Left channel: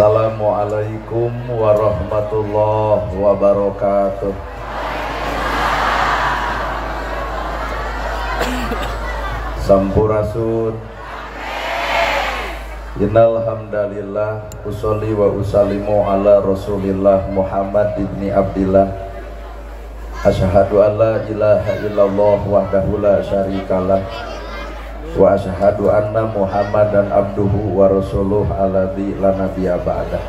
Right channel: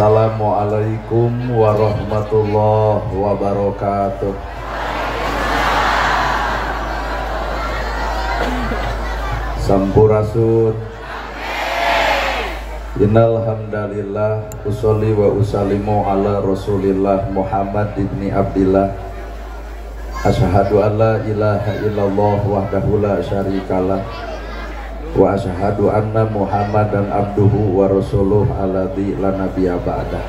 Assalamualaikum warahmatullahi wabarakatuh. Sampurasun. Innal hamdalillah usolli wa usallimu ala Rasulillah Muhammad ibni Abdillah. Asyhadu an la ilaha illallah wahdahu la syarikalah wa asyhadu anna Muhammadan abduhu wa rasuluh alladzi la nabiyya ba'da.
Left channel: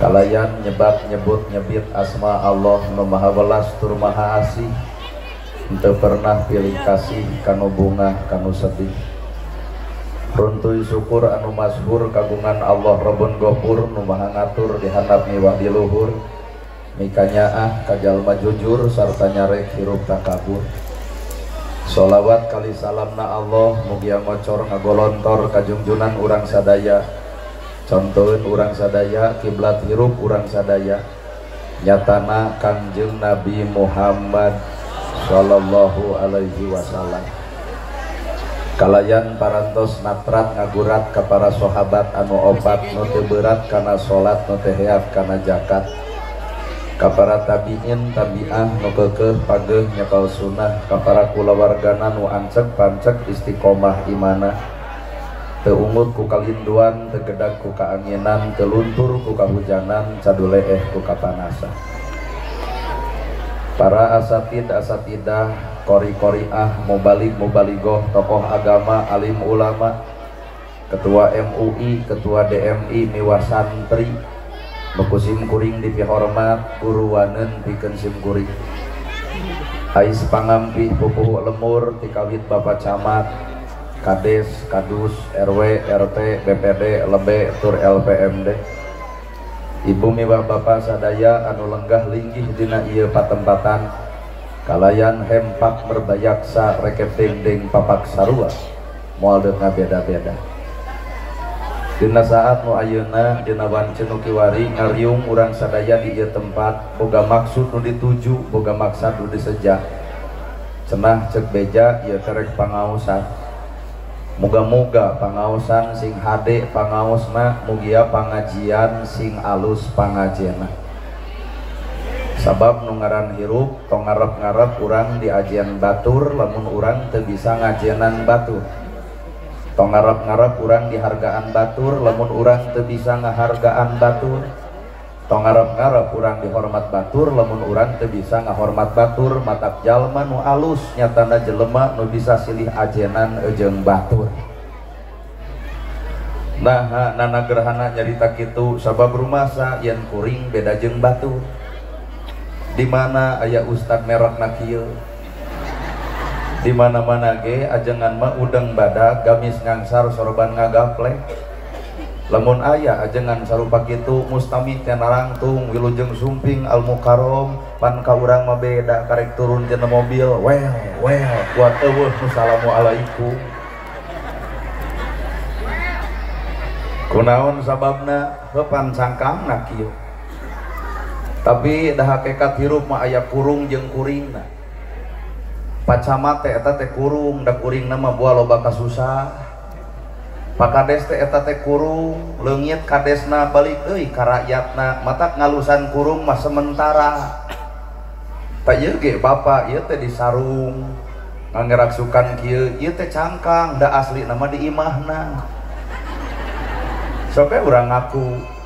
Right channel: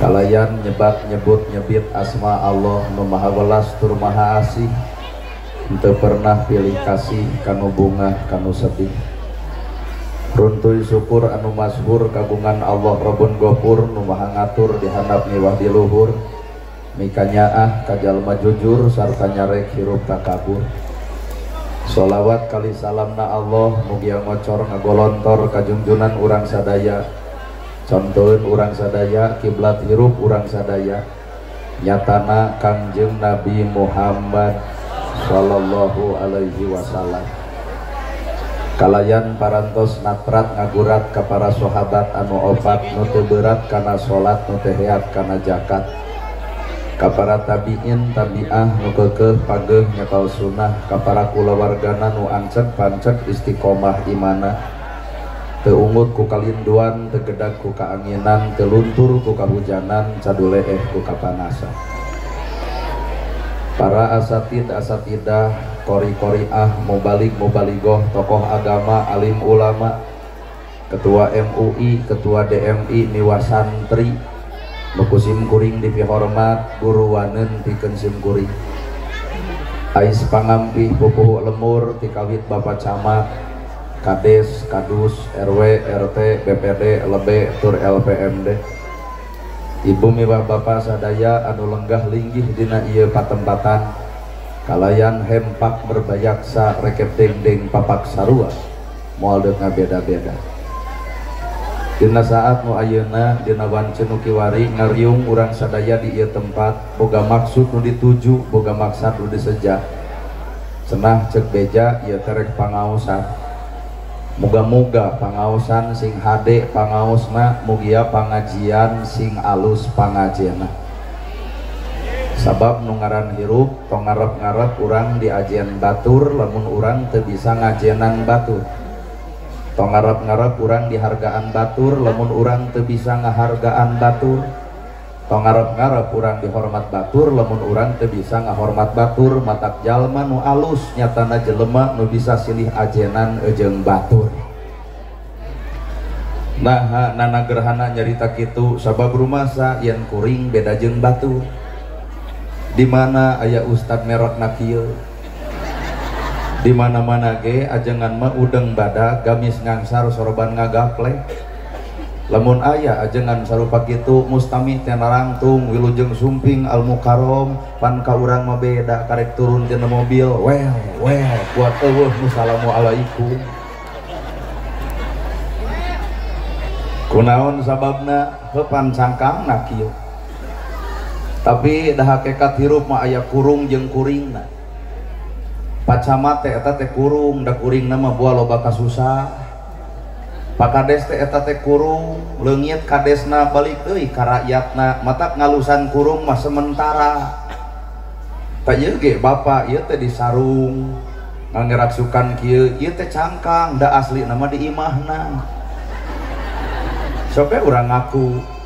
Kalayan nyebat nyebut nyebit asma Allah nu maha welas tur maha asih, henteu pernah pilih kasih kanu bungah kanu sedih. Runtuy syukur anu masyhur kagungan Allah Rabbun Ghafur nu maha ngatur di handap miwah di luhur, mikanyaah ka jalma jujur sarta nyarek hirup takabur. Sholawat kali salamna Allah mugia ngocor ngagolontor kajungjunan urang sadaya, contohin urang sadaya kiblat hirup urang sadaya, nyatana Kangjeng Nabi Muhammad sallallahu alaihi wasallam. Kalayan parantos natrat ngagurat ka para sahabat anu opat nu teu berat kana salat nu teu reat kana zakat, ka para tabiin tabiah nu keukeuh pageuh nyekal sunnah, ka para kulawargana nu ancek pancek istiqomah imana, teu ungut ku kalinduan, teu gedag ku kaanginan, teu luntur ku kahujanan, caduleeh ku kapanasan. Para asatid asatidah, kori koriah, mubalik mubaligoh, tokoh agama, alim ulama, ketua MUI, ketua DMI, miwah santri, mekusim kuring dipihormat, guruwaneun pikeun sim kuring. Ais pangampih pupuh lemur tikawit Bapak Camat, Kades, Kadus, RW, RT, BPD, Lebe, tur LPMD. Ibu miwah Bapak sadaya anu lenggah linggih dina ieu patempatan, kalayan hempak berbayaksa rekep dengdeng papak sarua moal deuk ngabeda-beda. Dina saat nu ayeuna dina wancen nu kiwari ngariung urang sadaya di ieu tempat boga maksud nu dituju, boga maksud nu diseja. Cenah ceuk beja ieu terek pangaosan. Muga-muga pangaosan sing hade pangaosna, mugia pangajian sing alus pangajianna. Sabab nu ngaran hirup tong ngarep-ngarep urang diajian batur, lamun urang teu bisa ngajienan batur. Tong ngarep-ngarep urang dihargaan batur, lamun urang teu bisa ngahargaan batur. Tong ngarep-ngarep urang dihormat batur, lamun urang teu bisa ngahormat batur. Matak jalma nu alus nyatana jelema nu bisa silih ajenan jeung batur. Nah, nana gerhana nyarita kitu sabab rumasa yen kuring beda jeung batur. Di mana aya ustad merotna kieu, di mana-mana ge ajengan mah udang badak gamis ngangsar sorban ngagaple. Lamun aya ajengan sarupa kitu mustami kana rangtung wilujeng sumping al mukarrom pan ka urang mah beda karek turun tina mobil well kuat eueuh nu assalamualaikum. Kunaon sababna heupan cangkangna kieu. Tapi dah hakikat hirup mah aya kurung jeung kuringna. Pacamat teh eta teh kurung, da kuringna mah buah loba kasusah. Pak Kades teh eta teh kurung, leungit kadesna balik euy ka rakyatna, matak ngalusan kurung mah sementara. Pak ieu ge Bapak ieu teh disarung, ngangeraksukan kieu, ieu teh cangkang, da asli nama di imahna. Sope urang ngaku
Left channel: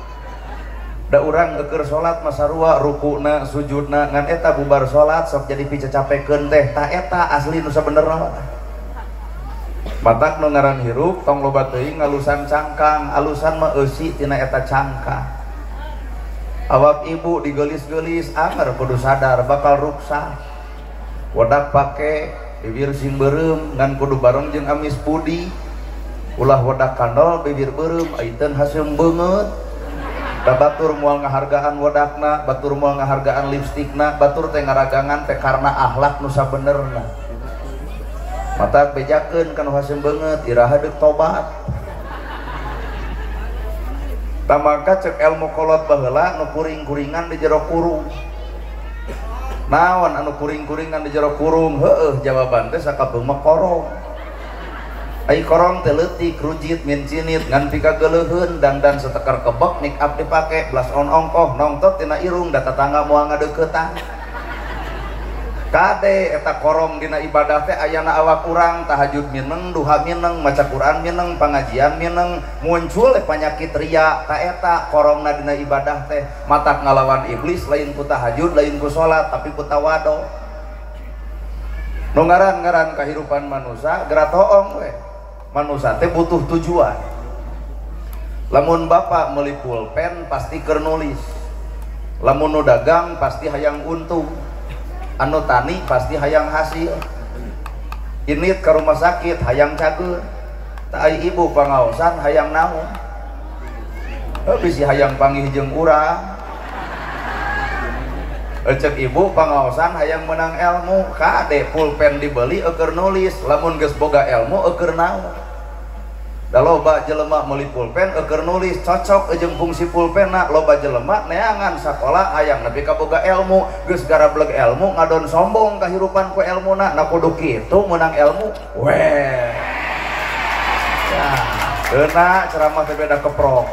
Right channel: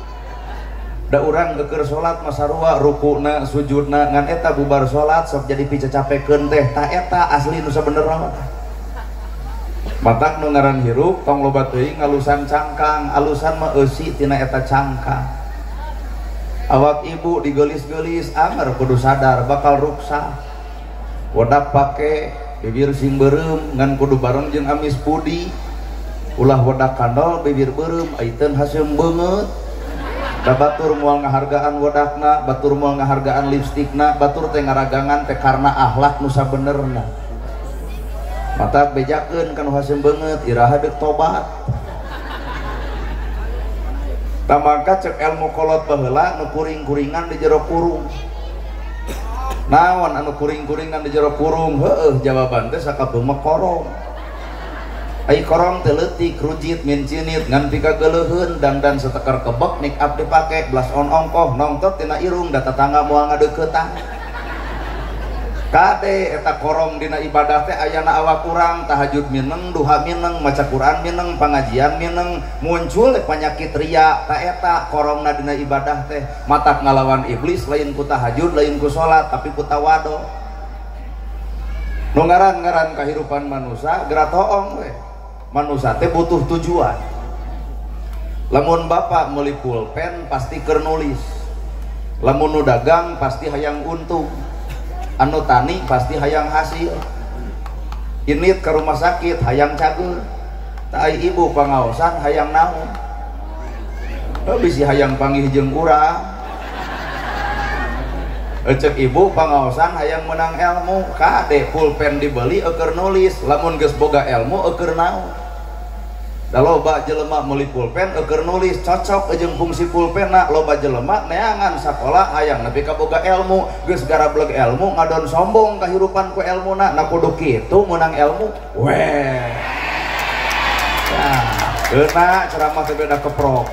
da urang keur salat mah sarua rukuna sujudna ngan eta bubar salat sok jadi picacapekeun teh ta eta asli nu sabenerna. Matak nu ngaran hirup tong loba teuing ngalusan cangkang, alusan mah eusi tina eta cangkang. Awak ibu digelis-gelis anger kudu sadar bakal ruksa. Wadak pake bibir sim beureum ngan kudu bareng jeung amis pudi. Ulah wadak kandol bibir beureum aiteun haseum beungeut. Da batur moal ngahargaan wadakna, batur moal ngahargaan lipstikna, batur teh ngaragangan teh karna akhlak nu sabenerna. Matak bejakeun kanu haseum beungeut iraha deuk tobat. Tamangka cek ilmu kolot baheula nu kuring-kuringan di jero kurung. Naon anu kuring-kuringan di jero kurung? Heueuh jawaban teh sakabeung mah korong. ai korong teletik rujit min cinit ngan pika geleuheun dan setekar kebek nik abdi pake belas on ongkoh nongtot tina irung da tetangga moal ngadeuketan kade eta korong dina ibadah teh ayana awak urang tahajud mineng duha mineng maca Quran mineng pengajian mineng muncul penyakit ria ta eta korongna dina ibadah teh matak ngalawan iblis lain ku tahajud lain ku salat tapi ku tawado nu ngaran-ngaran kahirupan manusia geura toong we manusia teh butuh tujuan. Lamun bapak meuli pulpen pasti keur nulis, lamun nu dagang pasti hayang untung, anu tani pasti hayang hasil, init ke rumah sakit hayang cageul, tak ibu pangaosan hayang naon, bisi hayang panggih jeung urang, cek ibu pangaosan hayang menang ilmu, kade pulpen dibeli keur nulis, lamun geus boga ilmu keur naon. Da loba jelema meuli pulpen keur nulis cocok jeung fungsi pulpenna, loba jelema neangan sakola hayang nepi ka boga ilmu, geus garableg ilmu ngadon sombong kahirupan ku ilmuna, na kudu kitu menang ilmu. Weh. Nah, beuna ceramah teh beda keprok.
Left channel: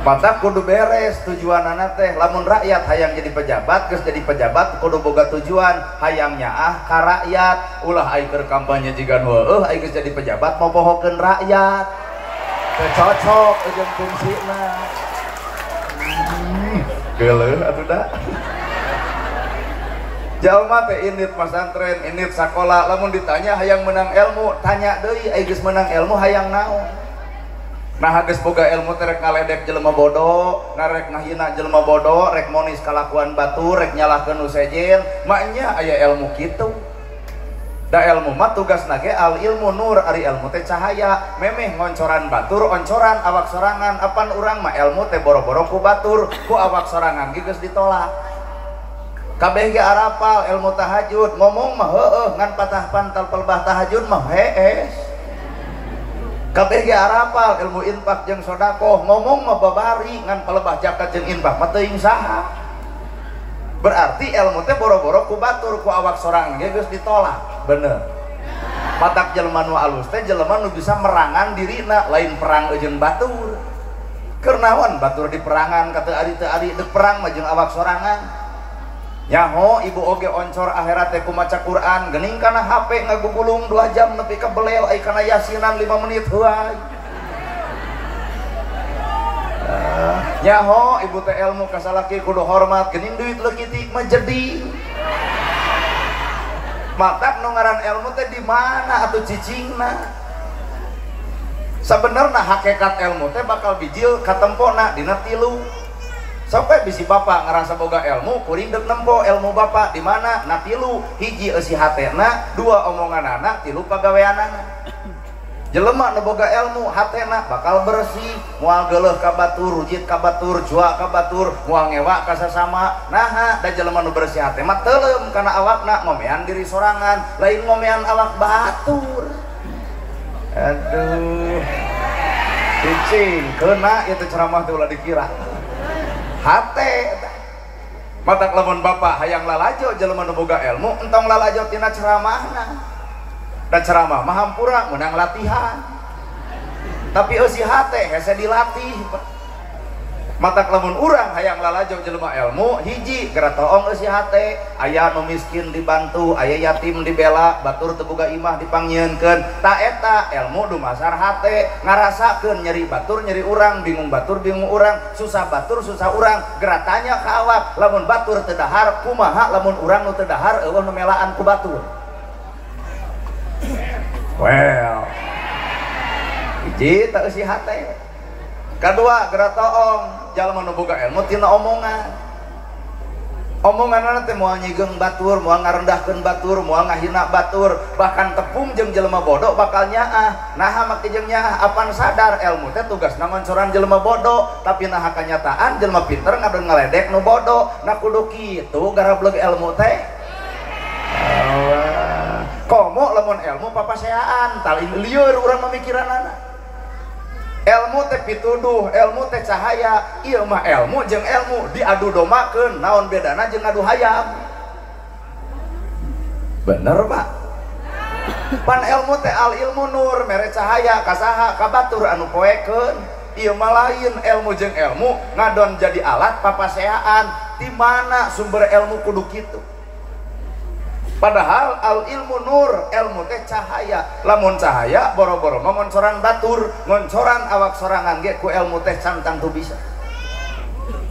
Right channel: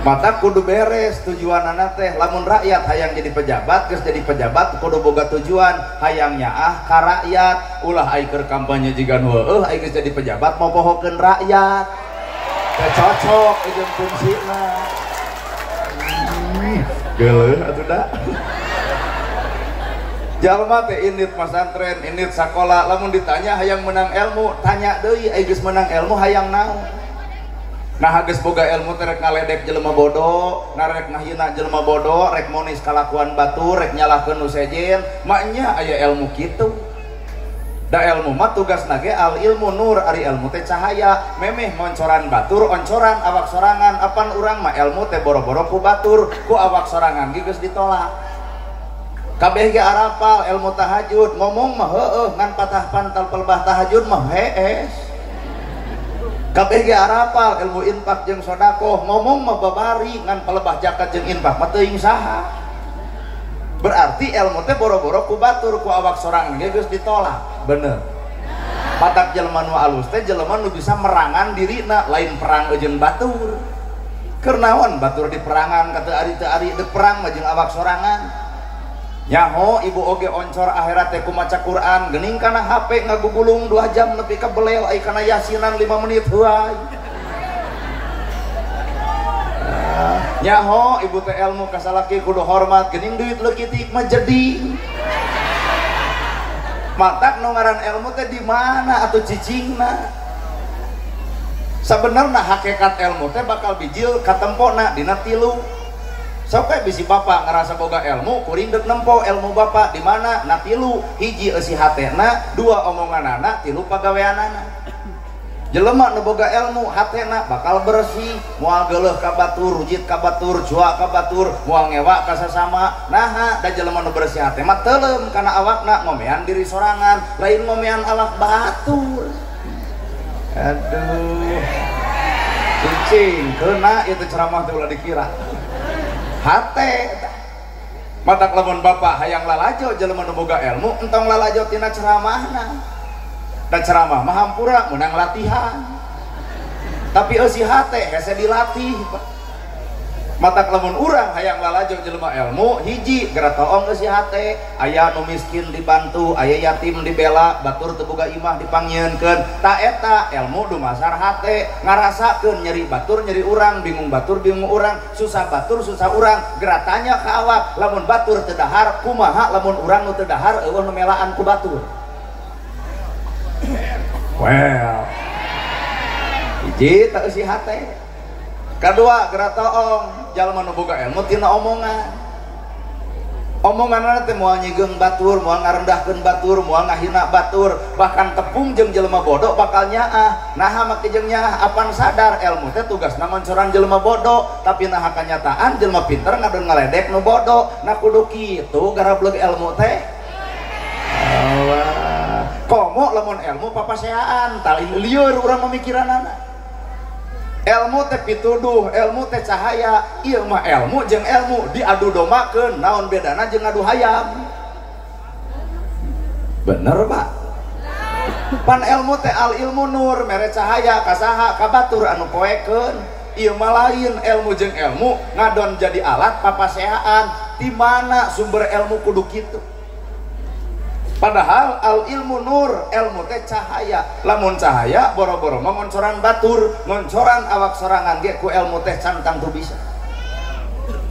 Mata kudu beres tujuanana teh lamun rakyat hayang jadi pejabat geus jadi pejabat kudu boga tujuan hayang nyaah ka rakyat ulah ai keur kampanye jigan heueuh ai geus jadi pejabat mau pohokeun rakyat teh cocok jeung fungsina geuleuh atuh da jalma teh init masantren init sakola lamun ditanya hayang menang ilmu tanya deui ai geus menang ilmu hayang naon. Nah geus boga ilmu teh rek ngaledek jelema bodoh, narek ngahina jelema bodoh, rek monis kalakuan batur, rek nyalahkeun nu sejen, maknya aya ilmu kitu. Da ilmu mah tugasna ge al ilmu nur, ari ilmu teh cahaya, memeh ngoncoran batur, oncoran awak sorangan, apan urang mah ilmu teh boro-boro ku batur, ku awak sorangan ge geus ditolak. Kabeh ge arapal ilmu tahajud, ngomong mah heueuh ngan patah pantal pelbah tahajud mah hees. Kabeh ge arapal ilmu infak jeung sedekah ngomong mah babari ngan palebah zakat jeung infak mah teuing saha. Berarti ilmu teh boro-boro ku batur ku awak sorangan ge geus ditolak. Bener. Patak jelema nu alus teh jelema nu bisa merangan dirina lain perang jeung batur. Keur naon batur diperangan ka teu ari deuk perang mah jeung awak sorangan. Nyaho ibu oge oncor akhirat teh ku maca Quran geuning kana HP ngagugulung 2 jam nepi ka belel ai kana yasinan 5 menit heuai. Nyaho ibu teh ilmu ka salaki kudu hormat geuning duit leukitik mah jadi. Matak nu ngaran ilmu teh di mana atuh cicingna? Sabenerna hakikat ilmu teh bakal bijil katempona dina 3. Sampai bisi bapak ngerasa boga ilmu, kuring dek nempo ilmu bapak di mana? Na 3, hiji eusi hatena, 2 omonganana, 3 pagaweanana. Jelema nu boga ilmu, hatena bakal bersih, moal geuleuh ka batur, rujit ka batur, jua ka batur, moal ngewa ka sesama. Naha da jelema nu bersih hate mah teuleum kana awakna ngomean diri sorangan, lain ngomean awak batur. Aduh. Cicing, keuna itu ceramah teh ulah dikira. Hate matak lamun bapak hayang lalajo jelema nu boga ilmu entong lalajo tina ceramahna dan ceramah mah hampura menang latihan tapi eusi hate hese dilatih. Matak lamun urang hayang lalajo jelema ilmu hiji geura toong eusi hate aya nu miskin dibantu aya yatim dibela batur teu boga imah dipanggieunkeun ta eta ilmu dumasar hate ngarasakeun nyeri batur nyeri urang bingung batur bingung urang susah batur susah urang geura tanya ka awak lamun batur teu dahar kumaha lamun urang nu teu dahar eueuh nu melaan ku batur. Well hiji teu eusi hate. Kadua geura toong jalma nu boga ilmu tina omongan. Omonganna teh moal nyigeung batur, moal ngarendahkeun batur, moal ngahina batur, bahkan tepung jeung jelema bodoh bakal nyaah. Naha make jeung nyaah apan sadar ilmu teh tugasna ngoncoran jelema bodoh, tapi naha kanyataan jelema pinter ngadon ngaledek nu bodoh. Na kudu kitu garableg ilmu teh. Komo lamun ilmu papaseaan, tali lieur urang mamikiranana. Ilmu teh pituduh, ilmu teh cahaya, ieu mah ilmu jeung ilmu diadu domakeun, naon bedana jeung adu hayam? Bener, Pak? pan ilmu teh al ilmu nur mere cahaya kasaha kabatur anu poekeun ieu mah lain ilmu jeung ilmu ngadon jadi alat papasehaan di mana sumber ilmu kudu kitu padahal al ilmu nur ilmu teh cahaya lamun cahaya boro-boro mah ngoncoran batur ngoncoran awak sorangan ge ku ilmu teh cantang tuh bisa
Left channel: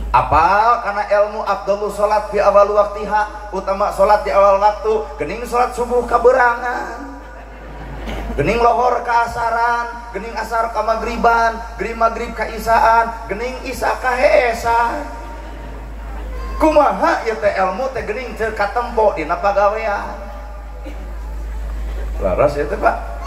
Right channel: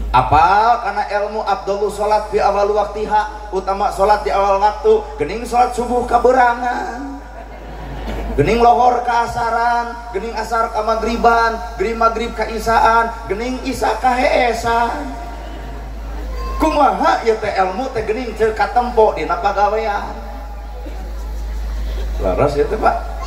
apa karena ilmu afdhalus salat fi awal waqtiha utama salat di awal waktu geuning salat subuh kaberangan geuning lohor ka asaran geuning asar ka magriban geuning magrib ka isaan geuning isa ka heesan kumaha ieu teh ilmu teh geuning teu katempo dina pagawean laras ieu teh Pak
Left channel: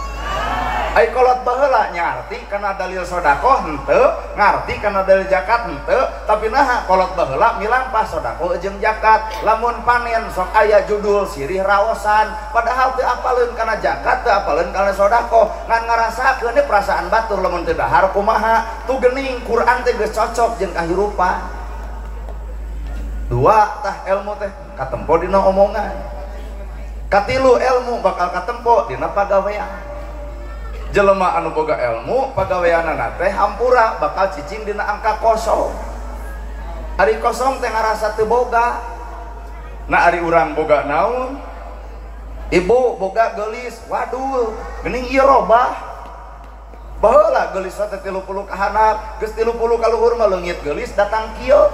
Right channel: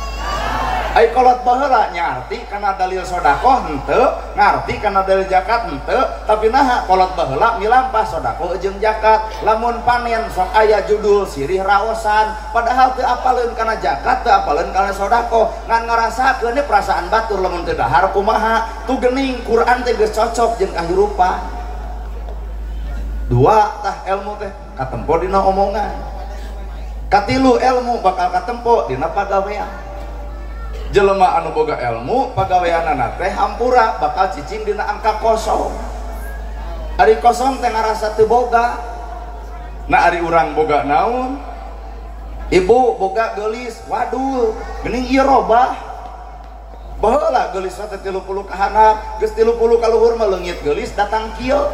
ai kolot baheula ngarti kana dalil sedekah henteu ngarti kana dalil zakat henteu tapi naha kolot baheula milampah sedekah jeung zakat lamun panen sok aya judul sirih raosan padahal teu apaleun kana zakat teu apaleun kana sedekah ngan ngarasakeun perasaan batur lamun teu dahar kumaha tu geuning Quran teh geus cocok jeung kahirupan dua tah ilmu teh katempo dina omongan katilu ilmu bakal katempo dina pagawean jelema anu boga ilmu pagaweanana teh hampura bakal cicing dina angka kosong ari kosong teh ngarasa teu boga na ari urang boga naon ibu boga geulis waduh geuning ieu robah baheula geulis teh 30 ka handap geus 30 ka luhur mah leungit geulis datang kieu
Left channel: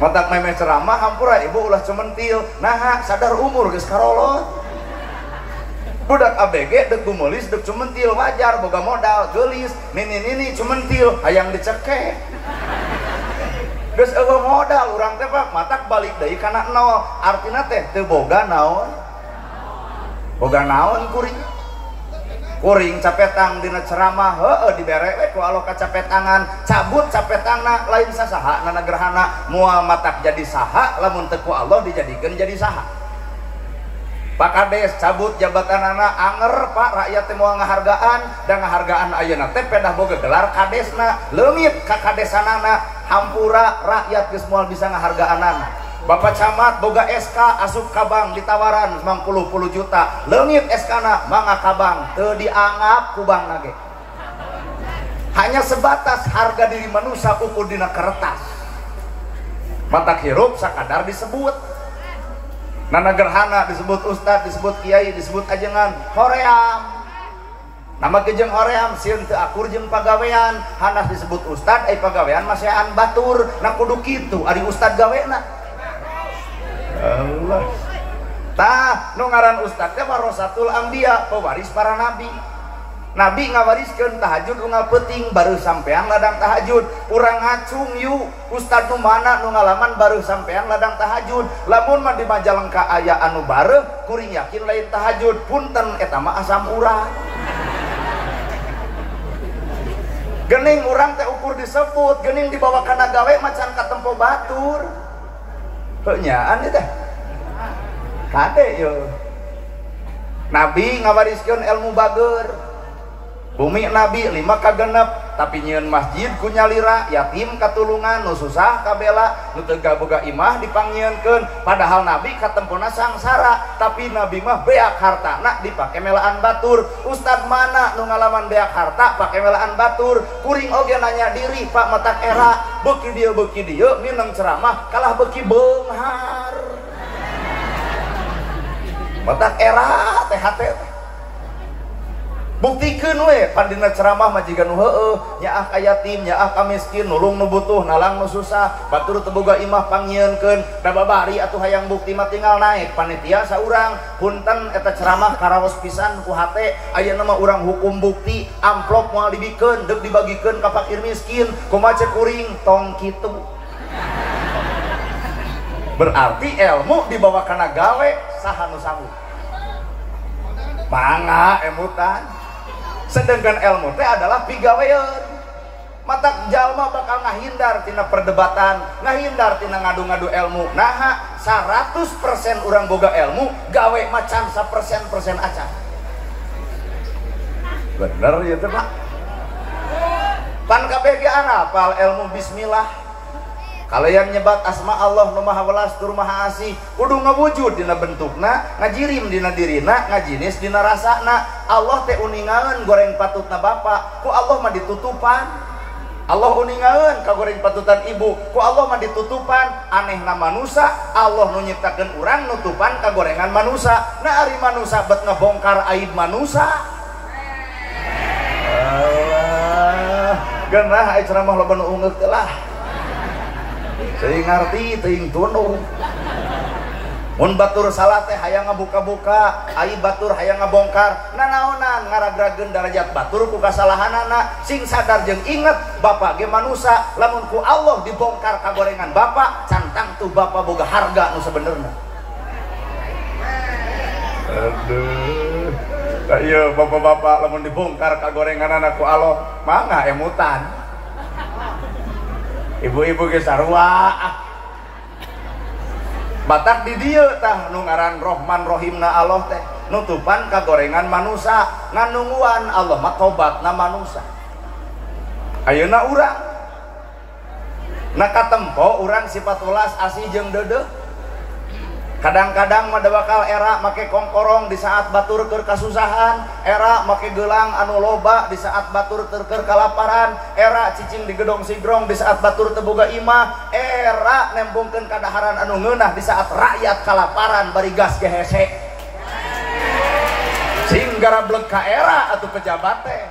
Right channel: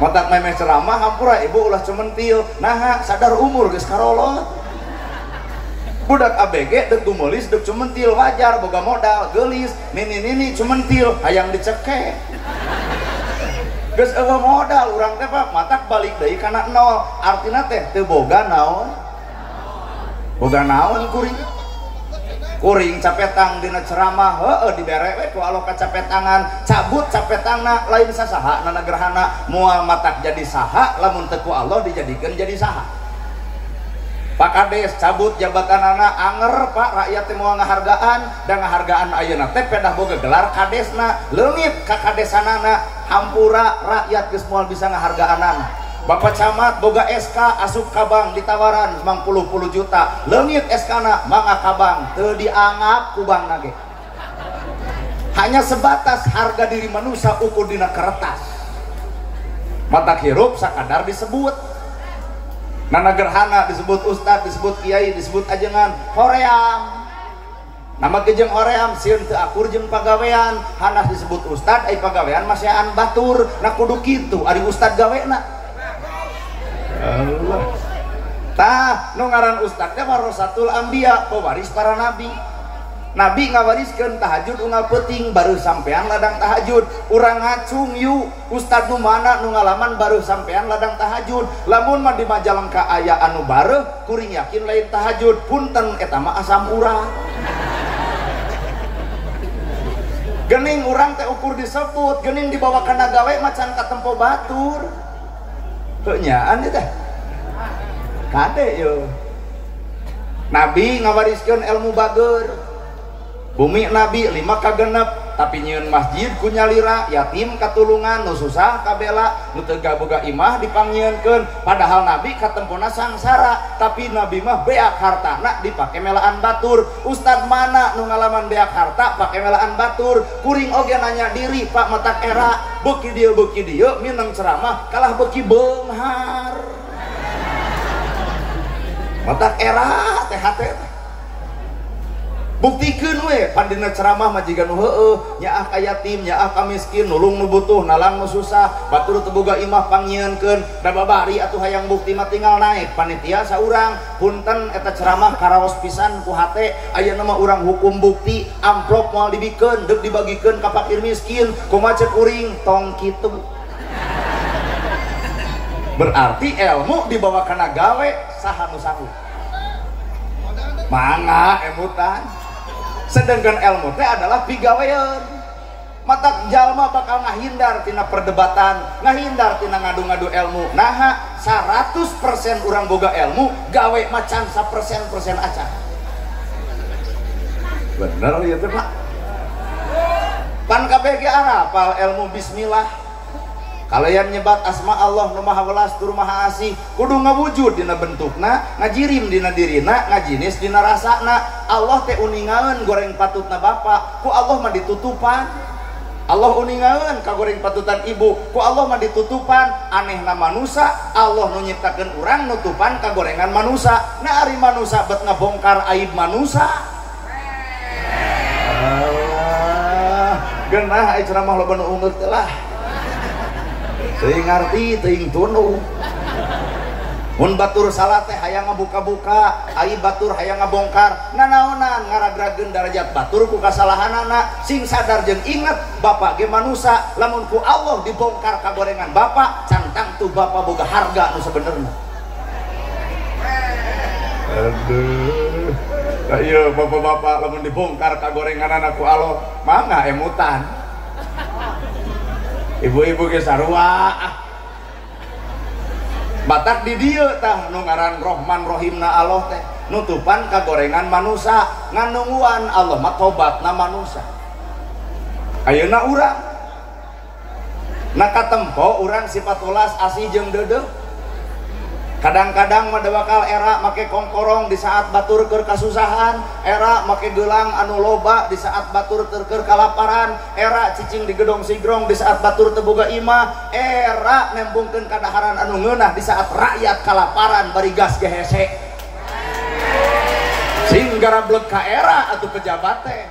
matak memeh ceramah hampura ibu ulah cementil nah sadar umur geus karolot budak ABG dek gumolis dek cumentil wajar boga modal gelis nini cumentil hayang dicekek geus eueuh modal urang teh Pak matak balik deui kana nol artina teh teu boga naon kuring capetang dina ceramah heueuh dibere we ku alo kacapetangan cabut capetangna lain sasaha ngana gerhana moal matak jadi saha lamun teu ku Allah dijadikeun jadi saha Pak Kades cabut jabatan anak anger Pak rakyat teh moal ngahargaan dan ngahargaan ayeuna teh pedah boga gelar kadesna leungit ka kadesanana hampura rakyat geus moal bisa ngahargaanan Bapak Camat boga SK asup kabang ditawaran 90 juta leungit SK-na mangga kabang teu dianggap ku bangna ge hanya sebatas harga diri manusia ukur dina kertas mata hirup sakadar disebut nana gerhana disebut ustad, disebut kiai, disebut ajengan hoream nama kejeng hoream sieun teu akur jeung pagawean hanas disebut ustad ai pagawean masean batur na kudu kitu ari ustad gawena Allah tah nu ngaran ustad teh warasatul anbiya pewaris para nabi Nabi ngawariskeun tahajud unggal peuting baru sampean ladang tahajud urang ngacung yu ustad nu mana nu ngalaman baru sampean ladang tahajud lamun mah di Majalengka aya anu bareuh kuring yakin lain tahajud punten eta mah asam urang geuning urang teh ukur disebut geuning dibawa kana gawe macan katempo batur heuh nyaan teh kade yo Nabi ngawariskeun ilmu bageur bumi Nabi 5 kagenep tapi nyieun masjid ku nyalira yatim katulungan nu susah kabela nu teu boga imah dipangieunkeun padahal Nabi katempona sangsara tapi Nabi mah beak hartana dipake melaan batur ustad mana nu ngalaman beak harta pake melaan batur kuring oge nanya diri Pak matak era beuki dieu mineng ceramah kalah beuki beunghar matak era teh hate buktikeun we pandina ceramah mah jiga nu heueuh nyaah ka yatim nyaah ka miskin nulung nu butuh nalang nu susah batur teu boga imah pangieunkeun da babari atuh hayang bukti mah tinggal naik panitia saurang punten eta ceramah karaos pisan ku hate ayeuna mah urang hukum bukti amplop moal dibikeun deuk dibagikeun ka fakir miskin kumaha cek kuring tong kitu berarti ilmu dibawa kana gawe saha nu sanggup mangga emutan sedangkan ilmu teh adalah pigawean matak jalma bakal ngahindar tina perdebatan ngahindar tina ngadu-ngadu ilmu nah 100% urang boga ilmu gawe macan 1% acan bener ya tuh Pak kan KBG apal ilmu bismillah kalian nyebat asma Allah nu maha welas tur maha asih kudu ngawujud dina bentukna, ngajirim dina dirina, ngajinis dina rasana. Allah teh uningaeun goreng patutna bapa, ku Allah mah ditutupan. Allah uningaeun ka goreng patutan ibu, ku Allah mah ditutupan. Anehna manusia, Allah nu nyiptakeun urang nutupan ka gorengan manusia. Nah ari manusia bet ngebongkar aib manusia. Genah ai ceramah loba nu ungeut lah. Teuing ngarti, teuing tunu. Mun batur salah teh hayang ngabuka-buka, aib batur hayang ngabongkar. Nanaonan ngaragrageun darajat batur ku kasalahanana. Sing sadar jeung inget bapa ge manusia, lamun ku Allah dibongkar kagorengan bapa, cantang tuh bapa boga harga nu sabenerna. Aduh. Iya bapak-bapak lamun dibongkar kagorengan anak ku Allah, mangga emutan. Ibu-ibu ge sarua. Batak di dieu tah nu ngaran Rahman Rahimna Allah teh nutupan kagorengan manusia, nganungguan Allah mah tobatna manusia. Ayeuna urang nakatempo urang sifat ulas asih jeung deudeuh. Kadang-kadang mah bakal era make kongkorong di saat batur keur kasusahan, era make gelang anu loba di saat batur keur kalaparan, era cicing di gedong sigrong di saat batur teu boga imah, era nembungkeun kadaharan anu ngeunah di saat rakyat kalaparan bari gas ge hese. Sing garableg ka era atuh pejabat teh.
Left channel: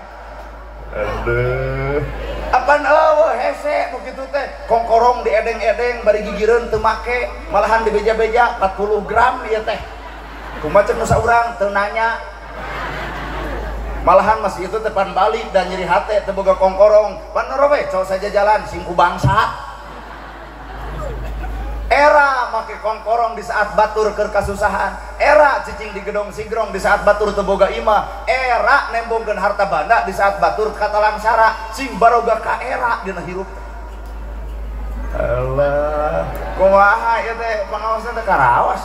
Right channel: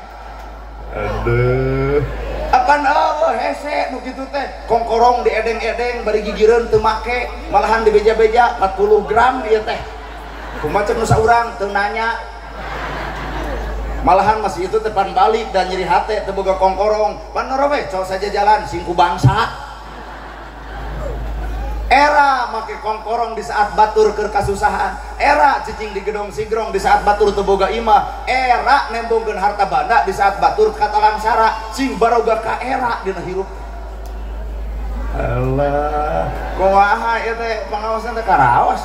Aduh. Apan eueuh hese nu kitu teh kongkorong di edeng-edeng bari gigireun teu make, malahan di beja-beja 40 gram ieu teh. Kumaha cek nu saurang teu nanya. Malahan masih itu tepan balik dan nyeri hate teu boga kongkorong. Pan we col saja jalan singku bangsa. Era make kongkorong di saat batur keur kasusahan, era cicing di gedong sigrong di saat batur teu boga imah, era nembongkeun harta banda di saat batur katalangsara. Sing baroga ka era dina hirup. Allah, kumaha ieu teh pangaosan teh karaos.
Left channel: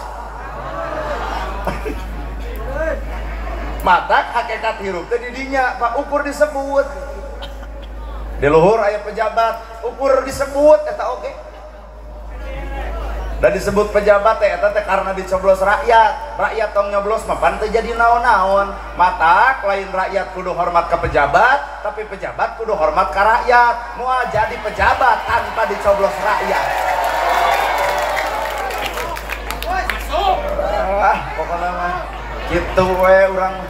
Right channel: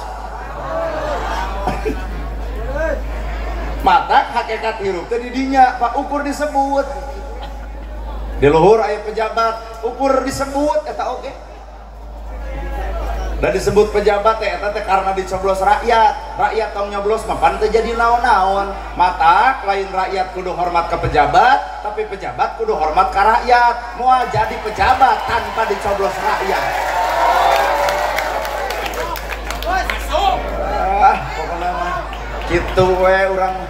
Matak hakikat hirup teh di dinya, Pak ukur disebut. Di luhur aya pejabat, ukur disebut eta oge. Dan disebut pejabat teh eta teh karena dicoblos rakyat. Rakyat tong nyoblos mah pan teu jadi naon-naon. Mata lain rakyat kudu hormat ke pejabat, tapi pejabat kudu hormat ke rakyat. Moal jadi pejabat tanpa dicoblos rakyat. Masuk. Pokona kitu we urang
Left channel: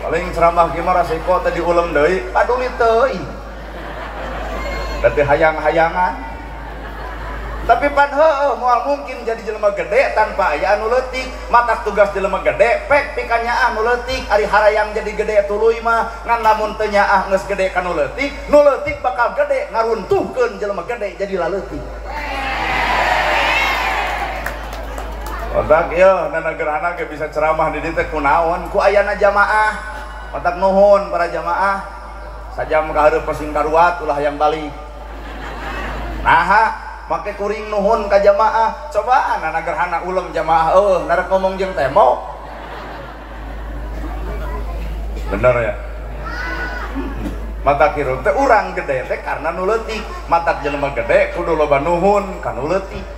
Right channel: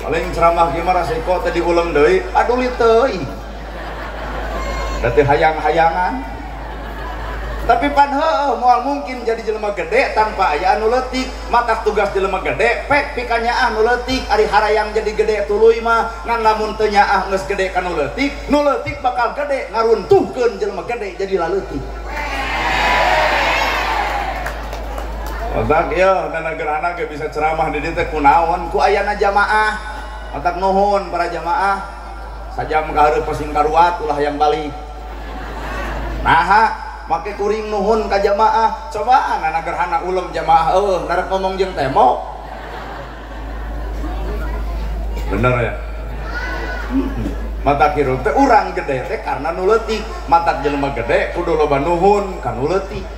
paling ceramah gimana resiko teh diuleum deui, paduli teuing. Berarti hayang-hayangan. Tapi pan heueuh moal mungkin jadi jelema gede tanpa aya anu leutik. Maka tugas jelema gede pek pikanyaah nu leutik. Ari harayang jadi gede tuluy mah ngan lamun teu nyaah geus gede ka nu leutik bakal gede ngaruntuhkeun jelema gede jadi laleutik. Otak ieu dana gerhana ge bisa ceramah di dieu teh kunaon ku ayana jamaah. Otak nuhun para jamaah. Sajam ka hareup pasing karuat ulah hayang balik. Naha make kuring nuhun ka jamaah, cobaan anak gerhana ulem jamaah narek ngomong jeung tembok. Bener ya? Mata kieu teh urang gede teh karena nu leutik, mata jelema gede kudu loba nuhun ka nu leutik.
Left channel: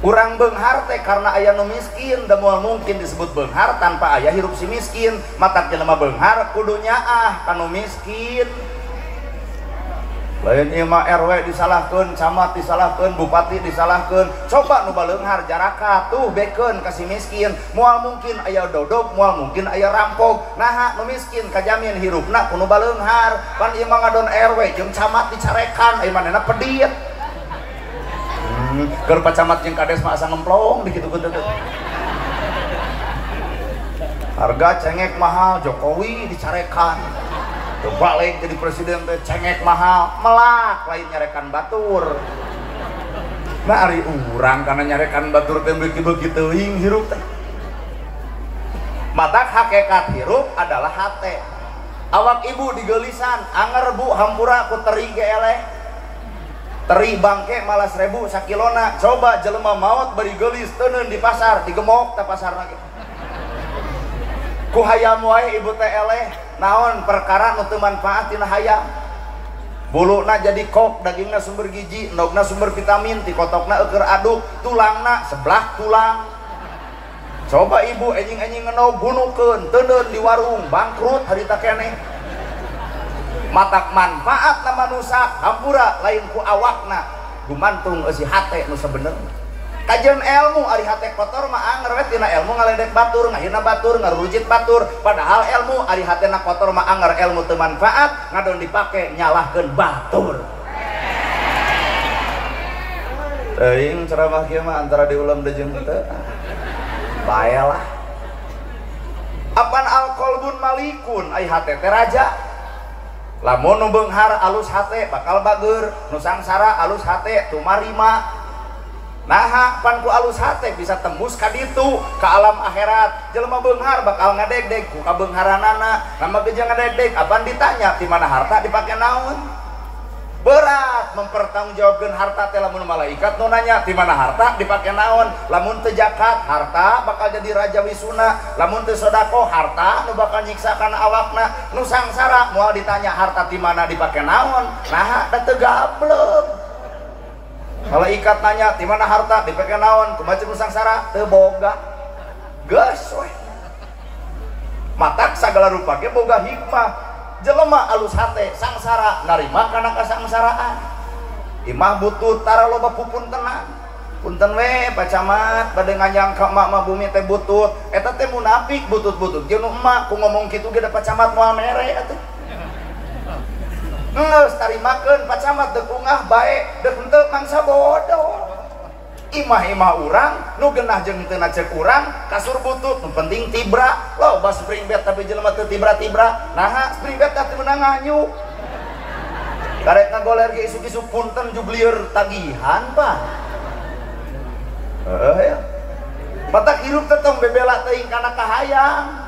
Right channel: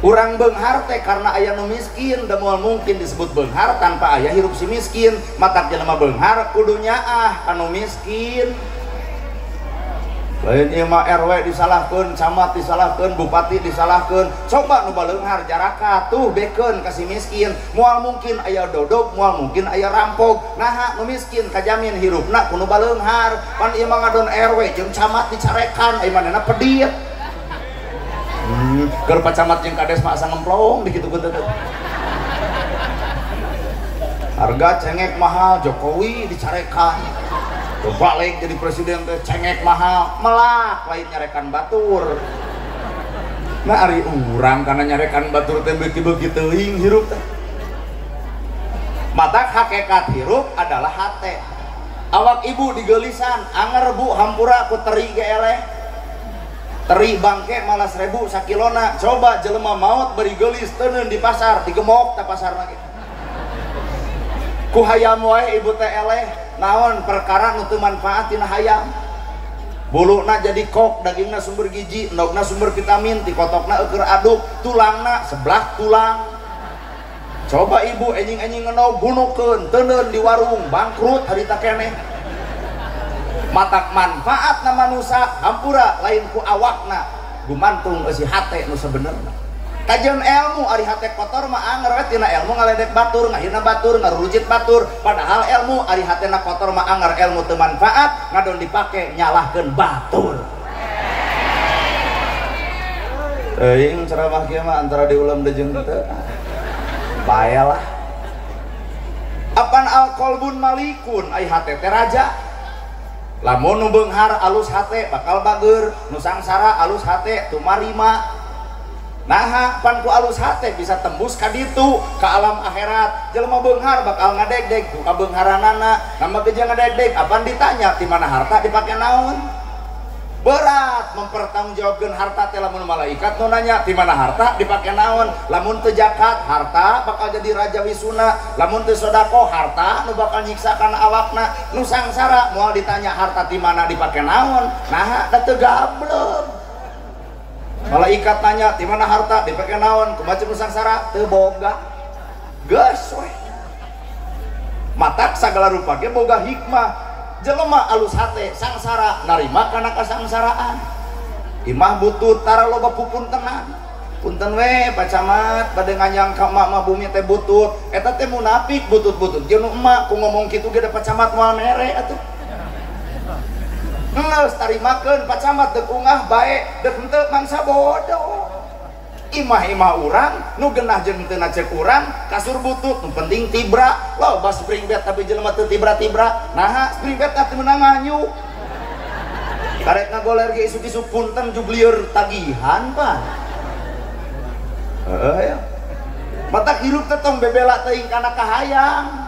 Urang beunghar teh karena aya nu miskin, da moal mungkin disebut beunghar tanpa aya hirup si miskin. Mata jelema beunghar kudu nyaah ka nu miskin. Lain ieu mah RW disalahkeun, camat disalahkeun, bupati disalahkeun. Coba nu baleunghar jaraka tuh bekeun ka si miskin. Moal mungkin aya dodog, moal mungkin aya rampok. Naha nu miskin kajamin hirupna ku nu baleunghar. Pan ieu mah ngadon RW jeung camat dicarekan, ai manehna pedit. Keur pacamat jeung kades mah asa ngemplong dikitu-kitu teh. Harga cengek mahal, Jokowi dicarekan. Balik jadi presiden teh cengek mahal, melak lain nyarekan batur. Nah ari urang kana nyarekan batur teh beuki-beuki teuing hirup teh. Matak hakikat hirup adalah hate. Awak ibu digeulisan, anger bu hampura ku teri ge eleh. Teri bangke malah 1000 sakilona. Coba jelema maot bari geulis teuneun di pasar, digemok teh pasarna ge. Ku hayam wae ibu teh eleh. Naon perkara nu teu manfaat tina hayam. buluna jadi kok, dagingna sumber gizi, endogna sumber vitamin, tikotokna euker aduk, tulangna sebelah tulang. Coba ibu enjing-enjing ngenog gunukeun teuneun di warung bangkrut harita keneh. Matak manfaat na manusia hampura lain ku awakna gumantung eusi hate nu sabenerna. Kajian ilmu ari hate kotor mah anger we tina ilmu ngaledek batur, ngahina batur, ngarujit batur. Padahal ilmu ari hatena kotor mah anger, ilmu teu manfaat ngadon dipake nyalahkeun batur. Teuing ceramah kieu mah antara diulam dejeung teu. Bayalah. Apan alqalbun malikun ai hate teh raja. Lamun nu beunghar alus hate bakal bageur, nu sangsara alus hate tumarima. Nah, pan ku alus hate bisa tembus ka ditu ka alam akhirat. Jelema beunghar bakal ngadegdeg ku kabeungharanana, nama geus ngadegdeg apan ditanya di mana harta dipake naon? Berat mempertanggungjawabkeun harta teh lamun malaikat nu nanya di mana harta dipake naon. Lamun teu zakat harta bakal jadi raja wisuna, lamun teu sedekah harta nu bakal nyiksa kana awakna. Nu sangsara moal ditanya harta di mana dipake naon, nah da teu gablek. Malaikat nanya di mana harta dipake naon, kumaha nu sangsara teu boga. Geus we. Matak sagala rupa ge boga hikmah. Jelema alus hate sangsara narima kana kasangsaraan. Imah butut tara loba pupuntenan. Punten we Pak Camat bade nganyang ka mak bumi teh butut. Eta teh munafik butut-butut. Jeung emak ku ngomong kitu ge da Pak Camat moal mere atuh. Geus tarimakeun Pak Camat deuk ungah bae, deuk henteu mangsa bodoh. Imah-imah urang nu geunah jeung teu cek urang kasur butut nu penting tibra. Loba spring bed tapi jelema teu tibra-tibra. Nah, spring bed teh meunang nganyuk. Karek ngagoler ge isuk-isuk punten jublieur tagihan, Pak. Ya. Matak hirup teh tong bebela teuing kana kahayang.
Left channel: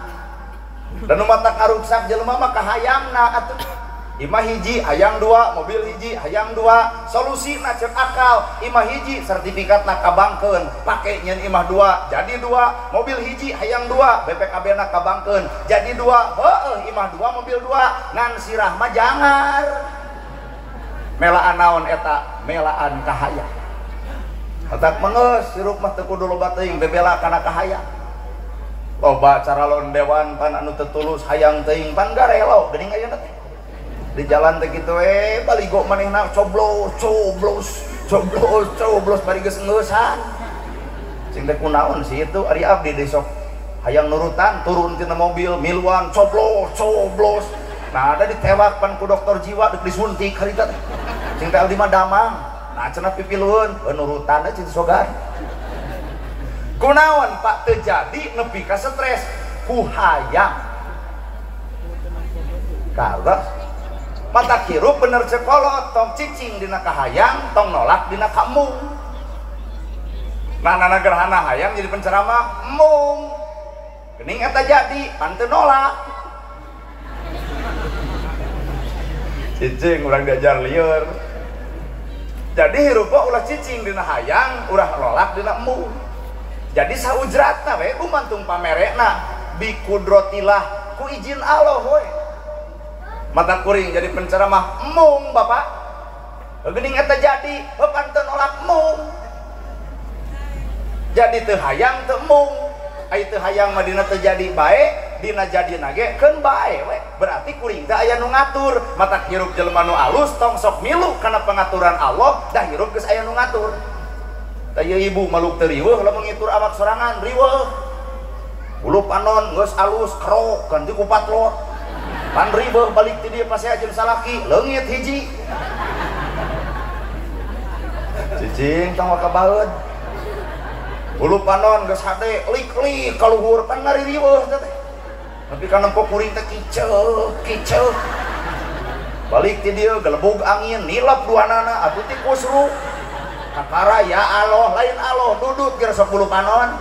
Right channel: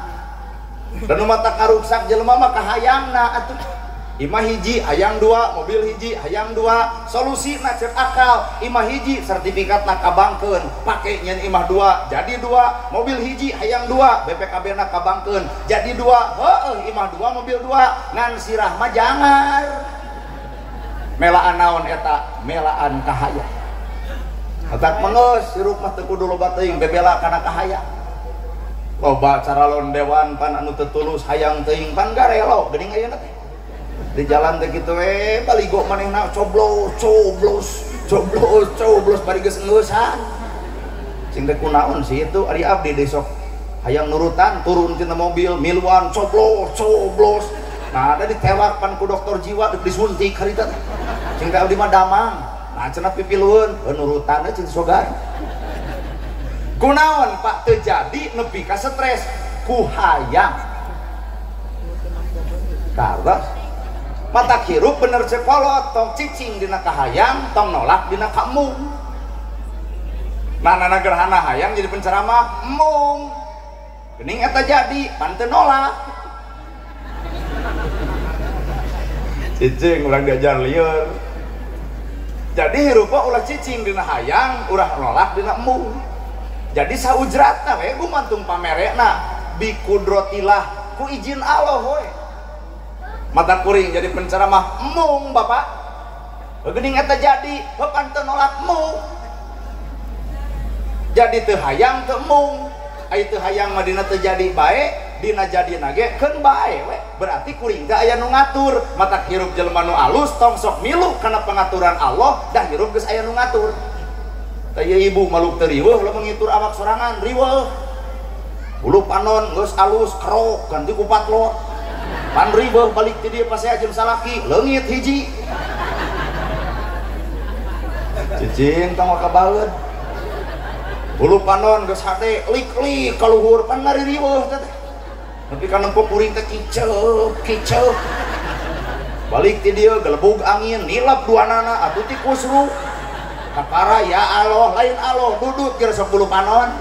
Dan nu matak karuksak jelema mah kahayangna atuh. Imah hiji hayang dua, mobil hiji hayang dua, solusi na cek akal. Imah hiji sertifikat na kabangkeun, pake nyen imah dua jadi dua, mobil hiji hayang dua, BPKB na kabangkeun jadi dua. Heueuh imah dua mobil dua, ngan sirah mah jangar. Melaan naon eta? Melaan kahayang. Otak mengeus sirup mah teu kudu loba teuing bebela kana kahayang. Loba cara londewan pan anu teu tulus hayang teuing pan garelo geuning ayeuna teh. Di jalan teh kitu we baligo manehna coblos bari geus ngeusan. Cing teh kunaon sih itu ari abdi desok hayang nurutan turun tina mobil miluan coblos. Nah ada ditewak pan ku dokter jiwa deuk disuntik harita. Cing teh abdi mah damang. Nah cenah pipilueun nurutan cing sogan. Kunaon Pak teu jadi nepi ka stres ku hayang. Kagak mata hirup bener cekolot tong cicing dina kahayang tong nolak dina kamung. Mana gerhana hayang jadi penceramah mung geuning eta jadi pan teu nolak. Cicing urang diajar lieur. Jadi hirupa ulah cicing dina hayang, urang nolak dina mung. Jadi saujratna we gumantung pamerena bi kudrotillah ku izin Allah we. Mata kuring jadi penceramah mung Bapak. Geuning eta jadi bapak teu nolak mung. Jadi teu hayang teu mung. Ai teu hayang mah dina teu jadi bae, dina jadina ge keun bae we. Berarti kuring teh aya nu ngatur. Mata hirup jelema nu alus tong sok milu kana pengaturan Allah dan hirup geus aya nu ngatur. Tah ibu maluk teu riweuh lamun ngitur awak sorangan riweuh. Ulu panon geus alus krok ganti ku patlot. Pan ribeuh balik ti dieu pase ajeun salaki leungit hiji. Cicing tong kabaeud. Bulu panon geus hade lik-lik ka luhur pan ngari ribeuh teh. Tapi kan empuk kuring teh kiceu. Balik ti dieu gelebug angin nilep duanana atuh ti kusru. Kakara ya Allah lain Allah dudut geus 10 panon.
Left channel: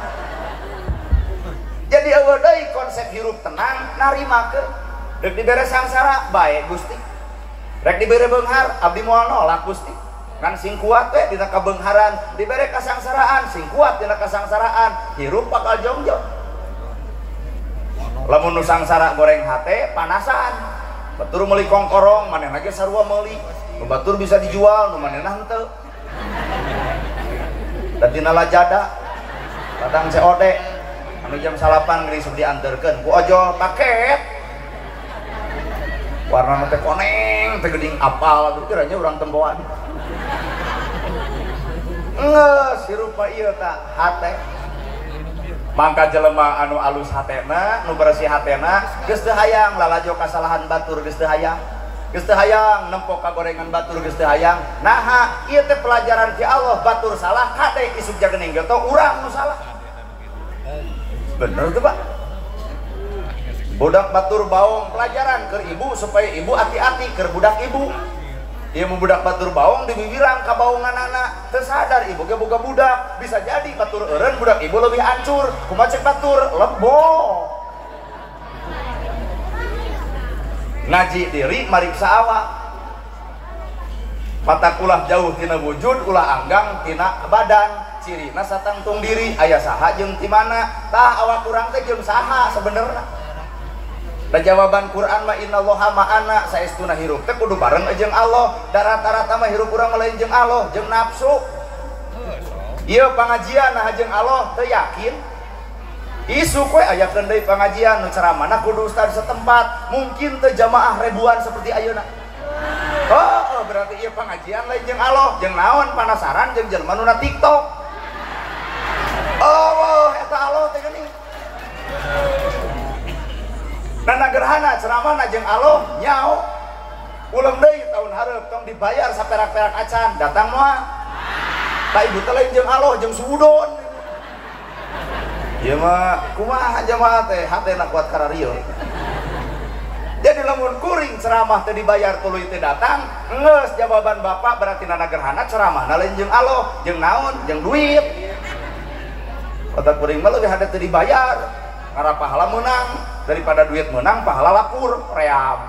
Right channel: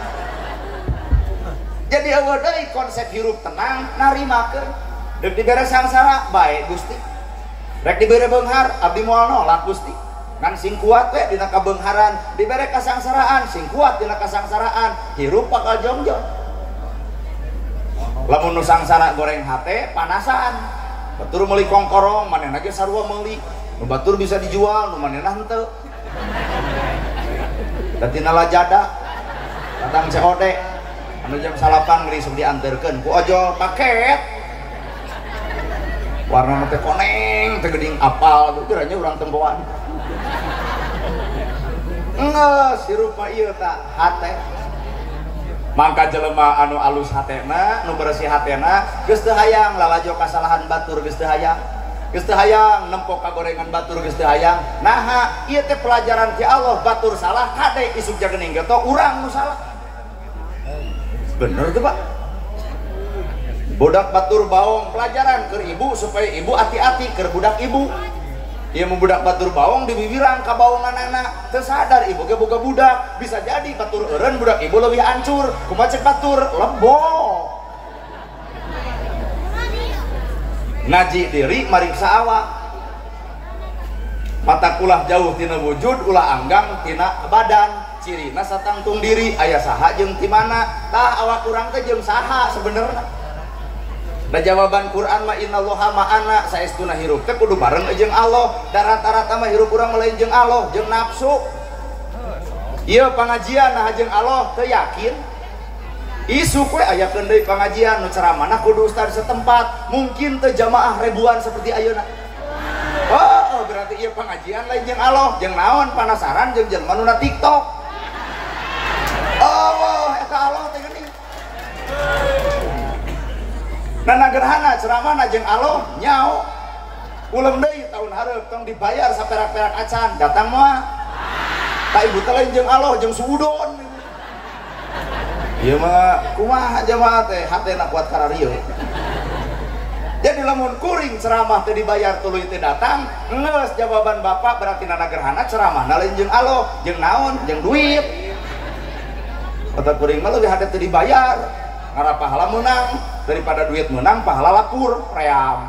Jadi eueuh deui konsep hirup tenang narimakeun. Rek dibere sangsara bae Gusti. Rek dibere beunghar abdi moal nolak Gusti. Ngan sing kuat we dina kabeungharan, dibere kasangsaraan sing kuat dina kasangsaraan, hirup bakal jongjong. Lamun nu sangsara goreng hate panasan. batur meuli kongkorong manehna ge sarua meuli nu batur bisa dijual nu manehna henteu da tina lajada kadang COD anu jam 8 geus dianterkeun ku ojol paket warna teh koneng teh geuning apal gitu kiranya urang temboan ngeus hirupa ieu tah hate mangka jelema anu alus hatena nu bersih hatena geus teu hayang lalajo kasalahan batur geus teu hayang nempok kagorengan batur geus teu hayang naha ieu teh pelajaran ti Allah batur salah kade isuk jagening geto urang nu salah bener tuh Pak budak batur baong pelajaran keur ibu supaya ibu hati-hati keur budak ibu ieu budak batur baong dibibirang ka baongan anak teu sadar ibu ge boga budak bisa jadi batur eureun budak ibu leuwih hancur kumaha cek batur lebo ngaji diri mariksa awak mata ulah jauh tina wujud ulah anggang tina badan cirina satangtung diri aya saha jeung ti mana tah awak urang teh jeung saha sebenarnya da jawaban Quran mah innallaha ma'ana saestuna hirup teh kudu bareng jeung Allah da rata-rata mah hirup urang lain jeung Allah jeung nafsu ieu pangajian nah jeung Allah teu yakin isuk we ayakeun deui pangajian nu ceramahna kudu ustaz setempat mungkin teu jamaah ribuan seperti ayeuna oh berarti ieu pangajian lain jeung Allah jeung naon panasaran jeung jelema nu na TikTok oh eta Allah teh geuning nana gerhana ceramahna jeung Allah nyao uleum deui tahun hareup tong dibayar saperak-perak acan datang moal ka ibu teh lain jeung Allah jeung suudon ieu mah kumaha jamaah teh hatena kuat kararieu jadi lamun kuring ceramah teh dibayar tuluy teh datang geus jawaban bapak berarti nana gerhana ceramahna lain jeung Allah jeung naon jeung duit otak kuring mah leuwih hade teh dibayar ngarap pahala menang daripada duit menang pahala lapur ream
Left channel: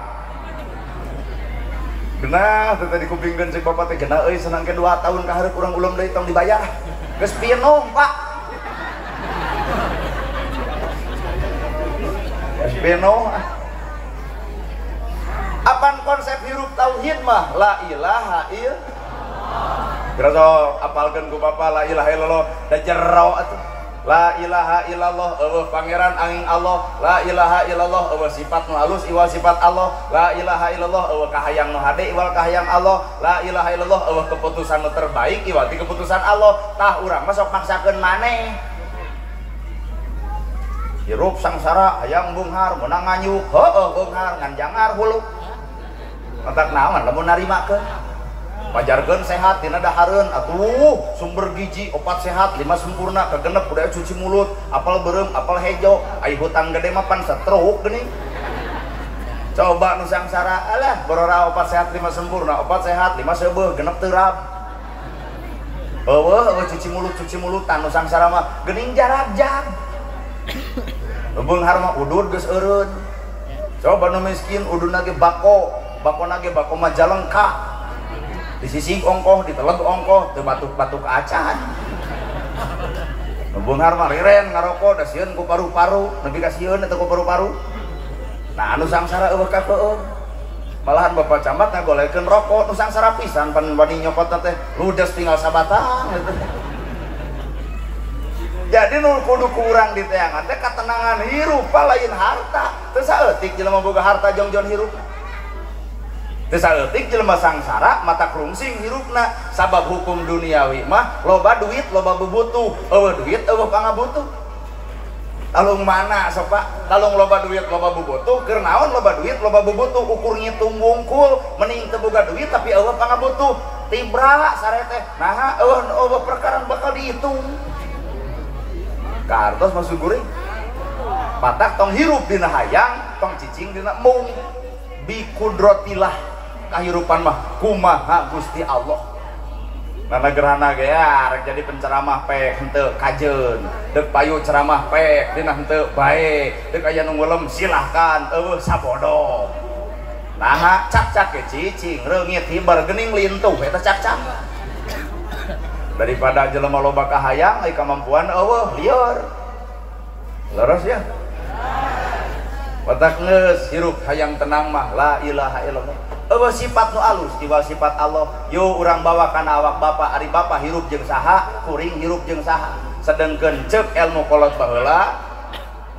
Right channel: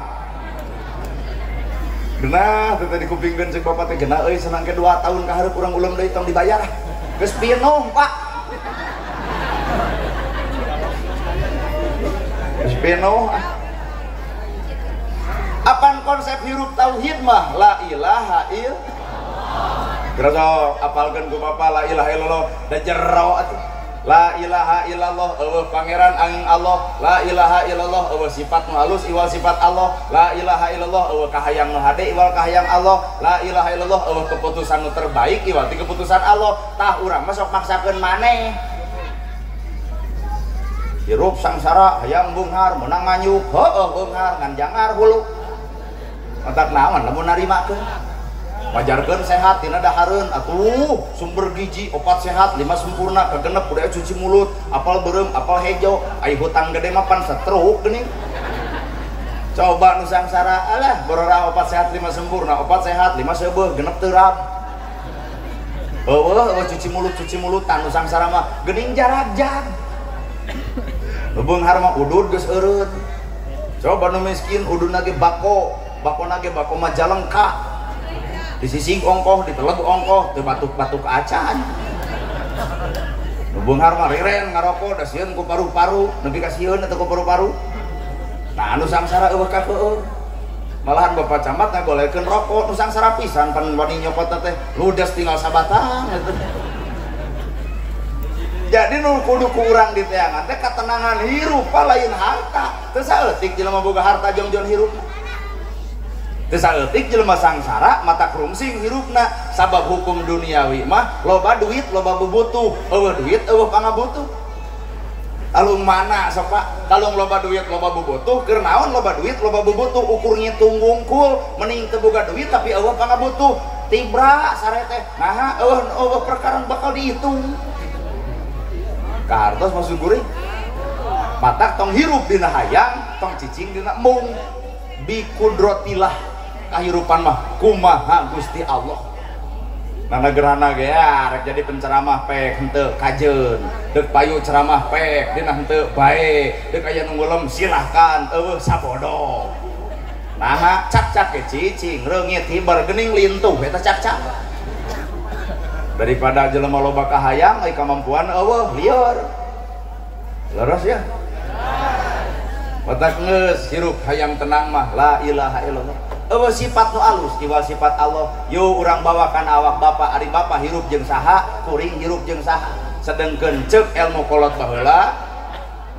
genah teh tadi kupingkeun cek bapak teh genah euy senang ke 2 tahun ka hareup urang uleum deui tong dibayar geus pinom Pak geus pinom apan konsep hirup tauhid mah la ilaha illallah terus apalkeun ku bapak la ilaha illallah da jero atuh la ilaha illallah eueuh pangeran angin Allah la ilaha illallah eueuh sifat nu halus iwal sifat Allah la ilaha illallah eueuh kahayang nu hade iwal kahayang Allah la ilaha illallah eueuh keputusan nu terbaik iwal ti keputusan Allah tah urang mah sok maksakeun maneh hirup sangsara hayang beunghar meunang nganyuk heueuh beunghar ngan jangar hulu mantap naon lamun narimakeun majarkeun sehat tina dahareun atuh sumber gizi opat sehat 5 sempurna kagenep budaya cuci mulut apal beureum apal hejo aya hutang gede mah pan stroke geuning coba nu sangsara alah borora opat sehat 5 sempurna opat sehat 5 seubeuh genep teu rab eueuh cuci mulutan nu sangsara mah geuning jarab-jab beunghar mah udud geus eureun coba nu miskin ududna ge bakona ge bako mah jalengka disising ongkoh, diteleg ongkoh, teu batuk-batuk acan. Beunghar mah riren ngarokok da sieun ku paru-paru, nepi ka sieun atau ku paru-paru. Nah anu sangsara eueuh ka keueung. Malahan Bapak Camat ngagolekeun rokok nu sangsara pisan pan wani nyopot teh ludes tinggal sabatang gitu. Jadi nu kudu ku urang di teangan teh katenangan hirup lain harta. Teu saeutik jelema boga harta jongjon hirup. Teu saeutik jelema sangsara mata krungsing hirupna sabab hukum duniawi mah loba duit loba bubutuh eueuh duit eueuh pangabutuh alung mana sok Pak kalung loba duit loba bubutuh keur naon loba duit loba bubutuh ukur ngitung wungkul mending teu boga duit tapi eueuh pangabutuh tibra sare teh nah eueuh perkara bakal dihitung kartos masuk guring matak tong hirup dina hayang tong cicing dina mung bi kudrotillah kahirupan mah kumaha Gusti Allah nana gerhana ge rek jadi penceramah pek henteu kajeun deuk payu ceramah pek dina henteu bae deuk aya nu ngeulem silahkan eueuh sabodo nah cak-cak ge cicing reungit hibar geuning lintuh eta cak-cak daripada jelema loba kahayang ai kamampuan eueuh lieur leres ya otak ngeus hirup hayang tenang mah la ilaha illallah. Eueuh sifat nu alus jiwa sifat Allah. Yo urang bawakan awak Bapa ari Bapa hirup jeung saha, kuring hirup jeung saha. Sedengkeun ceuk ilmu kolot baheula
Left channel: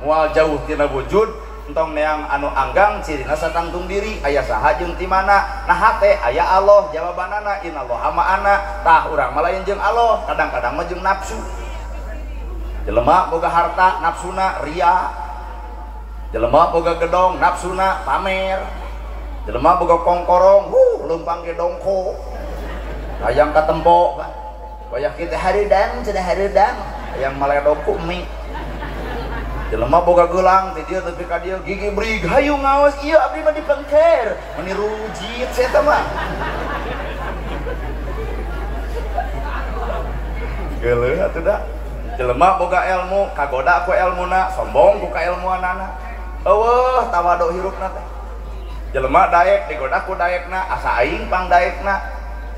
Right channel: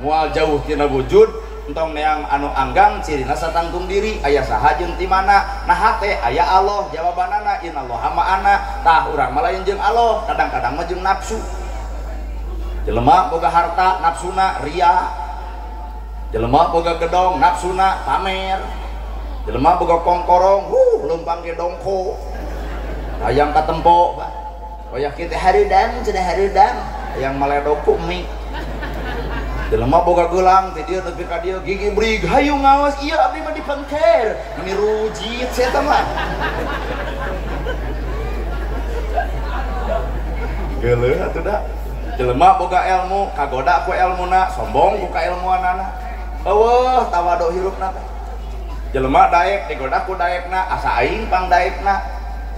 moal jauh tina wujud entong neang anu anggang cirina satangtung diri aya saha jeung ti mana. Nah hate aya Allah jawabanana innallaha ma'ana. Tah urang mah lain jeung Allah, kadang-kadang mah jeung nafsu. Jelema boga harta nafsuna ria, jelema boga gedong nafsuna pamer, jelema boga kongkorong leumpang ge dongko hayang katempo wayah kitu hareudang cenah hareudang hayang maledok mie. Jelema boga geulang teh dieu tepi ka dieu gigi brig hayu ngaos ieu abdi mah dipengker meniru jit saya teh mah geuleuh atuh da. Jelema boga ilmu kagoda ku ilmuna sombong ku kailmuanana. Eueuh tawado hirupna teh. Jelema daek digoda ku daekna asa aing pang daekna.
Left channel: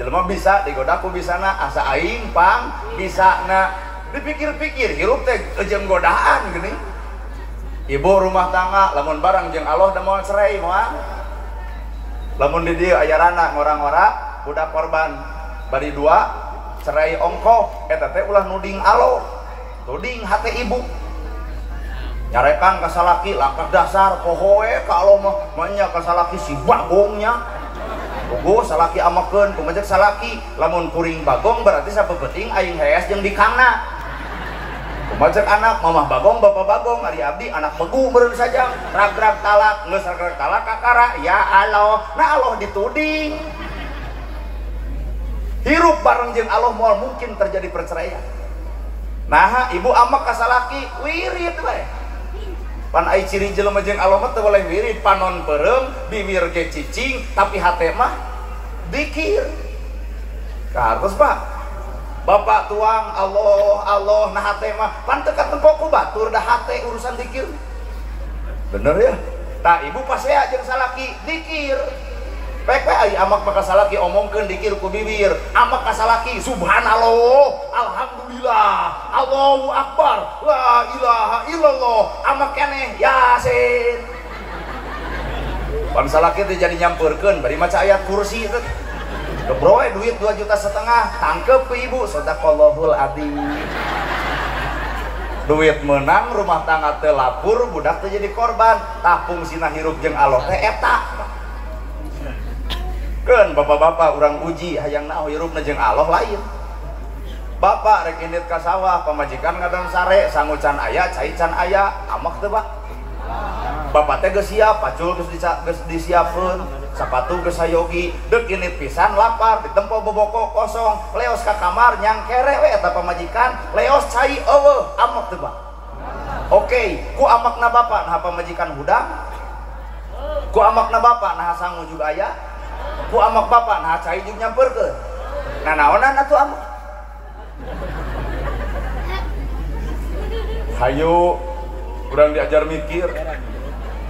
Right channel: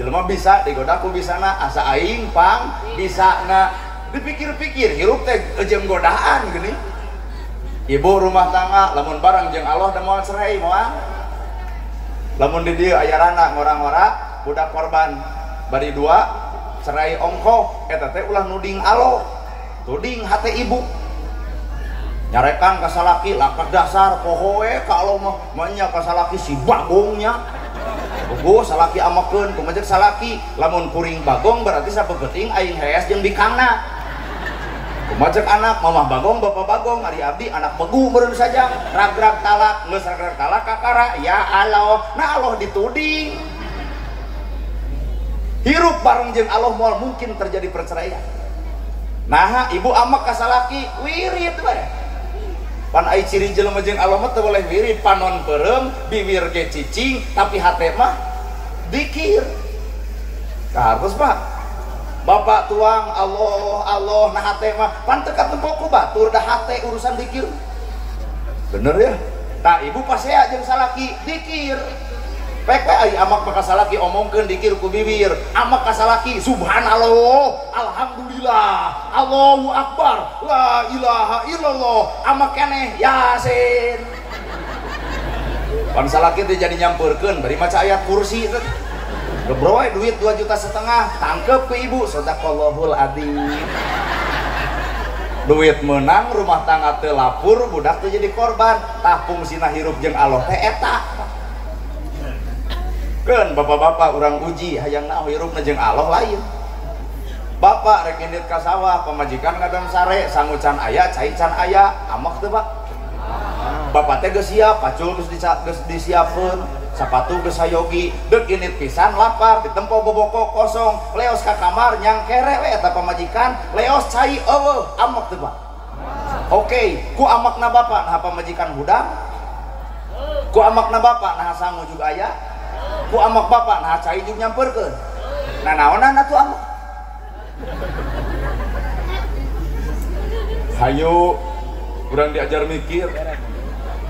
Jelema bisa digoda ku bisana asa aing pang bisana. Dipikir-pikir hirup teh jeung godaan gini. Ibu rumah tangga lamun barang jeung Allah da moal cerai moal. Lamun di dieu aya rana ngorang-ngora budak korban bari dua cerai ongkoh eta teh ulah nuding Allah. Tuding hate ibu nyarekan kasalaki lakat dasar pohoe kalau mah nya kasalaki si bagongnya ugo salaki amakeun kumajek salaki lamun kuring bagong berarti sapepeting aing hees jeung dikangna kumajek anak mamah bagong bapak bagong ari abdi anak begu meureun saja ragrag talak geus ragrag talak kakara ya Allah. Nah Allah dituding hirup bareng jeung Allah moal mungkin terjadi perceraian. Nah ibu amak kasalaki wirid we pan ai ciri jelema jeung Allah mah teu boleh wirid panon peureum bibir ge cicing tapi hate mah dikir. Tah terus Pak Bapak tuang Allah Allah nah hate mah pan teu katempo ku batur da hate urusan dikir bener ya. Tah ibu pasea jeung salaki dikir pepe ari amak kasalaki omongkeun dikir ku bibir amak kasalaki subhanallah alhamdulillah Allahu akbar la ilaha illallah amak keneh yasin pan salaki teh jadi nyampeurkeun bari maca ayat kursi teh gebroe duit 2,5 juta tangkep ku ibu sadaqallahul adzim. Duit menang rumah tangga teh lapur budak teh jadi korban. Tah fungsina hirup jeung Allah teh eta kan bapak-bapak orang uji hayang naon hirupna jeung Allah lain. Bapak rek indit ka sawah pamajikan ngadang sare sangucan aya cai can aya amak teu Pak. Bapak teh geus siap pacul geus disiapkeun sepatu geus sayogi deuk indit pisan lapar ditempo boboko kosong leos ka kamar nyang kere we eta pamajikan leos cai eueuh amak teu Pak. Oke ku amakna bapak nah pamajikan hudang ku amakna bapak nah sangu juga aya ku amak bapak nah cai juga nyamperkeun nah naonan atuh amak hayu kurang diajar mikir.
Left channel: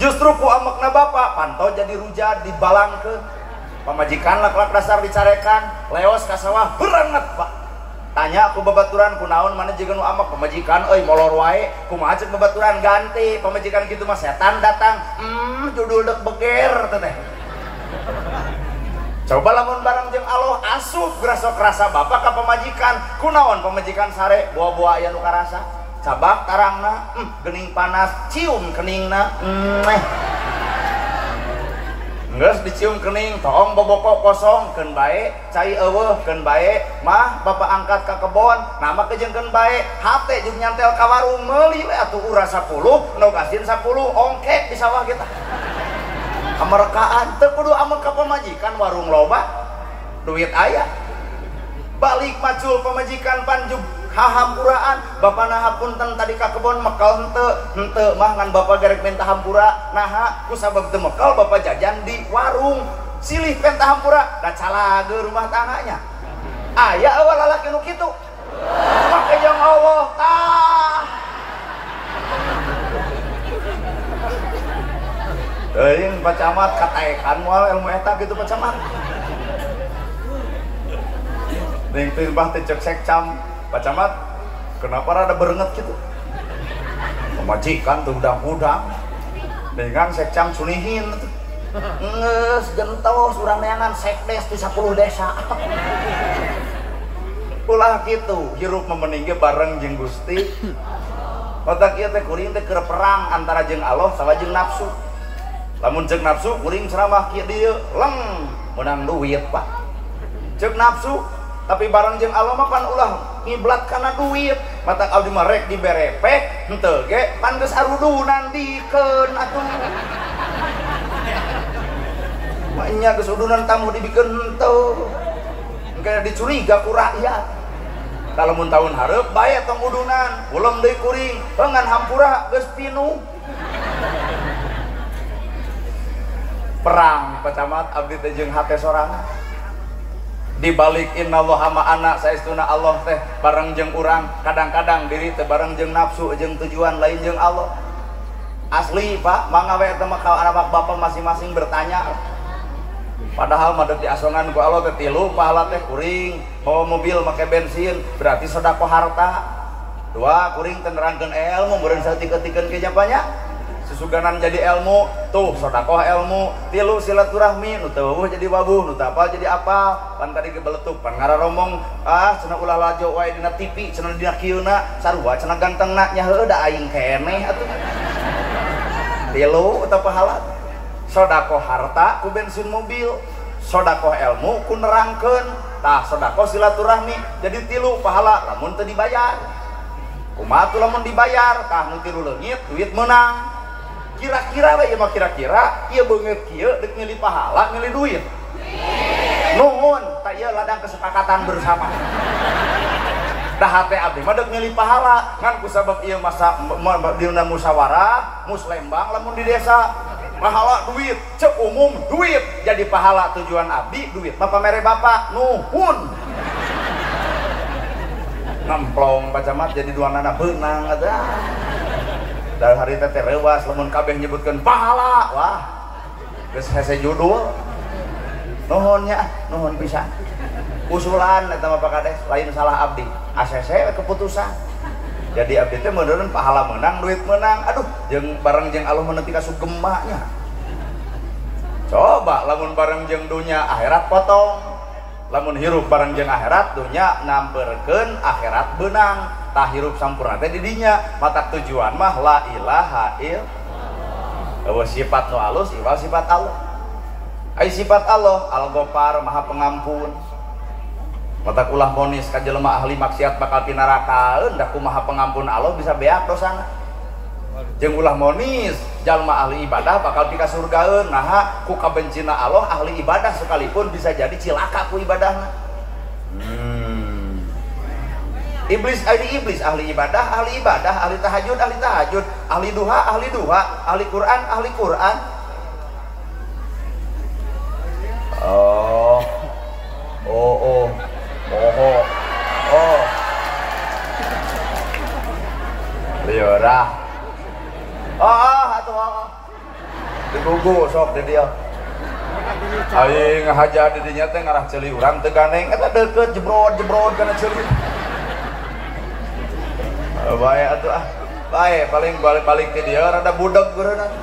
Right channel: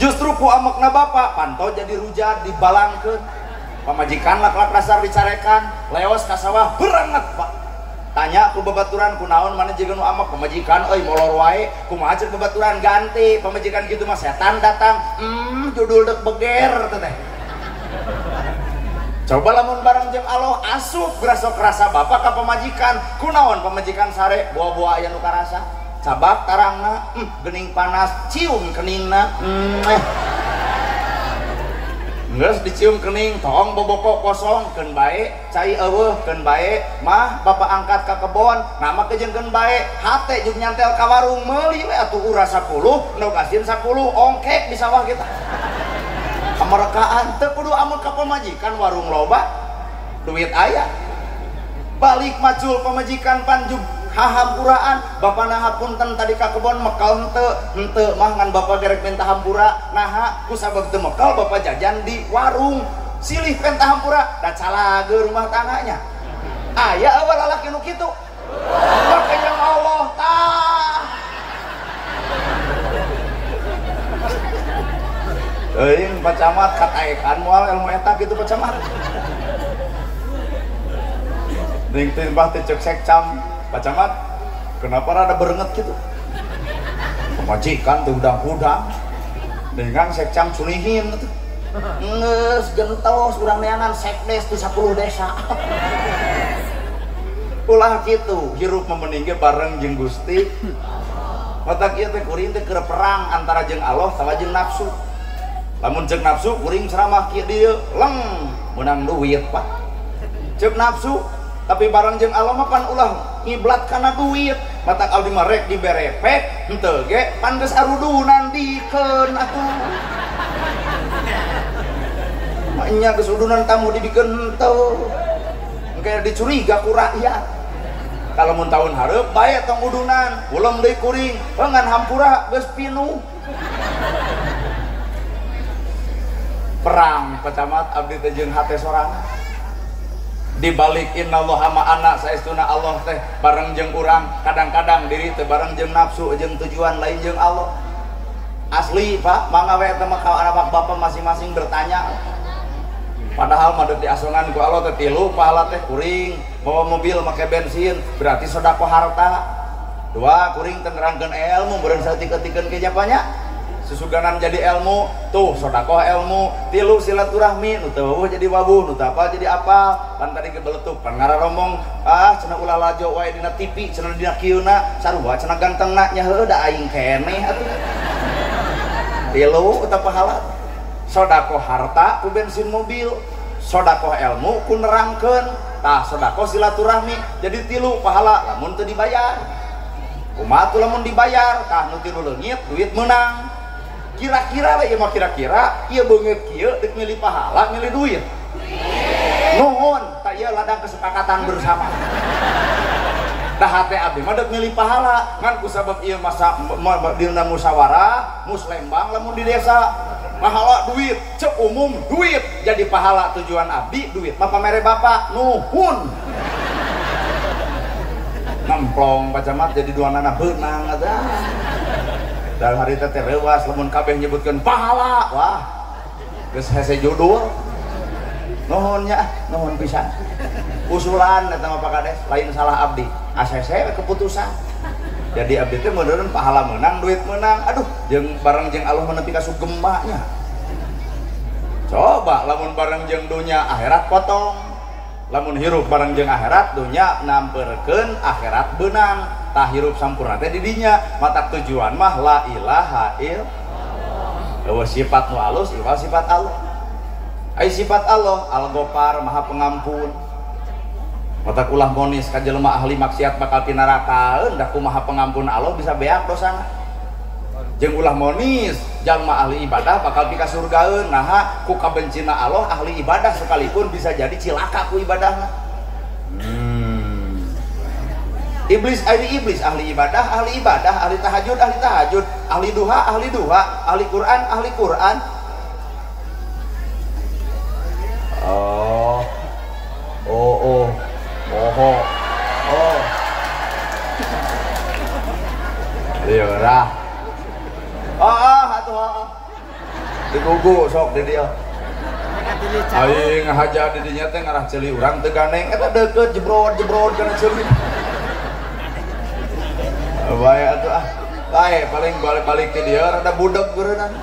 Justru ku amakna bapak pantau jadi rujar dibalangkeun pamajikan lak-lak dasar dicarekan leos ka sawah berenget Pak. Tanya aku babaturan kunaon mana jeung nu amak pamajikan euy molor wae kumaha ceuk babaturan ganti pamajikan kitu mah setan datang judul dek beger teh. Coba lamun barang jeung Allah asup gerasa-gerasa bapak ka pamajikan kunaon pamajikan sare buah-buah aya nu karasa cabak tarangna geuning panas cium keningna geus dicium kening tong boboko kosong keun bae cai eueuh keun bae mah bapak angkat ka kebon nama ke jeung keun bae hate jeung nyantel ka warung meuli we atuh urang 10 endog asin 10 ongkek di sawah kita kamerekaan teu kudu amun ka pamajikan warung loba duit aya balik macul pamajikan panjug hahampuraan bapak nahapunten tadi ka kebon mekal henteu mah ngan bapak garek minta hampura naha ku sabab teu mekal bapak jajan di warung silih penta hampura da calage rumah tangganya aya eueuh lalaki nu kitu make jeung Allah tah euy Pak Camat kataekan moal ilmu eta kitu Pak Camat deung teh bah teh cek sekcam Pak Camat kenapa rada berenget gitu pemajikan tuh udang-udang dengan sekcam sunihin nges gentos urang neangan sekdes di 10 desa ulah gitu hirup memeningge bareng jeung Gusti otak ieu teh kuring teh keur perang antara jeung Allah salah jeung nafsu lamun jeung nafsu kuring ceramah kieu dieu leng menang duit Pak ceuk nafsu tapi bareng jeung Allah mah kan ulah ngiblat kana duit mata abdi mah rek diberepek henteu ge pan geus arudunan dikeun atuh nya geus udunan tamu dibikeun henteu engke dicuriga ku rakyat kalau mun tahun hareup bae tong udunan ulem deui kuring ngan hampura geus pinuh perang pacamat abdi teh jeung hate sorangan dibalik innallaha ma'ana saestuna Allah teh bareng jeung urang kadang-kadang diri teh bareng jeung nafsu jeung tujuan lain jeung Allah asli Pak mangga we teh mah anak bapak masing-masing bertanya padahal mah diasongan ku Allah teh 3 pahala teh kuring bawa mobil make bensin berarti sedekah harta 2 kuring teh nerangkeun ilmu beureun saeutik-eutikeun ke japanya susuganan jadi ilmu tuh sedekah ilmu 3 silaturahmi nu teu eueuh jadi wabuh nu teu apa jadi apa pan tadi gebeletuk pan ngararomong cenah ulah lajo wae dina TV cenah dina kieuna sarua cenah gantengna nya heueuh da aing keneh atuh 3 eta pahala sedekah harta ku bensin mobil sedekah ilmu ku nerangkeun tah sedekah silaturahmi jadi 3 pahala lamun teu dibayar kumaha lamun dibayar tah nu 3 leungit duit meunang kira-kira lah ya mah kira-kira iya beungeut kieu deuk milih pahala milih duit nuhun tak ieu ladang kesepakatan bersama dah hate abdi mah deuk milih pahala ngan kusabab ieu masa dina musyawarah muslembang lamun di desa pahala duit cek umum duit jadi pahala tujuan abdi duit mah pamere bapak nuhun nemplong pacamat jadi duanana beunang eta dan hari teh rewas lamun kabeh nyebutkeun pahala wah geus hese judul nuhun nya nuhun pisan usulan eta mah Pak Kades lain salah abdi ACC keputusan jadi abdi teh meureun pahala menang duit menang aduh jeung bareng jeung Allah menepi ka sugema nya coba lamun bareng jeung dunya akhirat potong lamun hirup bareng jeung akhirat dunya nampeurkeun akhirat beunang tah hirup sampurna teh di dinya mata tujuan mah la ilaha illallah sifat nu alus iwal sifat Allah ai sifat Allah al-Ghaffar maha pengampun mata ulah monis ka jelema ahli maksiat bakal ti neraka da kumaha pengampun Allah bisa beak dosana jeung ulah monis jalma ahli ibadah bakal pika surgaeun naha ku kabencina Allah ahli ibadah sekalipun bisa jadi cilaka ku ibadahna iblis ahli ibadah ahli tahajud ahli duha ahli Quran oh iya dah atuh digugu sok di dia aing ngahaja di dinya teh ngarah ceuli urang teu ganeng eta deukeut jebrod kana ceuli bae atuh bae paling balik ke dia rada budak geureunana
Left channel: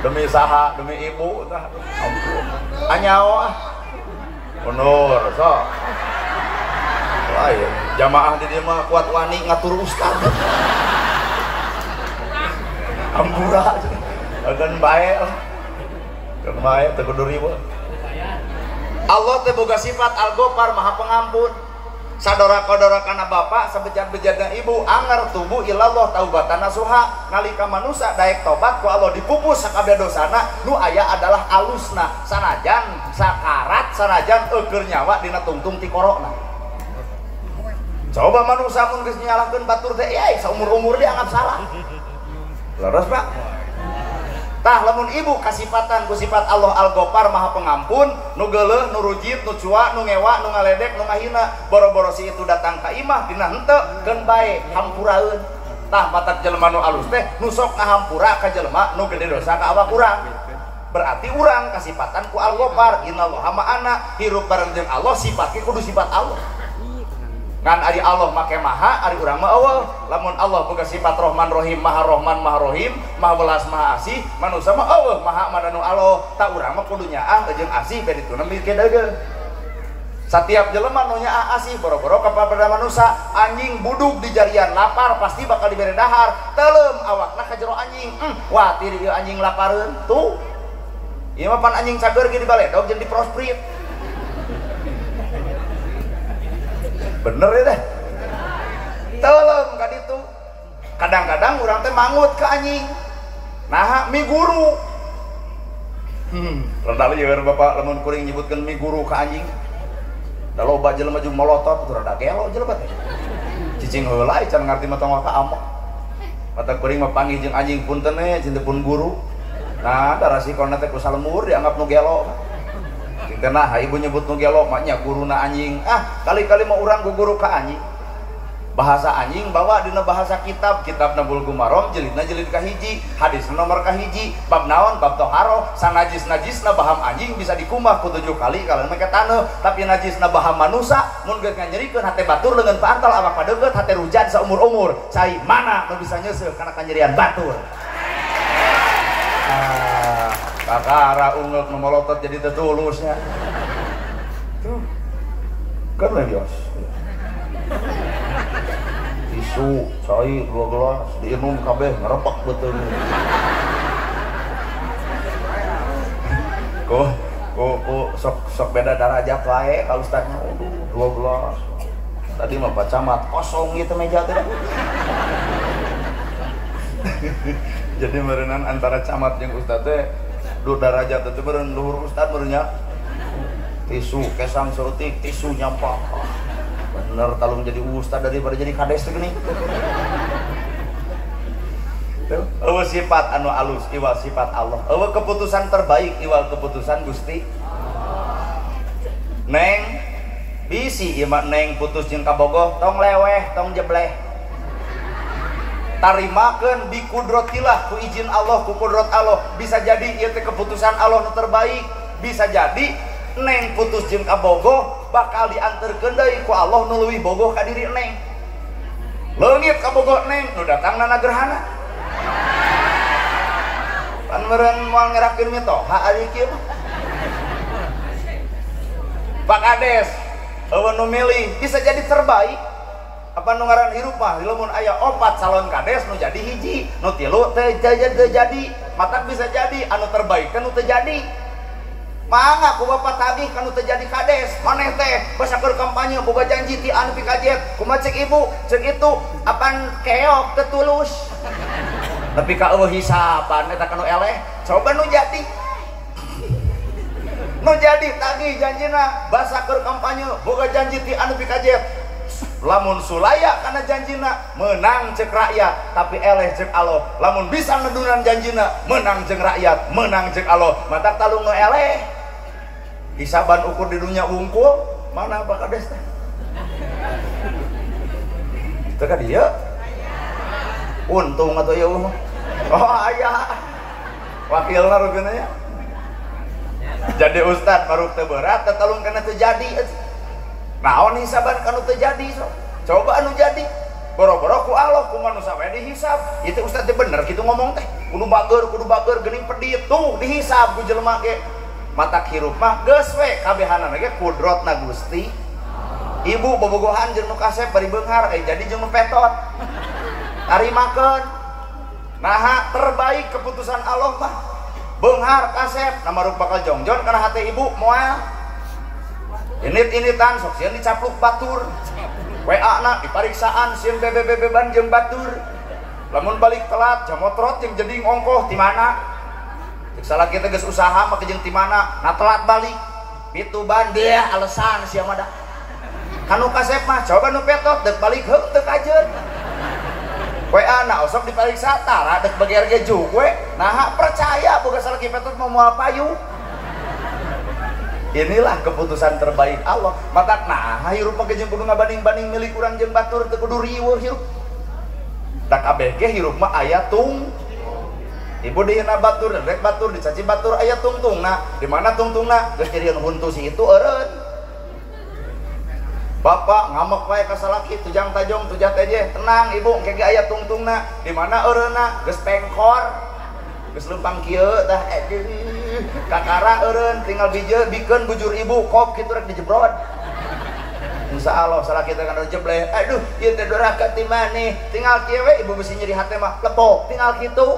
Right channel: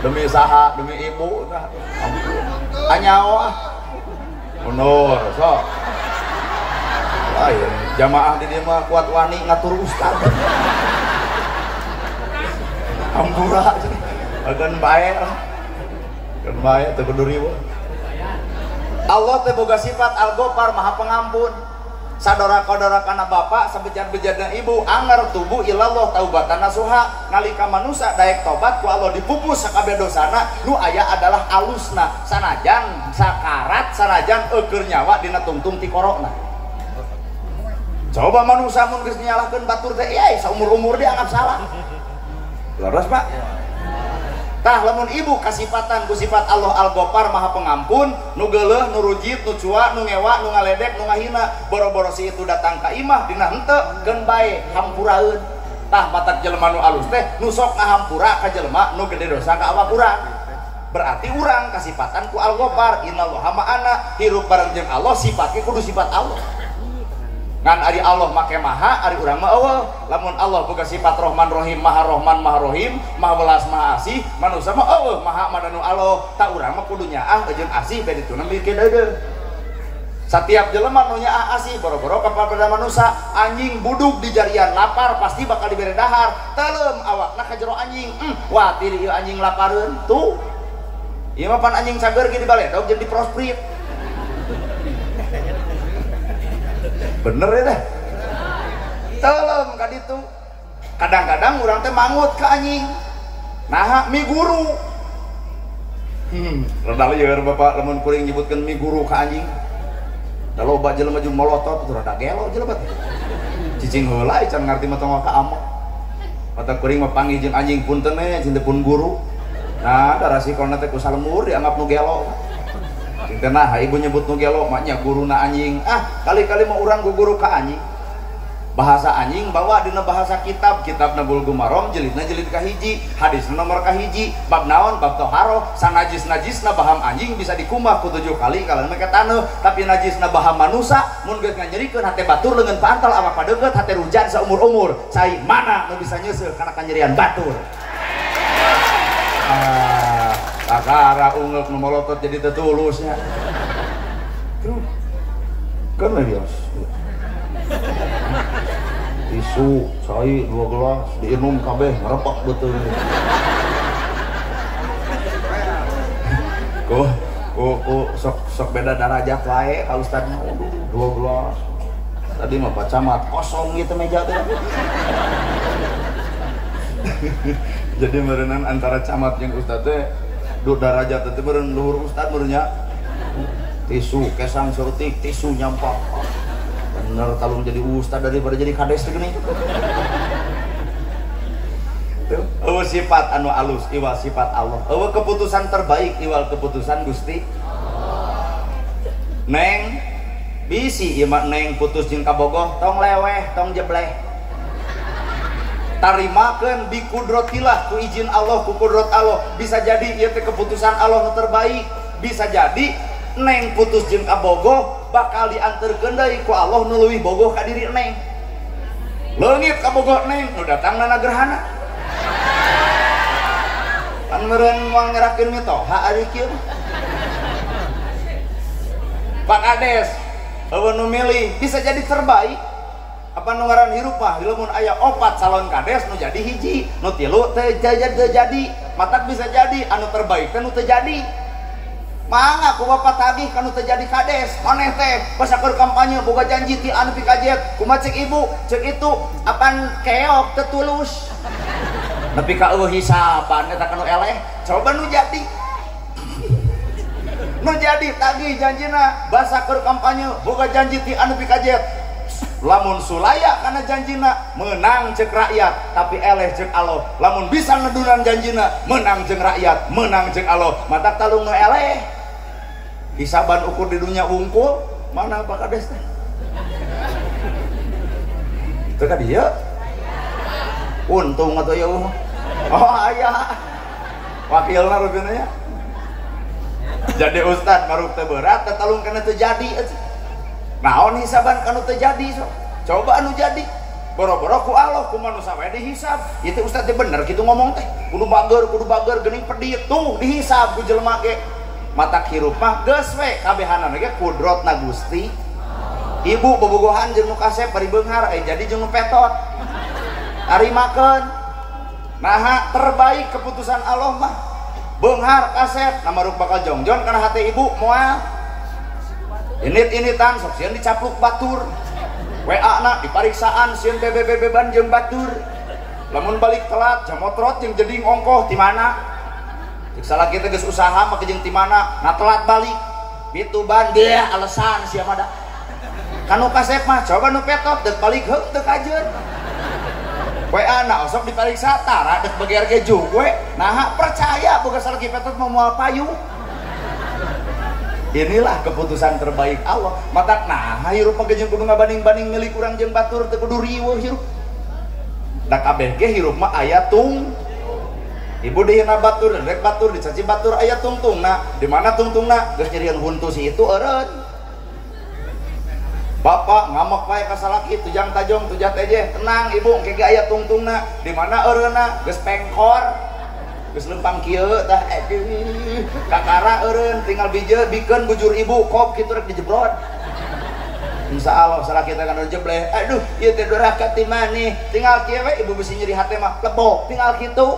demi saha demi ibu tah ampun anyawa mundur sok lain jamaah di dieu mah kuat wani ngatur ustad ampura agan bae teu kudu riweuh Allah teh boga sifat al-Ghaffar maha pengampun sadora-kodora kana bapak sabejat-bejatna ibu anger tubuh ilallah taubatan nasuha nalika manusia daek tobat ku Allah dipupus sakabeh dosana nu aya adalah alusna sanajan sakarat sanajan eukeur nyawa dina tungtung ti korona coba manusia mun geus nyalakeun batur teh saumur-umur dia anggap salah leres Pak tah lamun ibu kasifatan ku sifat Allah al-Ghaffar maha pengampun nu geuleuh nu rujit nu cua nu ngewa nu ngaledek nu ngahina boro-boro si itu datang ka imah dina henteu keun bae hampuraeun tah matak jelema nu alus teh nu sok ngahampura ka jelema nu gede dosa ka awak urang berarti urang kasifatan ku al-Ghaffar innallaha ma'ana hirup bareng jeung Allah sifatnya kudu sifat Allah ngan ari Allah make maha, ari urang mah eueuh. Lamun Allah boga sifat Rahman Rahim, Maha Rahman Maha Rahim, Maha Welas Maha Asih, manusia mah eueuh maha mananu Allah. Tak urang mah kudu nyaah jeung asih bade dituna mikir deui. Setiap jelema nu nyaah asih boro-boro kepada manusia, anjing buduk di jarian lapar pasti bakal dibere dahar. Teuleum awakna ka jero anjing. Wah, tiri ieu anjing lapareun tuh. Ieu mah pan anjing cager ge di baledog jeung di prosprit. Bener ya dah. Teuleum ka ditu. Kadang-kadang urang teh mangut ke anjing. Nah, mi guru. Rendah ya Bapak lamun kuring nyebutkeun mi guru ka anjing. Da loba jelema jeung molotot itu rada gelo jelema teh. Cicing heula can ngarti mah tong ka amok. Pata kuring mah panggih jeung anjing punten we cinten pun guru. Nah, da rasikonna teh ku salemur dianggap nu gelo. Nah, ibu nyebut nu gelo maknya guruna anjing. Kali-kali mau urang guru ka anjing. Bahasa anjing bawa dina bahasa kitab Bulughul Maram jilidna jilid kahiji, hadis nomor kahiji, bab naon bab toharo, sanajis-najisna baham anjing bisa dikumah ku 7 kali kalau make taneuh, tapi najisna baham manusia mun geus nganyerikeun hate batur leungeun pantal awak padeugeut hate rujan saumur-umur. Sai mana nu bisa nyeuseul kana kanyerian batur. Kakara ungek nu molotot jadi tetulusnya. Tuh. Kan lias. Tisu, sai 2 gelas diinum kabeh ngarepak betul. Sok beda derajat wae kalau Ustaz 2 gelas. Tadi mah Pak Camat kosong gitu meja teh. Jadi merenang antara camat jeung Ustaz teh 2 derajat teh beureun luhur Ustaz beurnya. Tisu kesang surtik, tisu nyampah. Bener talung jadi ustad daripada jadi kades begini. Eueuh sifat anu alus iwal sifat Allah. Eueuh keputusan terbaik iwal keputusan Gusti. Neng bisi ieu mah neng putus jeung kabogoh tong leweh tong jebleh. Tarimakeun bi kudratillah ku izin Allah ku kudrat Allah. Bisa jadi ieu teh keputusan Allah nu terbaik. Bisa jadi neng putus jeung kabogoh bakal dianterkeun deui ku Allah nu leuwih bogoh ka diri neng. Leungit ka bogoh neng nu datangna nagerhana. Pan meureun moal ngerakeun mitoha ari kieu. Pak Kades, eueuh nu milih bisa jadi terbaik. Apa nu ngaran hirup mah lamun aya 4 calon kades nu jadi hiji, nu 3 teu jadi, matak bisa jadi anu terbaik teh nu teu jadi. Mangga ku bapak tagih kanu terjadi kades maneh teh basakur kampanye boga janji ti anu pikajet kumaha cek ibu cek itu apan keok tetulus tapi ka eueuh hisapan eta kanu eleh coba nu jadi tagih janjina basakur kampanye boga janji ti anu pikajet lamun sulaya kana janjina menang cek rakyat tapi eleh cek Allah. Lamun bisa ngedunan janjina menang cek rakyat menang cek Allah. Matak talung nu eleh hisaban ukur di dunia wungkul mana Pak Kades teh teu ka dieu untung atuh ieu mah aya wakilna rupina nya jadi ustad maruk teu berat teh talung kana teu jadi naon hisaban kanu teu jadi so coba anu jadi boro-boro ku Allah ku manusia we dihisab ieu teh ustad teh bener kitu ngomong teh kudu bager geuning pedit tuh dihisab ku jelema ge matak hirup mah geus we kabehanana ge kudratna Gusti. Ibu bobogohan jeung nu kasep bari beunghar jadi jeung petot. Arimakeun. Naha terbaik keputusan Allah mah beunghar kasep namaruk bakal jongjon kana hate ibu moal. Init-initan sok sieun dicapluk batur. WA-na dipariksaan sieun bebe-bebeban jeung batur. Lamun balik telat jamotrot jeung jeding ongkoh ti mana? Salah kita geus usaha mah jeung ti mana nah telat balik pitu ban deh alasan sia mah da kanu kasep mah coba nu petot deuk balik heuk teu kajeun WA na sok dipariksa tara deuk beger ge jug we nah percaya boga salaki petot mah moal payu. Inilah keputusan terbaik Allah. Matak nah hirup mah jeung kudu ngabanding-banding milik urang jeung batur teu kudu riweuh hirup da kabeh ge hirup mah aya tung. Ibu dihina batur, rek batur dicaci batur aya tungtungna. Di mana tungtungna? Geus nyerian huntu si itu eureun. Bapak ngamak wae ka salaki tujang tajong tujat aja tenang ibu kege aya tungtungna di mana eureuna geus pengkor geus lempang kieu tah aduh kakara eureun tinggal dijeu bikeun bujur ibu kop kitu rek dijebrod insyaallah salaki teh kana jebleh aduh ieu teh doraka ti maneh tinggal kieu we ibu bisi nyeri hate mah lebok tinggal kitu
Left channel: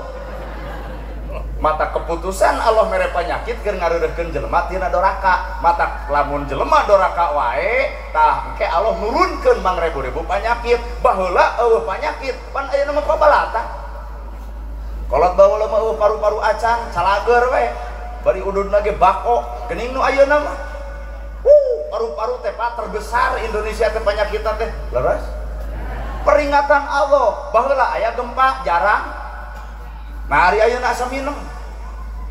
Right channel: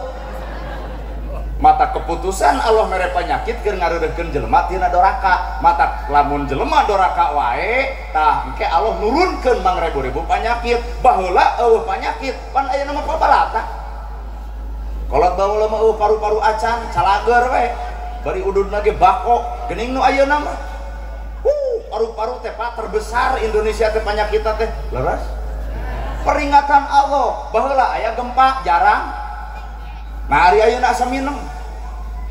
mata keputusan Allah mere penyakit keur ngareureuhkeun jelema tina doraka mata lamun jelema doraka wae tah engke Allah nurunkeun mangrebu-rebu penyakit baheula eueuh penyakit pan aya nama pabalata kolot baheula mah eueuh paru-paru acan calager we bari ududna ge bako geuning nu ayeuna mah paru-paru teh pak terbesar Indonesia teh penyakit teh leres peringatan Allah baheula aya gempa jarang nah hari ayeuna asa mineng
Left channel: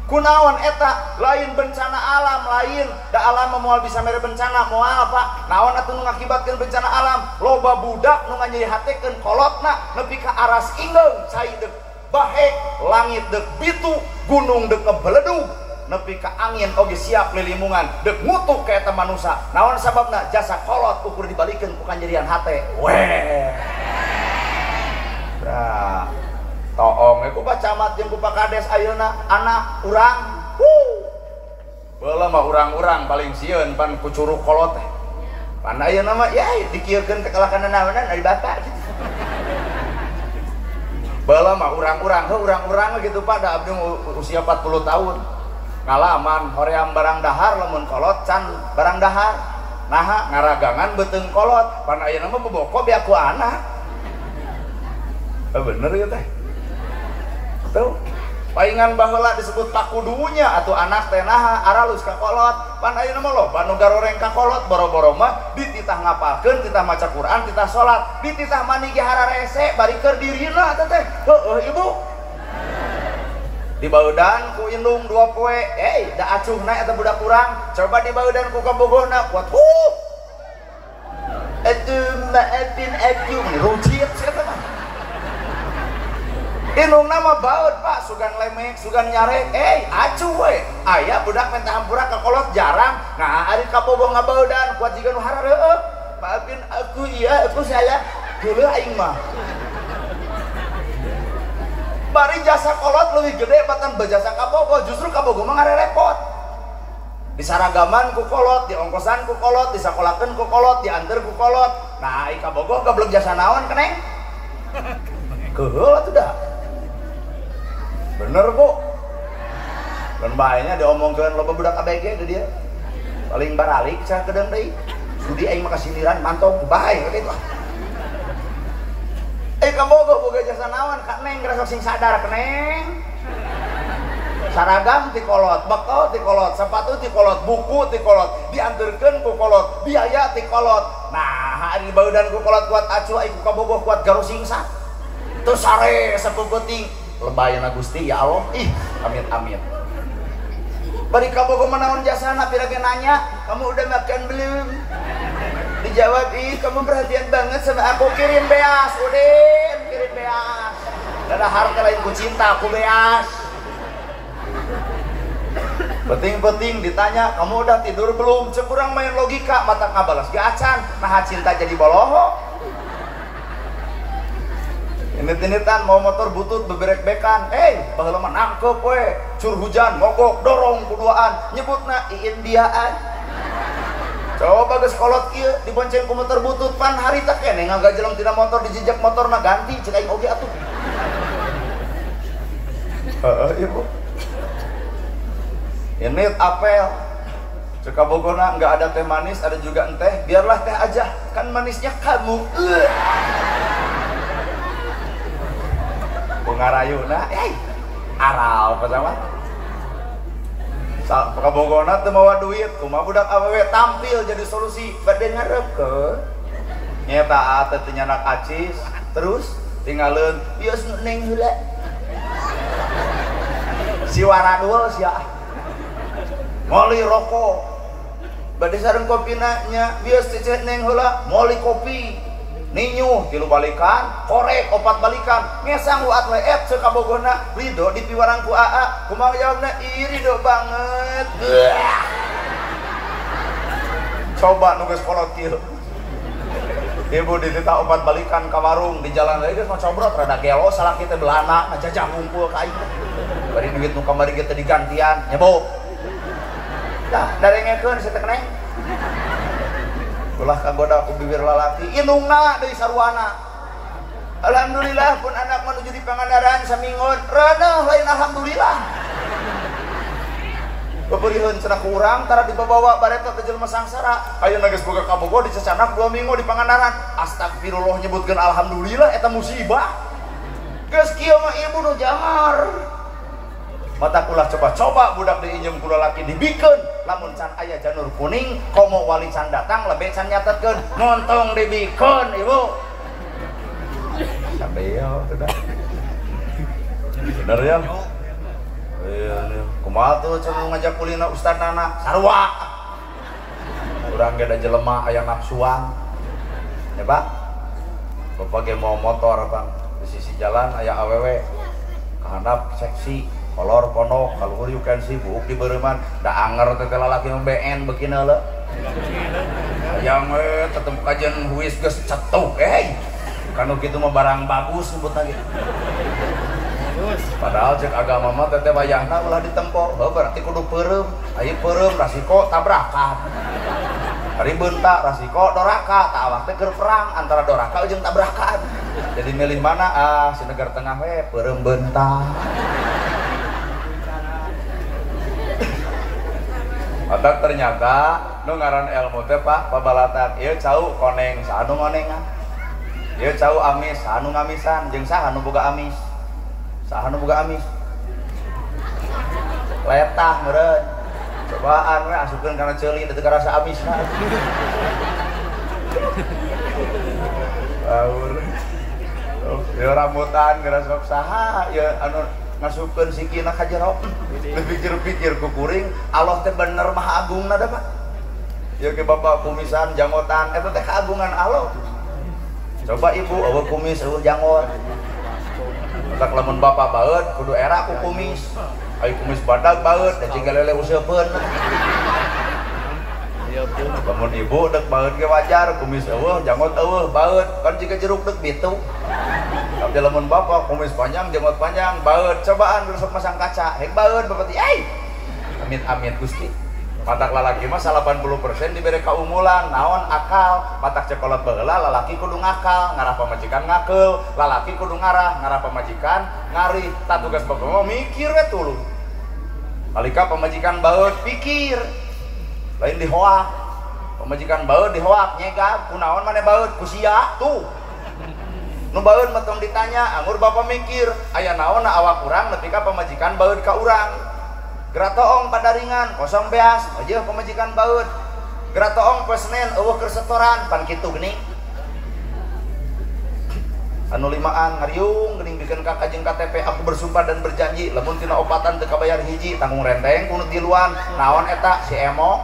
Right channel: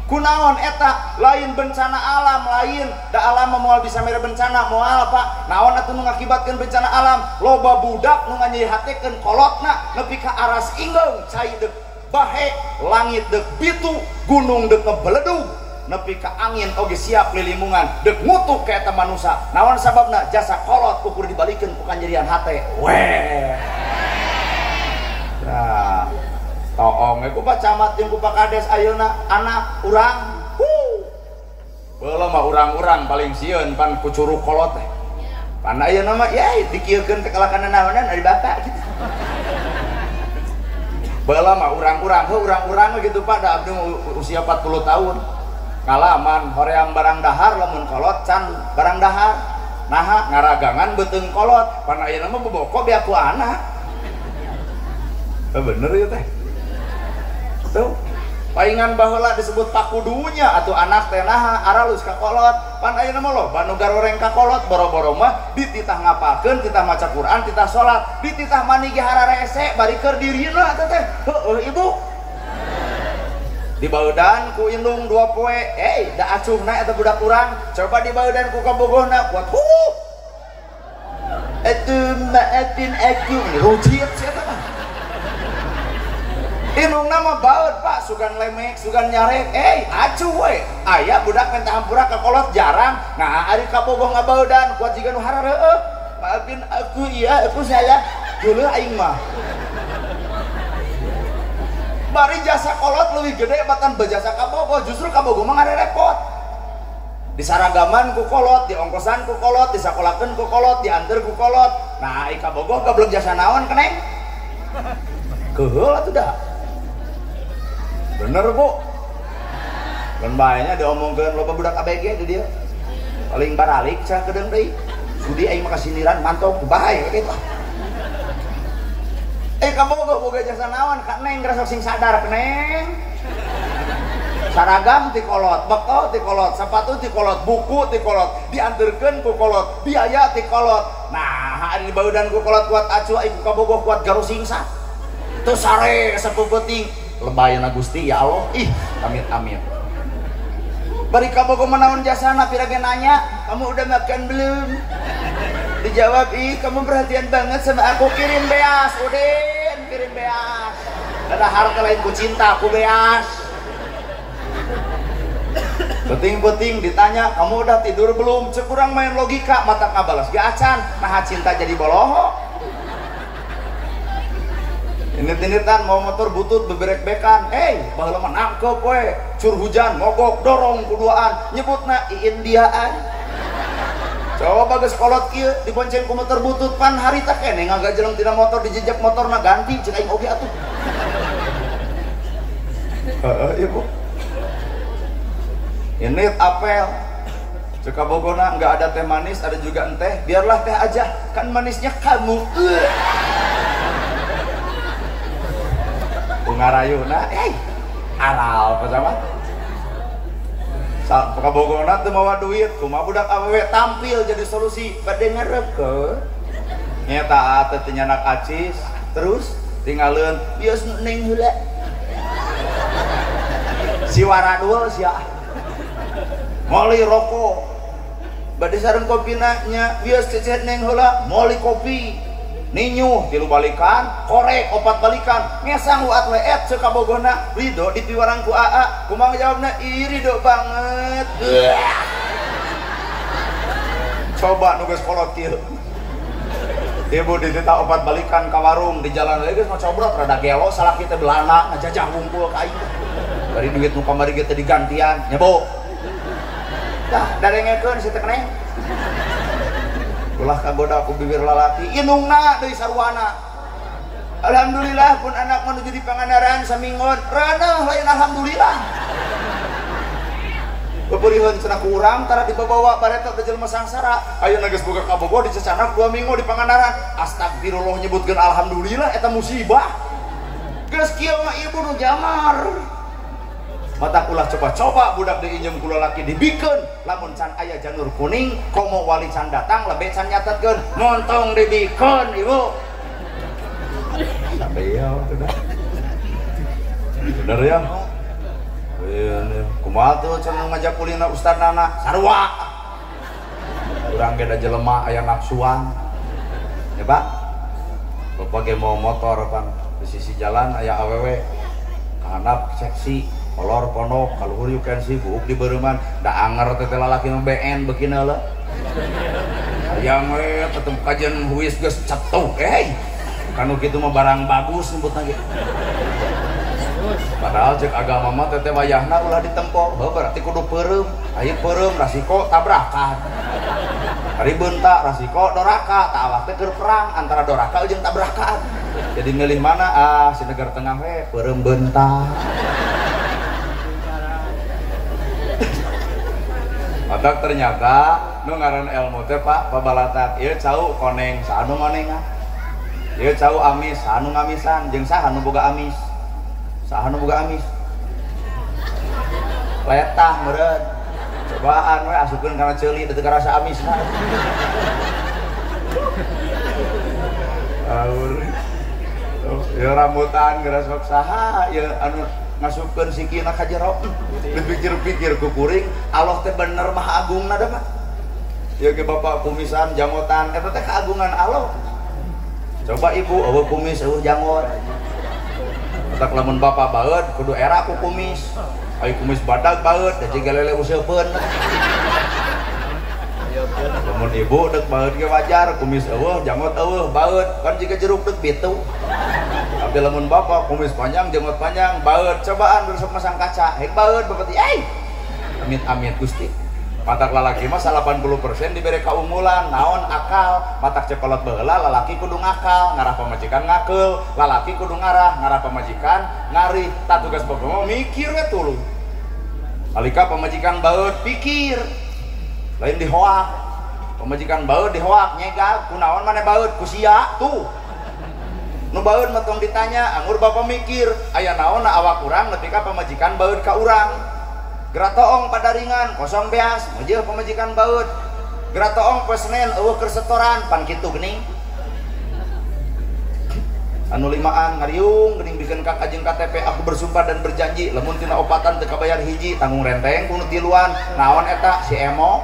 kunaon eta lain bencana alam lain da alam moal bisa mere bencana moal Pak naon atuh nu ngakibatkeun bencana alam loba budak nu nganyeuhatekeun kolotna nepi ka aras ingeung cai deuk bahe langit deuk bitu gunung deuk ngebeledug nepi ka angin oge siap lilimungan deuk ngutuk ka eta manusia naon sababna jasa kolot ukur dibalikeun ku kanjerian hate weh ya toong ku Pak Camat jeung ku Pak Kades ayeuna anak urang baheula mah urang-urang paling sieun pan ku curug kolot teh pan ayeuna mah ya dikieukeun teh kalakana naonan ari bapak gitu baheula mah urang-urang urang-urang gitu Pak da abdi usia 40 tahun ngalaman hoream barang dahar lamun kolot can barang dahar naha ngaragangan beuteung kolot pan ayeuna mah boboko bi aku anak bener ya teh tuh paingan baheula disebut pakudunya atau anak teh naha aralus ka kolot pan ayeuna mah loba nu garoreng ka kolot boro-boro mah dititah ngapalkeun titah maca Quran titah salat dititah mani ge hararese bari keur dirina teh heueuh ibu dibaudan ku indung 2 poe da acuhna eta budak urang coba dibaudan ku kabogohna kuat atuh maafin aku rujit sia mah indungna mah baut Pak sugan lemek sugan nyarek acuh we aya budak minta hampura ka kolot jarang nah ari kabogoh ngabaudan kuat jiga nu harareueuh maafin aku iya aku salah geuleuh aing mah bari jasa kolot leuwih gede batan bejasa kabogoh justru kabogoh mah ngarerepot disaragaman ku kolot diongkosan ku kolot disakolakeun ku kolot dianter ku kolot nah ai kabogoh goblok jasa naon keneng keheul atuh dah bener Bu dan bahayanya diomongkeun loba budak ABG di dia paling baralik cah kedeung deui sudi aing mah kasindiran mantong bae kitu kabogoh boga jasa naon ka neng rasa sing sadar neng saragam ti kolot bekal ti kolot sepatu ti kolot buku ti kolot dianterkeun ku kolot biaya ti kolot nah ari baudan ku kolot kuat acuh aing kabogoh kuat garu singsa teu sare sapeuting lebayana Gusti ya Allah amit-amit bari kabogoh menamun jasana pirage nanya kamu udah makan belum dijawab kamu perhatian banget sama aku kirim beas Udin kirim beas ada harga lain ku cinta aku beas penting-penting ditanya kamu udah tidur belum sekurang main logika mata ngabalas gacan nah cinta jadi boloho ini-initan mau motor butut beberek-bekan baheula mah nangkep we cur hujan mogok dorong kuduaan nyebutna iindiaan coba geus kolot kieu dibonceng ku motor butut pan harita keneh ngagajeleng tina motor dijejak motorna ganti ceuk aing oge atuh ibu ini apel ceuk kabogona enggak ada teh manis ada juga teh biarlah teh aja kan manisnya kamu ngarayuna aral pacaman kabogona teu mawa duit kumaha budak awewe tampil jadi solusi bade ngareukeun nyata teh teu nyanak acis terus tinggalin bios neng heula si waradul sia moli rokok bade sareng kopina nya bios cecet neng heula moli kopi ninyu tilu balikan korek 4 balikan ngesang luat leet ceuk kabogohna ridho dipiwarang ku AA kumaha jawabna ridho banget coba nu geus kolot kieu ibu ditita obat balikan ke warung di jalan lagi mau cobrot rada gelo salah kita belana ngajajah ngumpul kain dari duit nu kamari kita digantian nyebok nah dari ngekeun si teh keneh ulah kagoda ku bibir lalaki inungna deui sarwana alhamdulillah pun anak menuju di Pangandaran samingon rada lain alhamdulillah beureun cenah kurang tara dibawa bareto ke jelema sangsara ayeuna geus boga kabogo dicecanak 2 minggu di Pangandaran astagfirullah nyebutkeun alhamdulillah eta musibah geus kieu mah ibu nu jamar mata ulah coba-coba budak diinjem ku lalaki dibikeun lamun can aya janur kuning komo wali can datang lebe can nyatetkeun montong dibikeun ibu sampai ya bener ya kumaha tuh cenah ngajak kulina Ustaz Nana sarua urang ge da jelema aya nafsuan ya Pak bapak ge mau motor Bang di sisi jalan aya awewe handap seksi kolor ponok kaluhur you can see buuk di beureman da anger teh lalaki mbeen beukin heula hayang we ketemu kajian huis geus cetuk kanu kitu mah barang bagus nyebutna ge padahal cek agama mah teh wayahna ulah ditempo berarti kudu peureum aya peureum rasiko tabrakan hari beunta rasiko doraka tah awak teh keur perang antara doraka jeung tabrakan jadi milih mana si negara tengah we peureum beunta Bapak ternyata nu ngaran ilmu teh Pak babalatan ieu cau koneng saanu ngonengan ieu cau amis saanu ngamisan jeung saha nu boga amis saha nu boga amis letah meureun cobaan we asupkeun kana ceuli teu rasa amisna ieu rambutan geura sok saha ieu anu ngasupkeun sikina ka jero dipikir-pikir ku kuring Allah teh bener maha agungna da Pak ieu ge bapak kumisan jangotan eta teh kaagungan Allah coba ibu eueuh kumis eueuh jangot tak lamun bapak baeud kudu era ku kumis ai kumis badag baeud da jiga lele useupeun lamun ibu deuk baeud ge wajar kumis eueuh jangot eueuh baeud kan jiga jeruk deuk bitu tapi lamun bapak kumis panjang jenggot panjang baeud cobaan rusuk masang kaca hek baeud bapati amit-amit Gusti matak lalaki mah 80% dibere kaunggulan naon akal matak cekolot baheula lalaki kudu ngakal ngarah pamajikan ngakeul lalaki kudu ngarah pamajikan ngari tak tugas bapak mah mikir we tuluy alika pamajikan baeud pikir lain dihoak pamajikan baeud dihoak nyegah kunaon maneh baeud ku sia tuh nu baeud mah tong ditanya anggur bapak mikir aya naon awak urang nepi ka pamajikan baeud ka urang geura toong padaringan kosong beas aja pamajikan baeud geura toong poe Senen eueuh keur setoran pan kitu geuning anu limaan ngariung geuning bikeun ka kajeng KTP aku bersumpah dan berjanji lamun tina opatan teu kabayar hiji tanggung renteng ku tiluan naon eta si emo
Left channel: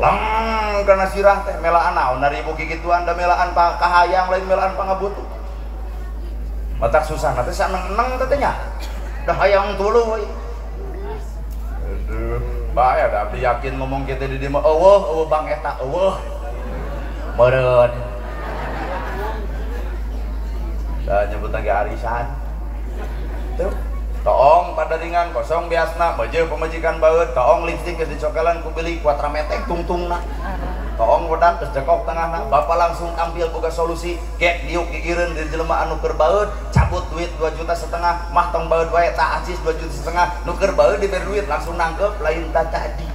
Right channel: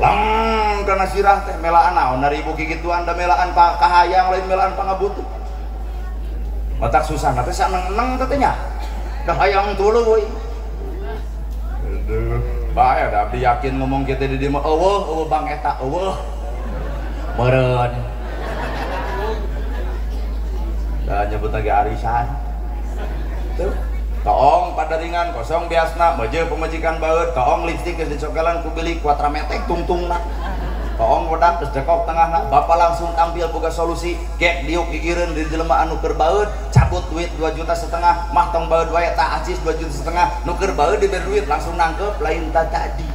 lang kana sirah teh melaan naon naribu kikituan da melaan kahayang lain melaan pangabutuh matak susah teh saneng-neng teh nya dah hayang tuluy bae da abdi yakin ngomong kitu di dieu mah eueuh bang eta eueuh meureun da nyebutna ge arisan tuh toong padaringan kosong biasna beje pamajikan baeud toong lipstik geus dicokelan ku bilik kuatrametek tungtungna toong bodak geus dekok tengahna bapak langsung tampil boga solusi gek diuk gigireun di jelema anu keur baeud cabut duit 2,5 juta mah tong baeud wae tak acis 2,5 juta nu keur baeud diberi duit langsung nangkep lain tak tadi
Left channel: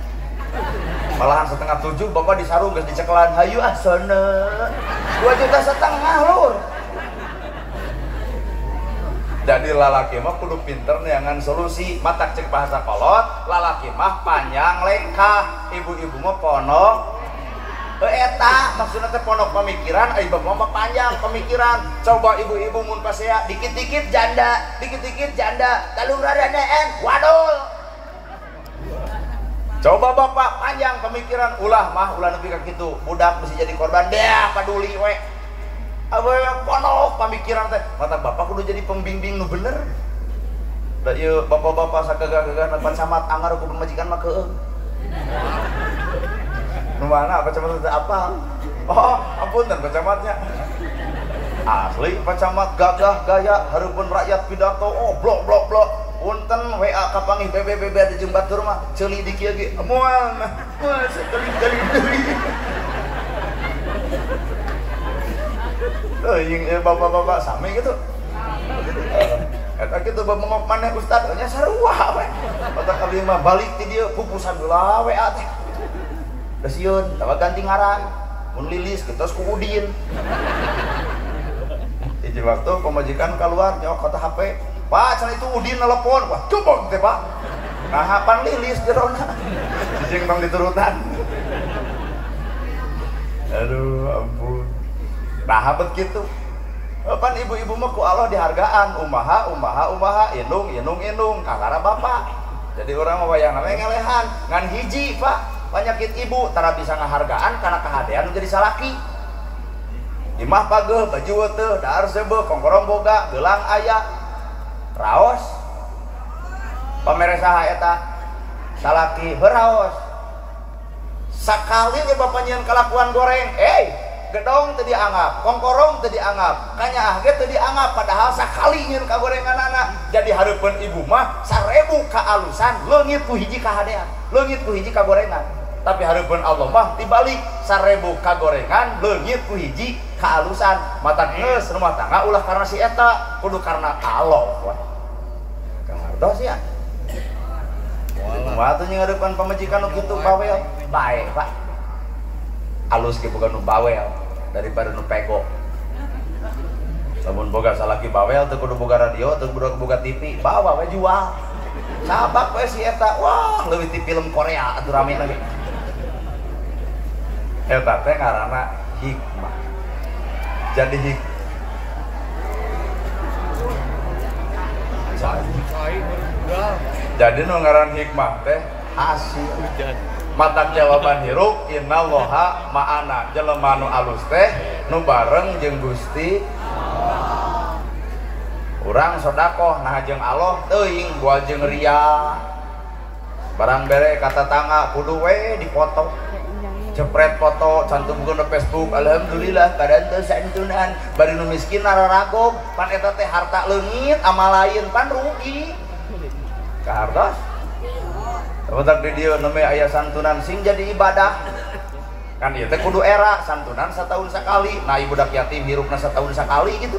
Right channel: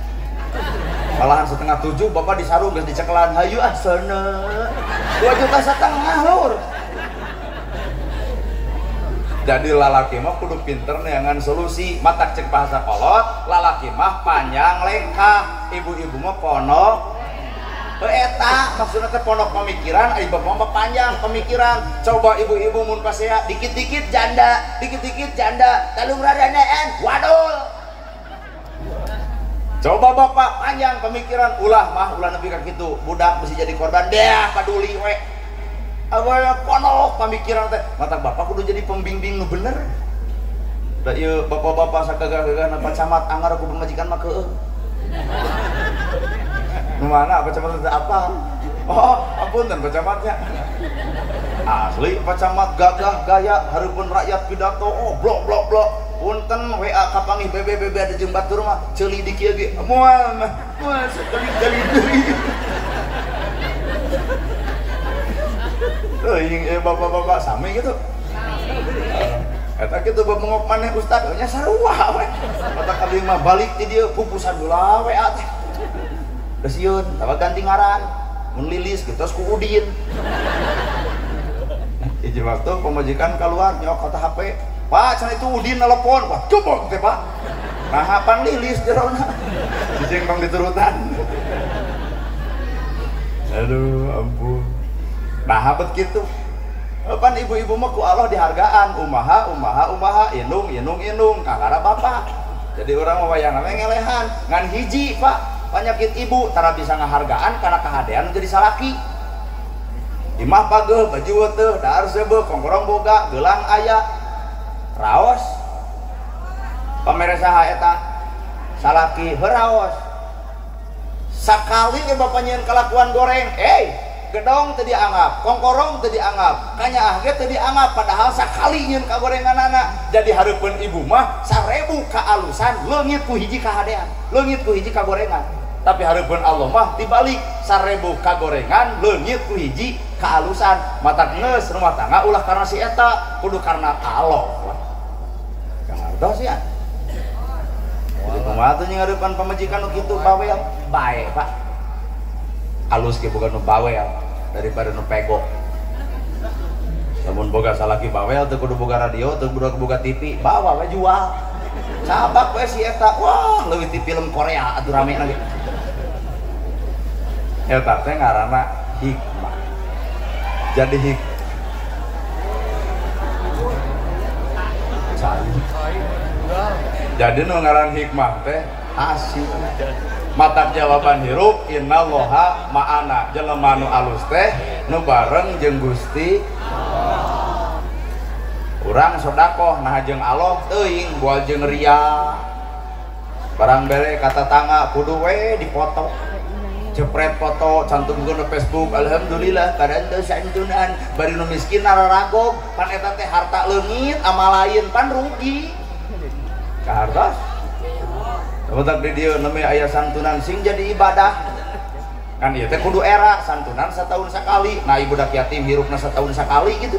malahan 6,7 bapak disarung geus dicekelan hayu asana 2,5 juta lur jadi lalaki mah kudu pinter neangan solusi matak cek bahasa kolot lalaki mah panjang lengkah ibu-ibu mah ponok eta maksudnya teh ponok pemikiran ai bapak mah panjang pemikiran coba ibu-ibu mun pasea dikit-dikit janda talung radaneen waduh coba bapak panjang pemikiran ulah nepi ka kitu budak mesti jadi korban deh kaduli we abah ponok pemikiran teh mata bapak kudu jadi pembimbing nu bener da ieu bapak-bapak sakagagah na camat anggar ku pamajikan mah keueung Nu mana pacamat teh apa? Oh, ampun dan pacamatnya. Asli pacamat gagah gaya hareupeun rakyat pidato. Oh, blok. Punten WA ka panggih BBBB ada jeung batur mah ceuli di kieu ge. Moal mah. Moal jadi deui. Bapak-bapak sami gitu. Eta kitu bengok maneh ustad nya sarua we. Otak abdi mah balik ti dieu pupusan heula WA teh. Geus yeun, tawa ganti ngaran. Mun Lilis kitos ku Udin. Hiji waktu pemajikan keluar nyok kata HP. Pak, cenah itu Udin nelpon. Wah, coba teh, Pak. Nah, pan Lilis jerona. Jeung bang diturutan. Aduh, ampun. Nah, bet kitu. Pan ibu-ibu mah ku Allah dihargaan, umaha, indung, kangara bapak. Jadi orang mah wayang ngelehan, ngan hiji, Pak. Penyakit ibu tara bisa ngahargaan karena kahadean jadi salaki. Imah pageuh, baju teu, daar seubeuh, kongkorong boga, gelang aya. Raos pamere saha eta salaki heraos sakali ge bapak nyeun kalakuan goreng gedong teu dianggap kongkorong teu dianggap kanyaah ge teu dianggap padahal sakali nyeun ka gorenganana jadi hareupeun ibu mah 1000 ka alusan leungit ku hiji kahadean leungit ku hiji ka gorengan tapi hareupeun Allah mah dibalik 1000 ka gorengan leungit ku hiji ka alusan mata geus rumah tangga ulah karena si eta kudu karena Allah dos ya. Jadi kumaha tuh ngadepan pamajikan nu kitu bawean bae, Pak. Alus ge bukan nu bawean daripada nu pego. Lamun boga salaki bawel teu kudu boga radio, teu kudu boga TV, bawa we jual. Sabak we si eta, wah leuwih ti film Korea atuh ramena ge. Eta teh ngaranna hikmah. Jadi jadi nu ngaran hikmah teh asih mata jawaban hirup innallaha ma'ana jelema nu alus teh nu bareng jeung Gusti urang sedekah nah jeung Allah teuing bual jeung ria barang bere kata tangga kudu we dipoto cepret foto cantumkeun di Facebook alhamdulillah kadang teu santunan bari nu miskin raragog pan eta teh harta leungit amal lain pan rugi hartos otak di dieu namanya aya santunan sing jadi ibadah kan ieu teh kudu era santunan setahun sekali nah budak yatim hirupna setahun sekali gitu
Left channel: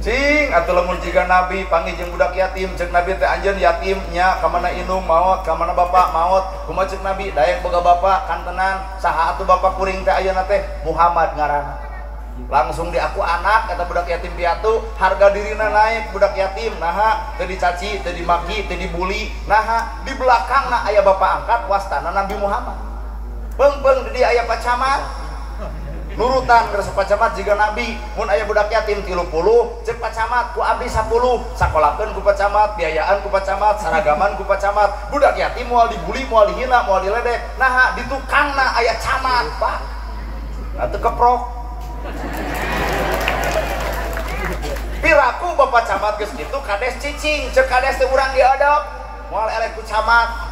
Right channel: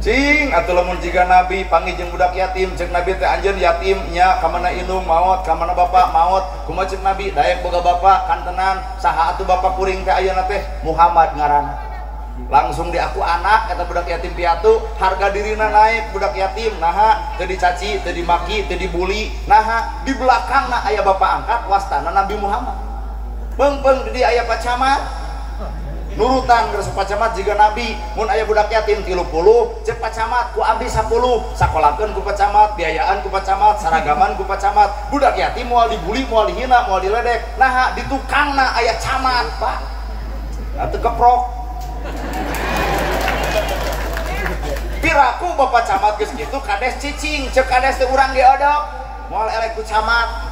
cing atuh lamun jiga nabi panggih jeung budak yatim ceuk nabi teh anjeun yatim nya ka mana indung maot ka mana bapak maot kumaha ceuk nabi daek boga bapak kantenan saha atuh bapak kuring teh ayeuna teh Muhammad ngaran langsung diaku anak kata budak yatim piatu harga dirina naik budak yatim naha teu dicaci teu dimaki teu dibuli naha di belakangna aya bapak angkat wastana Nabi Muhammad beung di aya pacamat nurutan geus pacamat jiga Nabi mun aya budak yatim 30 ceuk pacamat ku abdi 10 sakolahkeun ku pacamat biayaan ku pacamat saragaman ku pacamat budak yatim moal dibuli moal dihina moal diledek naha di tukangna aya camat Pak atuh keprok piraku bapak camat geus kitu kades cicing ceuk kades teh urang diadap moal elek ku camat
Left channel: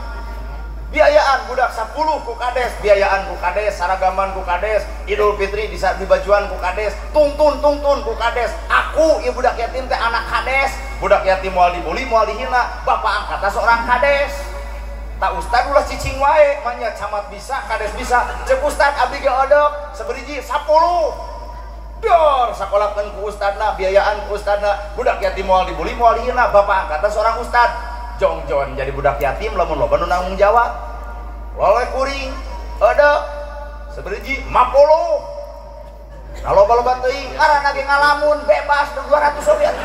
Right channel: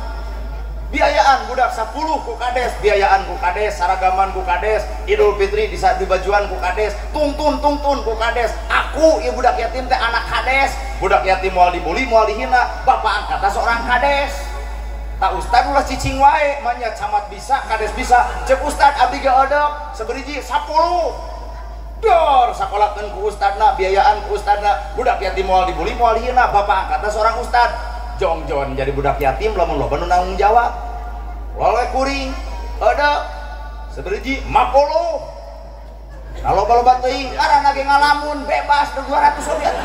biayaan budak 10 ku kades biayaan ku kades saragaman ku kades Idul Fitri bisa dibajuan ku kades tungtun ku kades aku ieu budak yatim teh anak kades budak yatim moal dibuli moal dihina bapak angkatna seorang kades tak ustad ulah cicing wae manya camat bisa kades bisa ceuk ustad abdi ge odok saberiji 10 dor sakolahkeun ku ustadna biayaan ku ustadna budak yatim moal dibuli moal dihina bapak angkatna seorang ustad jongjon jadi budak yatim lamun loba nu nanggung jawab wae kuring ada saberiji 50 nah loba-loba teuing ngaranna ge ngalamun bebas ke 200 sobiet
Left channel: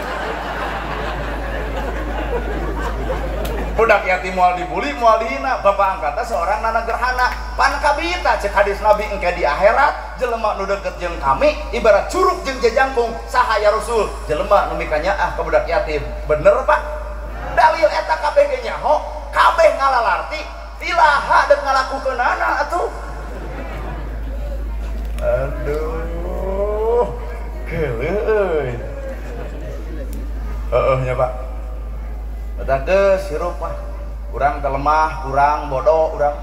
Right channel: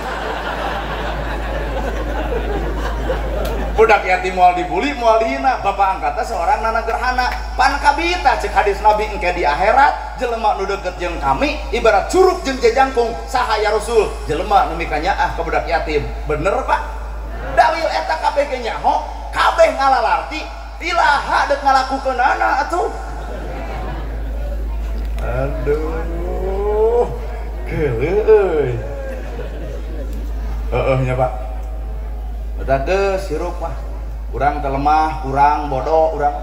budak yatim moal dibuli moal dihina bapak angkatna seorang nana gerhana pan kabita cek hadis Nabi engke di akhirat jelema nu deukeut jeung kami ibarat curug jeung jajangkung saha ya Rasul jelema nu mikanyaah ka budak yatim bener Pak dalil eta kabeh ge nyaho kabeh ngalalarti ilaha deuk ngalakukeunana atuh aduh geuleuh euy nya Pak eta geus hirup mah urang teh lemah, urang bodoh, urang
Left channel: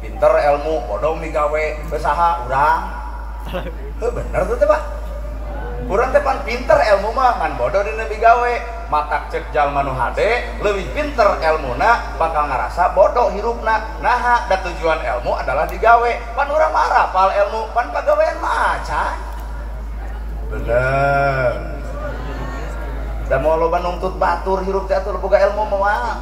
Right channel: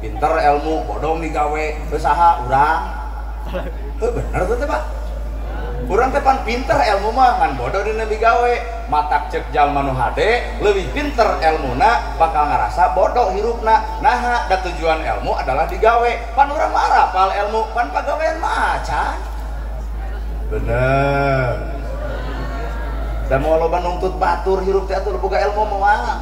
pinter ilmu, bodoh digawe usaha urang. Tuh bener tuh teh Pak. Urang teh pan pinter ilmu mah ngan bodoh dina digawe. Matak cek jalma nu hade leuwih pinter ilmuna bakal ngarasa bodoh hirupna. Nah, da tujuan ilmu adalah digawe. Pan urang mah rapal ilmu, pan pagawean mah acan. Bener. Dan mau loba nuntut batur hirup teh atuh boga ilmu moal.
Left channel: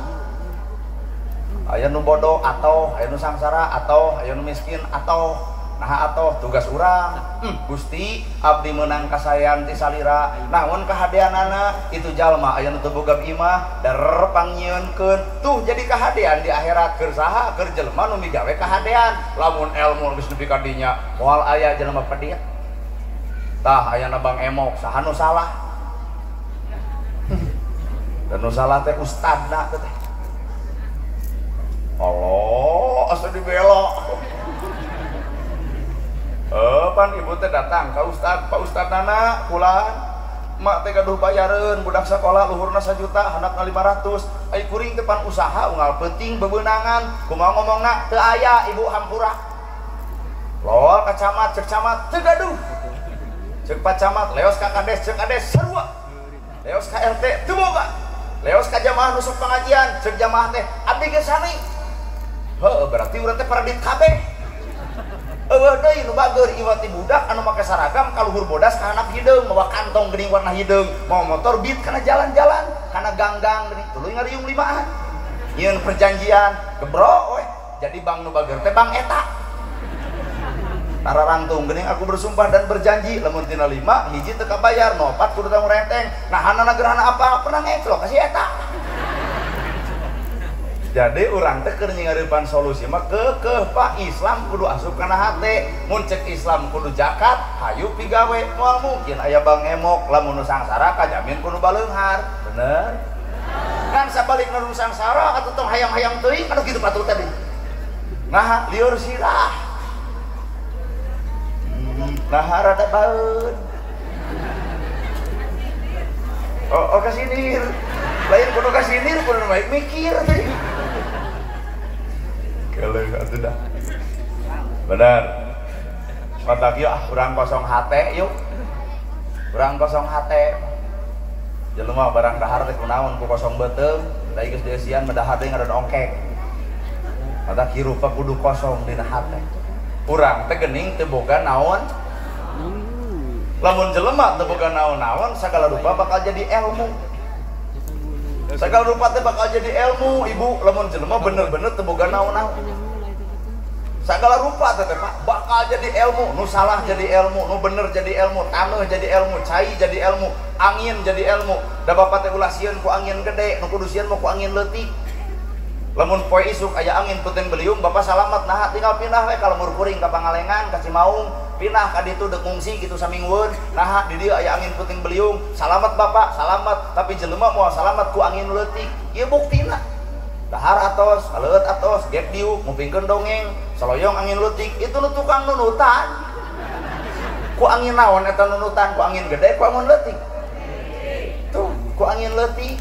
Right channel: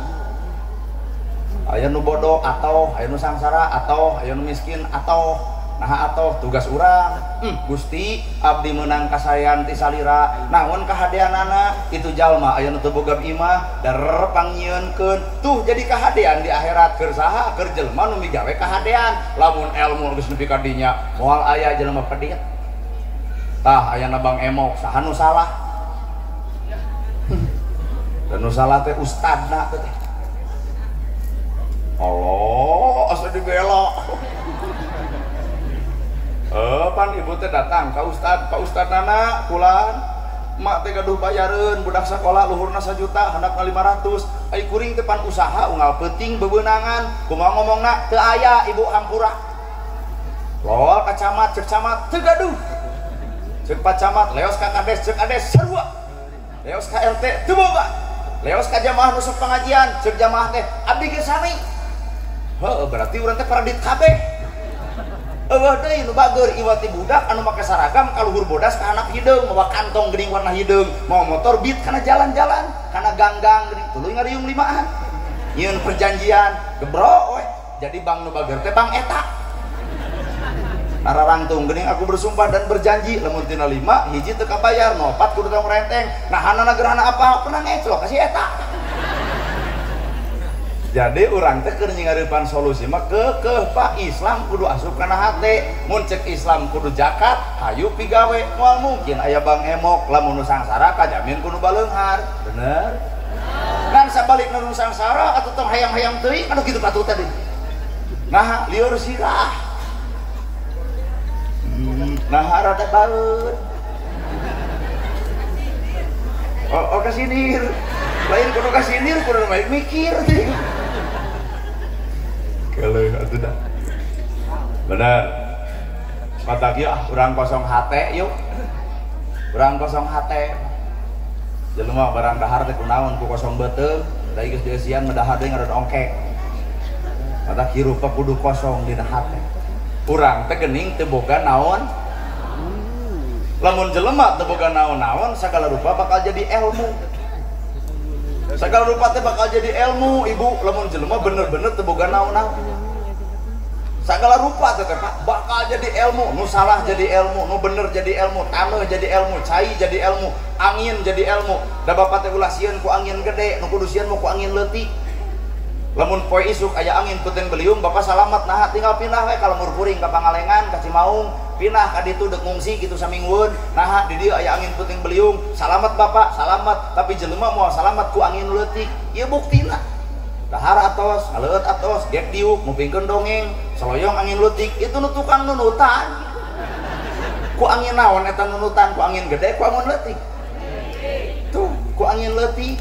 Aya nu bodoh atau aya nu sangsara atau aya nu miskin atau nah atau tugas urang Gusti abdi meunang kasayan ti salira namun kahadeanana itu jalma aya nu teu boga imah darer pangyieunkeun tuh jadi kahadean di akhirat keur saha keur jelema nu migawe kahadean lamun ilmu geus nepi ka dinya moal aya jelema pedit tah ayana Bang Emok saha nu salah dan nu salah teh ustadna teh Allah asa dibelok pan ibu teh datang ka ustad, Pak Ustad nana pulang mak teh gaduh bayareun budak sekolah luhurna 1 juta handapna 500 ai kuring teh pan usaha unggal penting bebeunangan kumaha ngomongna teu aya ibu hampura loal ka camat cek camat teu gaduh cek pak camat leos ka kades cek kades sarua leos ka RT teu boga leos ka jamaah nu sok pengajian cek jamaah teh abdi ge sami heuh berarti urang teh paradit kabeh. Eueuh deui nu bager iwati budak anu make saragam ka luhur bodas ka anak hideung bawa kantong geuning warna hideung mau motor beat kana jalan-jalan kana ganggang geuning tuluy ngariung limaan nyieun perjanjian gebro we jadi bang nu bager teh bang eta nararangtung geuning aku bersumpah dan berjanji lamun tina 5 hiji teu kabayar nu 4 kudu tanggung renteng nah hanana gerana apa pernah ngeclok ka si eta. Jadi urang teh keur nyingareupan solusi mah keukeuh Pak Islam kudu asup kana hate mun cek Islam kudu zakat hayu pigawe moal mungkin aya Bang Emok lamun nu sangsara kajamin kudu baleunghar bener kan sabalikna nu sangsara atuh tong hayang-hayang teuing kana kitu patut tadi nah lieur sirah nah rada baeun oh kasinir lain kudu kasinir kudu baik mikir teh keleh atuh dah benar kata dia urang kosong hate yuk urang kosong hate jelema barang dahar teh kunaon ku kosong beuteung tadi geus dieusian dahar teh ngaran ongkek kata kirupa kudu kosong dina hate urang teh geuning teu boga naon lamun jelema teu boga naon-naon sagala rupa bakal jadi ilmu segala rupa teh bakal jadi ilmu ibu lamun jelema bener-bener teu boga naon-naon segala rupa teh Pak bakal jadi ilmu nu salah jadi ilmu nu bener jadi ilmu taneuh jadi ilmu cai jadi ilmu angin jadi ilmu da bapak teh ulah sieun ku angin gede nu kudu sieun mah ku angin leutik lamun poe isuk aya angin puting beliung bapak salamat nah tinggal pindah we ka lemur kuring ka Pangalengan ka Cimaung pindah ka ditu deuk ngungsi kitu samingweun nah di dieu aya angin puting beliung salamat bapak salamat tapi jelema moal salamat ku angin leutik ieu buktina dahar atos ngaleut atos gek diuk ngupingkeun dongeng saloyong angin leutik itu nu tukang nunutan ku angin naon eta nunutan ku angin gede ku angin leutik tuh ku angin leutik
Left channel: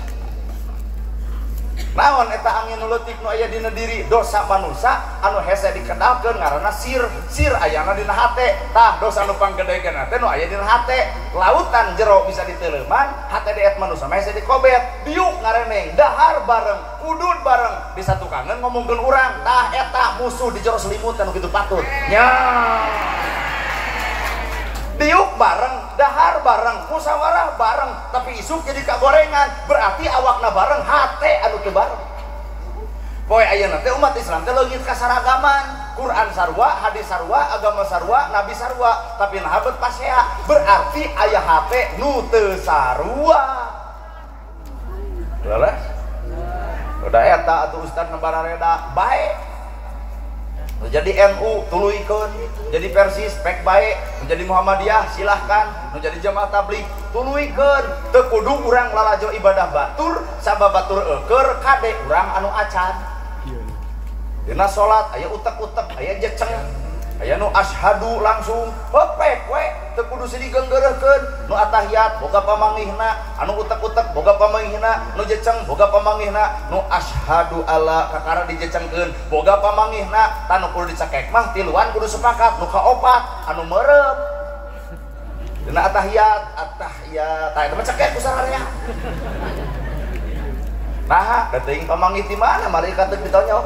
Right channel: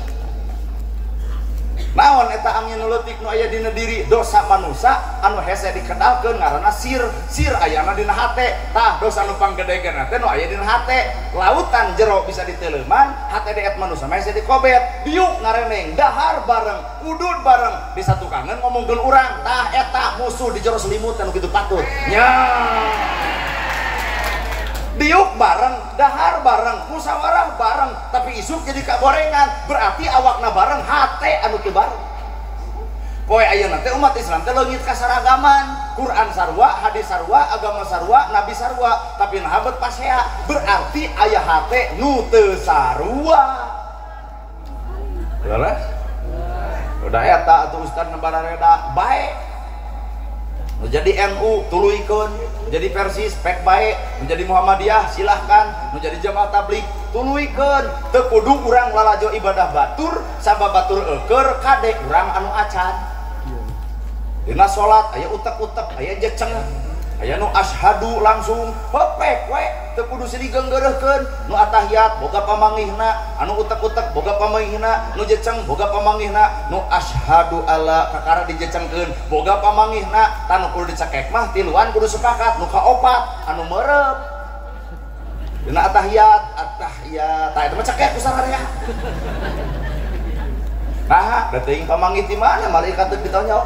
naon eta angin leutik nu aya dina diri dosa manusia anu hese dikenalkeun ngaranna sir ayana dina hate tah dosa nu panggedekeun teh nu aya dina hate lautan jero bisa diteleuman hate deet manusia mah hese dikobet biuk ngareneng dahar bareng udud bareng di satu kangen ngomongkeun urang tah eta musuh di jero selimut anu kitu patut nya diuk bareng, dahar bareng, musyawarah bareng, tapi isuk jadi kagorengan berarti awakna bareng, hate anu teu bareng. Poe ayeuna teh umat Islam teh leungit kasaragaman, Quran sarua, hadis sarua, agama sarua, nabi sarua, tapi nahabet pasea berarti aya hate nu teu sarua. Jelas? Udah eta atuh ustad nebara reda bae. Menjadi NU tuluykeun, menjadi Persis pek bae, menjadi Muhammadiyah silahkan, menjadi Jamaah Tabligh tuluykeun. Teu kudu urang lalajo ibadah batur, sabab batur eukeur kade urang anu acan. Dina salat aya utek-utek, aya jeceng. aya nu asyhadu langsung hepek we teu kudu digeunggeureukeun, nu atahiyat boga pamanggihna, anu utek-utek boga pamanggihna, nu jeceng boga pamanggihna, nu asyhadu alla kakara dijecengkeun boga pamanggihna, tanu kudu dicekek mah tiluan kudu sepakat, nu kaopat anu meureub dina atahiyat tah eta mah cekek ku sararea. Nah, teuing pamanggih ti mana malaikat teu ditanya.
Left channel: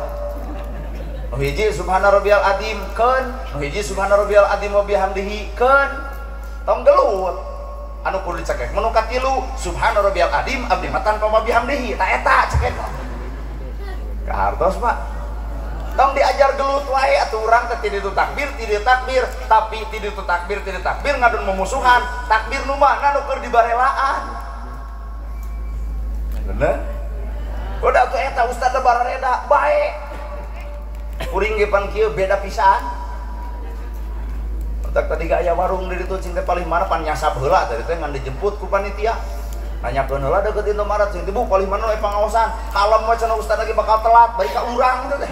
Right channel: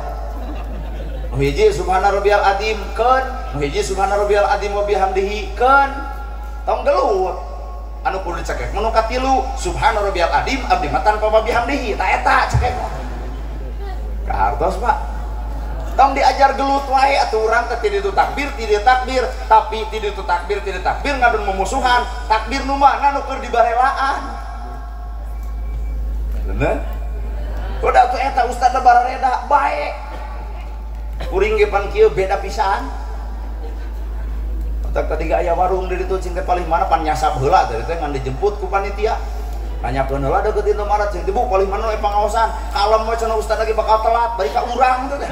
Nu hiji subhana rabbiyal azim keun, nu hiji subhana rabbiyal azim wa bihamdihi keun. Tong gelut. Anu kudu dicekek mun katilu subhana rabbiyal azim abdi mah tanpa bihamdihi, tah eta cekek. Kahartos Pak. Tong diajar gelut wae atuh urang teh ti ditu takbir, tapi ti ditu takbir ngadun memusuhan. Takbir nu mana nu keur dibarelaan. Bener? Udah tuh eta ustad da barareda bae. Kuring ge pan kieu beda pisan. Tadi aya warung di ditu cing teh paling mana pan nyasap heula tadi teh ngan dijemput ku panitia. Nanyakeun heula deukeut Indomaret cing teh bu paling mana pangaosan. Kalem we cenah ustad lagi bakal telat bari ka urang teh.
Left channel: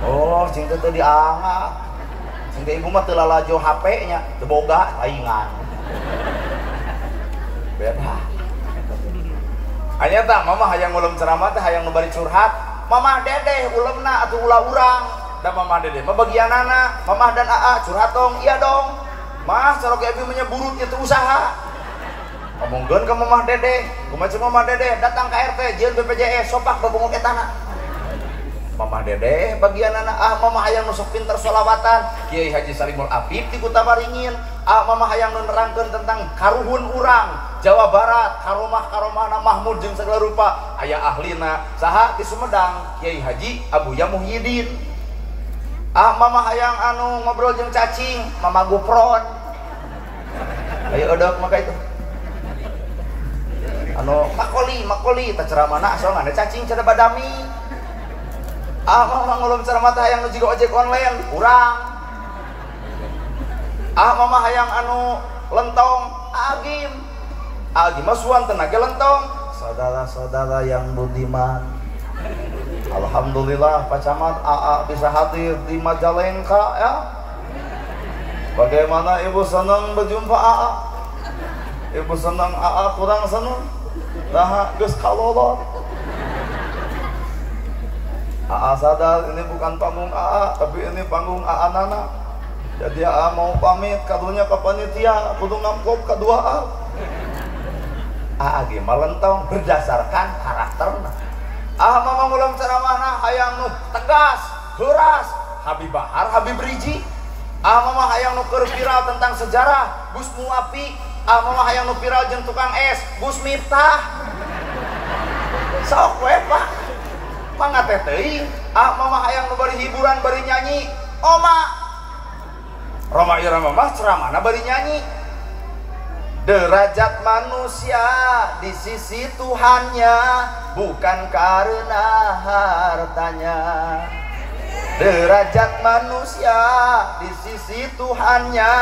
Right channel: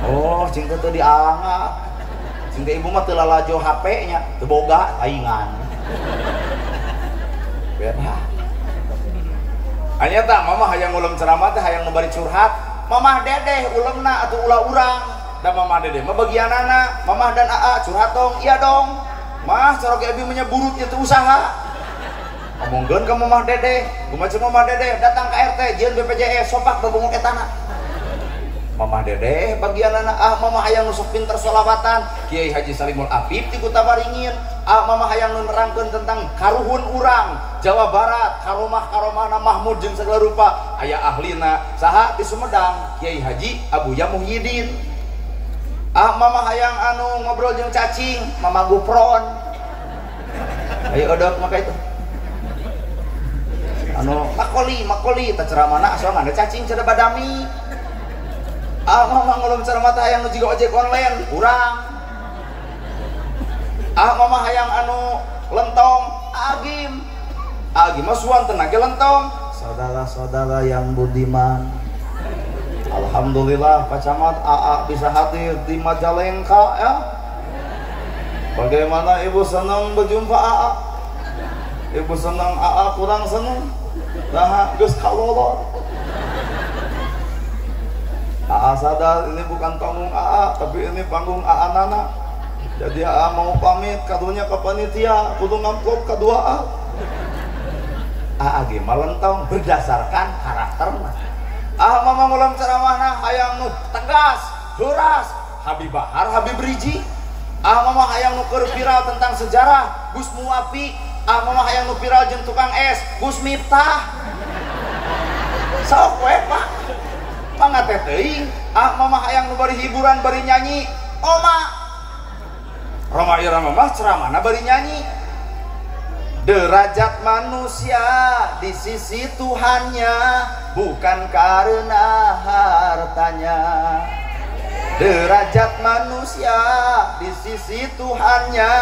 Oh, cing teh teu diangap. Cing teh ibu mah teu lalajo HP-nya, teu boga taingan. Beda. Anya tah mama hayang ulem ceramah teh hayang membari curhat, mamah dedeh ulemna atuh ulah urang. Da mamah dedeh mah bagianana, mamah dan aa curhat dong, iya dong. Mah cara ge abi menyeburut itu usaha. Ngomongkeun ka mamah dedeh, kumaha mamah dedeh datang ka RT jieun BPJS sopak babunguk etana. Mamah dedeh bagianana mamah hayang nu sok pinter sholawatan, Kiai Haji Salimul Apip ti Kutabaringin. Mamah hayang nu nerangkeun tentang karuhun urang Jawa Barat, karomah-karomahna Mahmud jeung segala rupa. Aya ahlina saha ti Sumedang, Kiai Haji Abuya Muhyiddin. Mamah hayang anu ngobrol jeung cacing, Mama Gupron. Ayo odok maka itu. Anu makoli teh ceramahna soalna ada cacing cenah badami. Mamah ngulun ceramah teh hayang nu jiga ojek online, urang. Mamah hayang anu lentong, Agim mah suan tenaga lentong. Saudara-saudara yang budiman, alhamdulillah Pak Camat AA bisa hadir di Majalengka ya. Bagaimana ibu senang berjumpa AA? Ibu senang AA kurang senang? Nah, geus kalolor. AA sadar ini bukan panggung AA, tapi ini panggung AA Nana. Jadi AA mau pamit kadunya ke panitia, kudu ngampop kedua AA. AA ge malentong berdasarkan karakterna. Mama ngulang ceramahna hayang nu tegas, huras, Habib Bahar, Habib Riji. Mama hayang nu keur viral tentang sejarah, Gus Muafi. Mama hayang nu viral jeung tukang es, Gus Miftah. Sok we Pak. Pangateh teuing. Mama hayang nu bari hiburan, bari nyanyi, Oma. Roma Irama mah ceramahna bari nyanyi. Derajat manusia di sisi Tuhannya bukan karena hartanya. Derajat manusia di sisi Tuhannya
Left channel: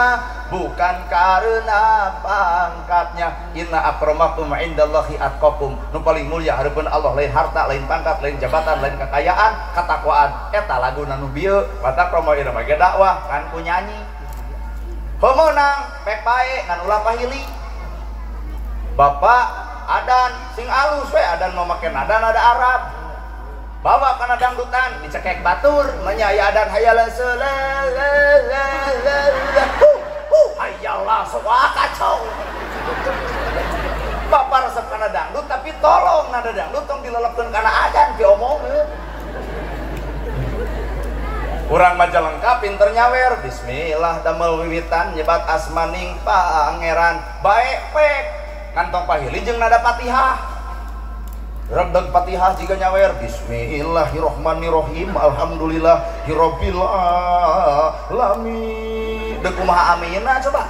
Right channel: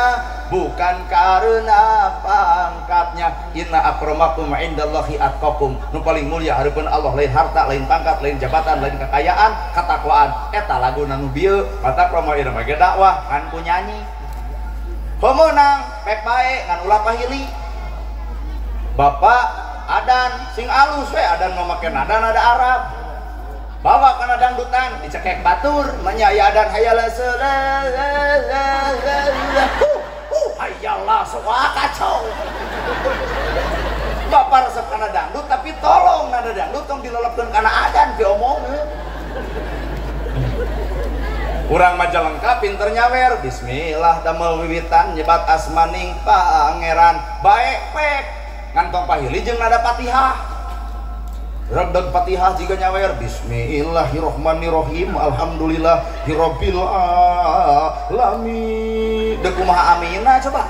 bukan karena pangkatnya. Inna akramakum indallahi atqakum. Nu paling mulia hareupeun Allah lain harta, lain pangkat, lain jabatan, lain kekayaan, katakwaan. Eta laguna nu bieu kata promo ieu mah ge dakwah kan ku nyanyi. Pemenang pek bae ngan ulah pahili. Bapak adan sing alus we adan mah make nada Arab. Bawa kana dangdutan dicekek batur nya ya adan hayala hayallah soa kacau. Bapak resep kana dangdut tapi tolong nada dangdut tong dilolokkeun kana adan diomongkeun. Urang Majalengka pinter nyawer, bismillah damel wiwitan nyebat asmaning pangeran bae pek ngantong pahili jeung nada Fatihah. Rabbag Fatihah jiga nyawer bismillahirrahmanirrahim alhamdulillahirabbil alamin. Deuk kumaha amina coba.